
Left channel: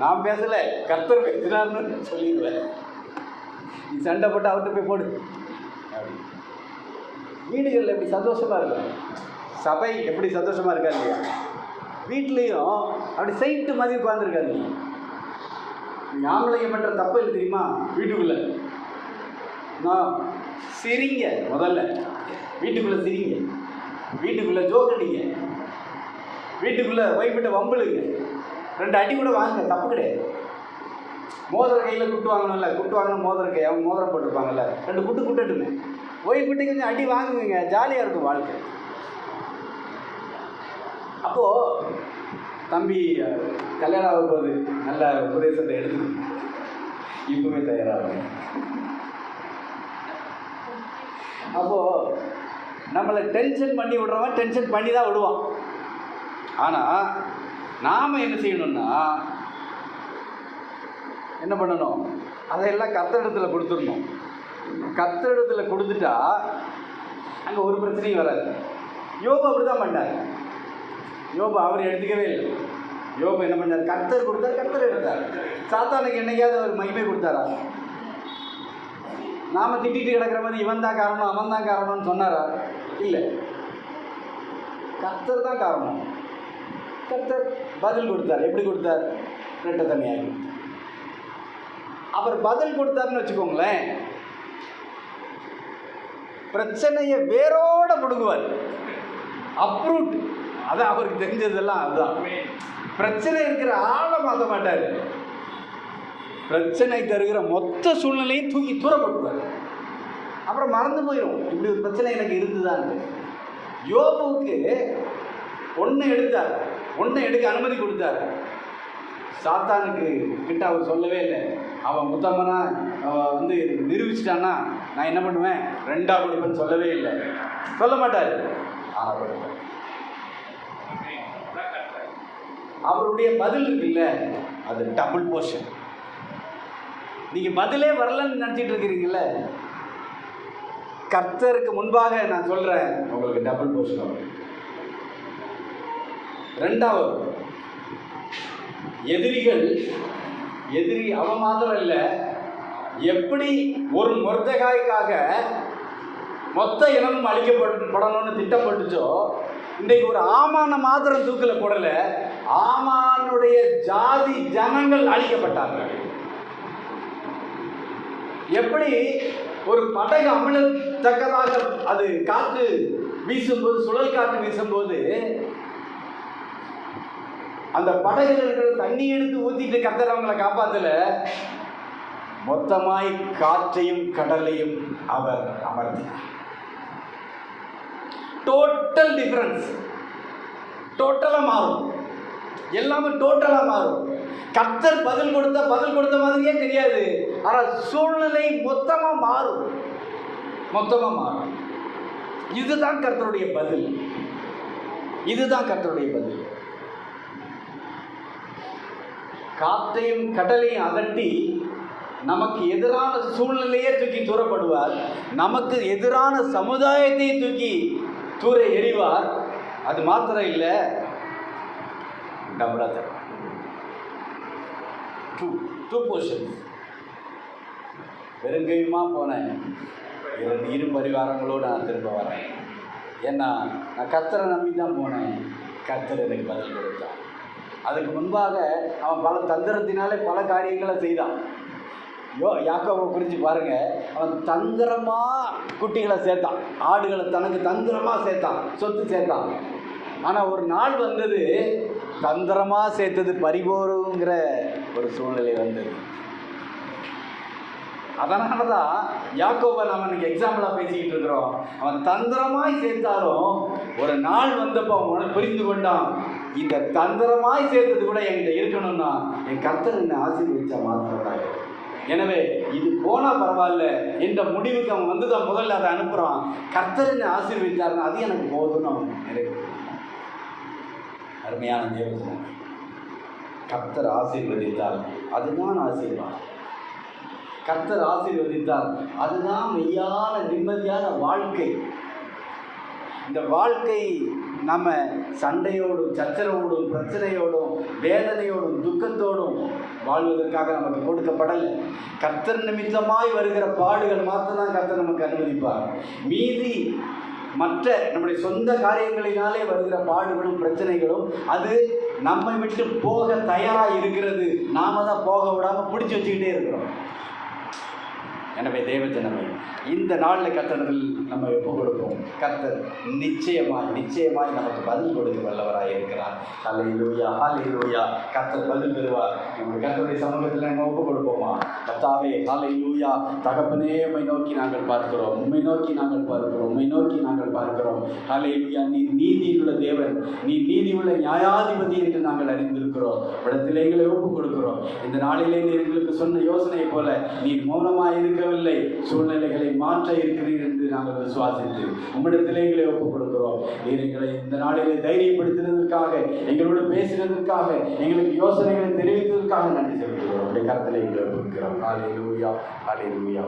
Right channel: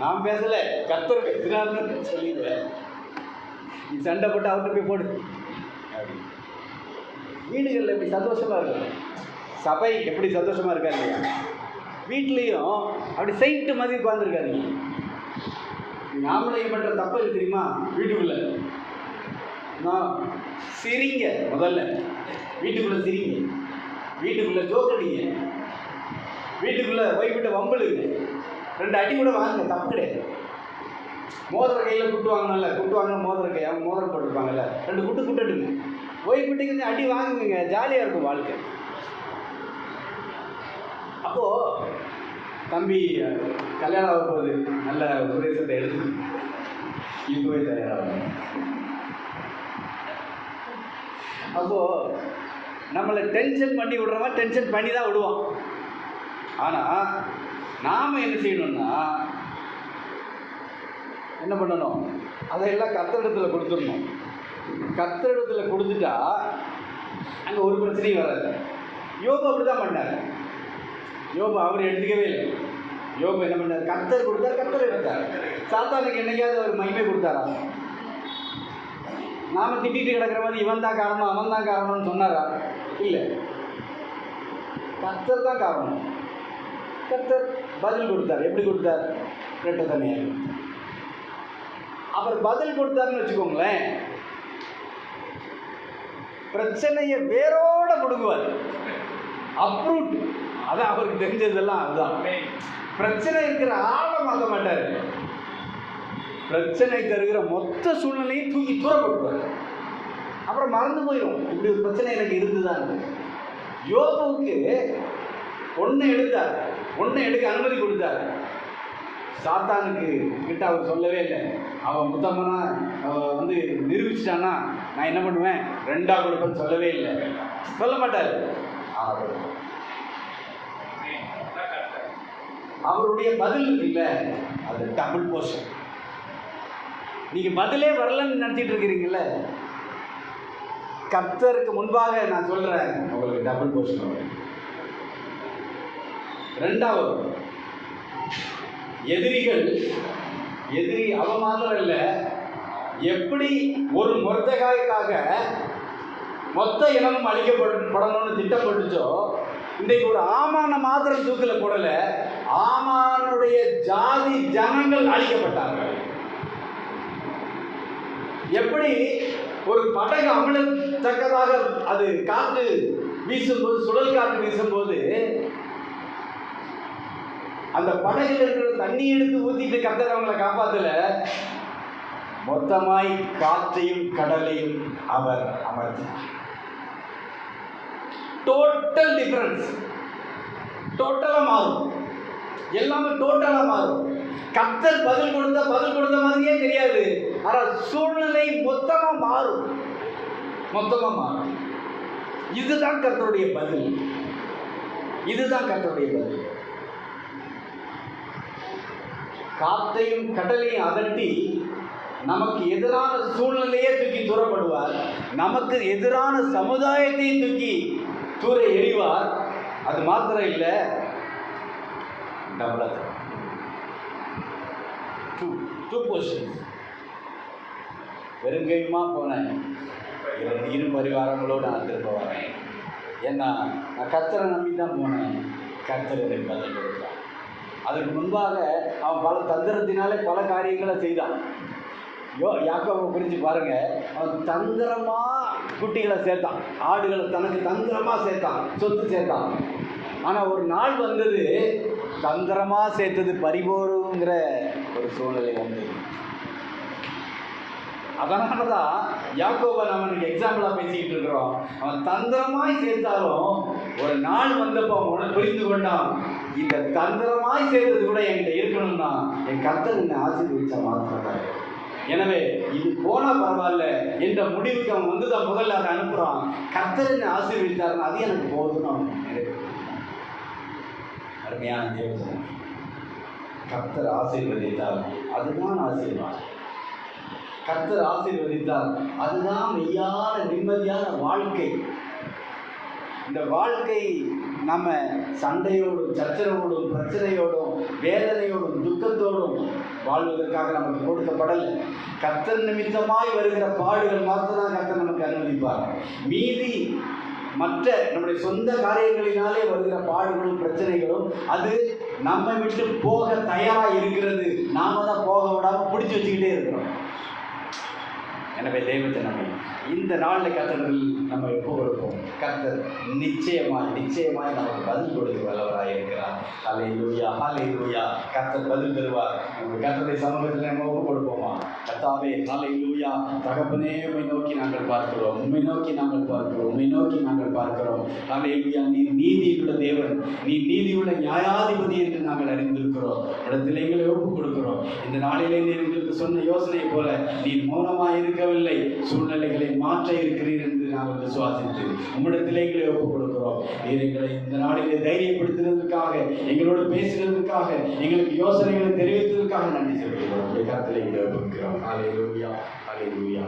நான் பேசலை, கர்த்தர் பேசுகிறான்னு சொல்லிடுவேன். நீ சண்டை போட்டு அவர்கிட்ட போய் போடு. வீடுகளில் எப்படி சந்தோஷமாக இருக்கும், சபை எப்படி சந்தோஷமாக இருக்கா இல்லையா? வீட்லேயும் அப்படி சைட்டு மாதிரி உட்காந்துருக்காதீங்க. ஆம்பளைங்க பண்ணுற தப்பு இருக்கு தெரியுமா? வீட்டுக்குள்ளே நான் சிரிங்க, முதல்ல வீட்டுக்குள்ளே சிரிங்க, வீட்டுக்குள்ளே ஜோக் அடிங்க, வீட்டுக்குள்ளே ஒய்ஃபிட்ட வம்பலுங்க, 2 அடி கூட வாங்க, தப்பு கிடையாது. மோதிர கையில் குட்டு வாங்கணும்ல, குட்டு வாங்கணும் மோதிர கை, அவங்க மோதிரம் போட்டிருப்பாங்கல்ல, 2 குட்டு குட்டுட்டுங்க. ஒய்ஃபிட்ட கொஞ்சம் அடி வாங்குங்க, ஜாலியாக இருக்கும் வாழ்க்கை. அப்போது தம்பி கல்யாணம் ஆகும்போது நல்ல உபதேசத்தை எடுத்து இப்பவே தயாராகும். அப்போது நம்மளை டென்ஷன் பண்ணி விடுறவன் டென்ஷன் பண்ணி தான் விடுவான். ஆனால் நாம் என்ன செய்யணும்னா என்ன பண்ணணும், அதையெல்லாம் கர்த்தரிடத்தில் கொடுத்துடணும். கர்த்தரிடத்தில் கொடுத்துட்டா அங்கே ஒரு பிரச்சனையும் வராது. யோபு அப்படி தான் பண்ணார். யோபு அவர் எடுத்துக்கவே இல்லை. யோபு என்ன பண்ணார், கர்த்தர் கொடுத்தார், கர்த்தர் எடுத்தார். சாத்தானுக்கு என்னைக்காவது அவர் மகிமை கொடுத்தாரா? நாம் திட்டிட்டு கிடக்கிற மாதிரி இவன் தான் காரணம் அவன் தான் காரணம்னு சொன்னாரா? இல்லை, கர்த்தர் தான் காரணம். கர்த்தர் பதில் கொடுத்தார். எப்படி கொடுத்தார்? ரெட்ட தனியாக அவர் பதில் கொடுத்தாருன்னு வச்சுக்கோங்களேன், பிரச்சனையை வேரோட பிடுங்குவார். அப்ரூட். அதான் அவருக்கு தெரிஞ்சதெல்லாம். அதுதான் பிரச்சனை இருக்கிற ஆழமாக மாட்டார். பிரச்சனை தருகிற மொத்த சூழ்நிலையும் தூக்கி தூரப்படுவார். அப்புறம் மறந்து போயிடும் இப்படி ஒரு பிரச்சனை எனக்கு இருந்துதான். யோபுவுக்கு ஒன்று எடுத்தார், ஒன்று எடுக்க அனுமதி கொடுத்தார். சாத்தானுக்கு கிட்ட அவர் சொல்லவே இல்லை. அவன் முத்தம்மனா அவன் நிரூபிச்சிட்டான்னா நான் என்ன பண்ணுவேன், ரெண்டாக கொடுப்பேன்னு சொல்லவே இல்லை. சொல்ல மாட்டார். அவருடைய பதில் இருக்குல்ல, அது டபுள் போர்ஷன். நீங்கள் பதிலே வரலன்னு நினச்சிட்டு இருக்கிறீங்கள, கர்த்தருக்கு முன்பாக நான் சொல்கிறேன், உங்களுக்கு டபுள் போர்ஷன் வரும். ரெண்டாவது, எதிரி அவன் மாத்திரம் இல்லை, எப்படி ஒரு மொர்தெகாய்க்காக மொத்த இனமும் அழிக்கப்படணும்னு திட்டப்பட்டுச்சோ, இன்றைக்கு ஒரு ஆமான மாத்திரம் தூக்கில் போடலை, ஆமானுடைய ஜாதி ஜனங்கள் அழிக்கப்பட்டாங்க. எப்படி ஒரு படகு அமிழத்தக்கதாக அது காற்று வீசும்போது, சுழல் காற்று வீசும்போது அந்த படகுல இருக்கிற தண்ணி எடுத்து ஊற்றிட்டு கர்த்தர் அவங்களை காப்பாற்றல, மொத்தமாய் காற்றையும் கடலையும் அவர் அமர்த்தினார். Total difference. டோட்டலாக மாறும், எல்லாமே டோட்டலாக மாறும். கர்த்தர் பதில் கொடுத்த மாதிரியே தெரியாது, ஆனால் சூழ்நிலை மொத்தமாக மாறும். இதுதான் கர்த்தருடைய பதில். காற்றையும் கடலையும் அதட்டி நமக்கு எதிரான சூழ்நிலையே தூக்கி தூரப்படுவார். நமக்கு எதிரான சமுதாயத்தையும் தூக்கி தூர எறிவார். அது மாத்திரம் இல்லை, டபுளா டூ போர்ஷன்ஸ். வெறுங்கையுமா போனேன், இரு பரிவாரங்களோடு நான் திரும்ப வரேன். ஏன்னா நான் கர்த்தரை நம்பி தான் போனேன். கர்த்தர் எனக்கு பதில் கொடுத்தான். அதுக்கு முன்பாக அவன் பல தந்திரத்தினாலே பல காரியங்களை செய்தான். யாக்கோபை குறித்து பாருங்க, அவன் தந்திரமாக குட்டிகளை சேர்த்தான், ஆடுகளை தனக்கு தந்திரமாக சேர்த்தான், சொத்து சேர்த்தான். ஆனால் ஒரு நாள் வந்தது, தந்திரமாக சேர்த்தது பறிபோருங்கிற ஒரு சூழ்நிலை வந்தது. அதனால தான் யாக்கோபை நம்ம இன்னைக்கு எக்ஸாம்பிளாக பேசிக்கிட்டு இருக்கிறோம். அவன் தந்திரமாய் சேர்த்தாலும் ஒரு நாள் வந்தப்போ அவன் புரிந்து கொண்டான், இந்த தந்திரமாய் சேர்த்தது கூட என்கிட்ட இருக்கணும்னா என் கர்த்தர் என்னை ஆசீர்வதிச்சா மாத்திரம். எனவே இது போனால் பரவாயில்ல என்ற முடிவுக்கு அவன் வந்து தான் முதல்ல அதை அனுப்புகிறான். கர்த்தர் என்னை ஆசீர்வதித்தார்னா அது எனக்கு போதும்னு அவன் அருமையான தேவன். கர்த்தர் ஆசீர்வதித்தார், அதுதான் ஆசீர்வாதம். கர்த்தர் ஆசீர்வதித்தார், அதுதான் மெய்யான நிம்மதியான வாழ்க்கை. இந்த வாழ்க்கை நம்ம சண்டையோடும் சச்சரவோடும் பிரச்சனையோடும் வேதனையோடும் துக்கத்தோடும் வாழ்வதற்காக நமக்கு கொடுக்கப்படலை. கர்த்தர் நிமித்தமாய் வருகிற பாடுகள் மாத்திரம் கர்த்தர் நமக்கு அனுமதிப்பார். மீதி மற்ற நம்முடைய சொந்த காரியங்களினாலே வருகிற பாடுகளும் பிரச்சனைகளும் அது நம்மை விட்டு போக தயாராக இருக்கிறது. நாம தான் போக விடாமல் பிடிச்சி வச்சுக்கிட்டே இருக்கிறோம். எனவே தெய்வத்தை நம்ம இந்த நாளில் கர்த்தர்கள் நம்ம எப்போ கொடுப்போம். கர்த்தர் நிச்சயமாய் நமக்கு பதில் கொடுக்க வல்லவராக இருக்கிறார். ஹல்லேலூயா, ஹல்லேலூயா. கர்த்தர் பதில் தருவார். நம்ம கர்த்தருடைய சமூகத்தில் நம்ம ஒப்பு கொடுப்போமா? கர்த்தாவே, ஹல்லேலூயா. தகப்பனே, உம்மை நோக்கி நாங்கள் பார்க்கிறோம், உம்மை நோக்கி நாங்கள் பார்க்கிறோம், உம்மை நோக்கி நாங்கள் பார்க்கிறோம். ஹல்லேலூயா. நீ நீதியுள்ள தேவன், நீ நீதியுள்ள நியாயாதிபதி என்று நாங்கள் அறிந்திருக்கிறோம். இடத்திலே எங்களை ஒப்பு கொடுக்கிறோம். இந்த நாளிலே நீர் எங்களுக்கு சொன்ன யோசனையை போல நீர் மௌனமாய் இருக்கவில்லை, சூழ்நிலைகளை மாற்ற இருக்கிறீர் என்று நாங்கள் விசுவாசித்து உம்மிடத்திலே எங்களை ஒப்பு கொடுக்கிறோம். நீர் எங்களை இந்த நாளிலே தைரியப்படுத்தினதற்காக, எங்களோடு பேசினதற்காக, எங்களுக்கு யோசனைகளை தெரிவித்ததற்காக நன்றி செலுத்துகிறோம். உடைய கருத்திலே எங்களை ஒப்புக்கிறோம். ஹல்லேலூயா, ஹல்லேலூயா.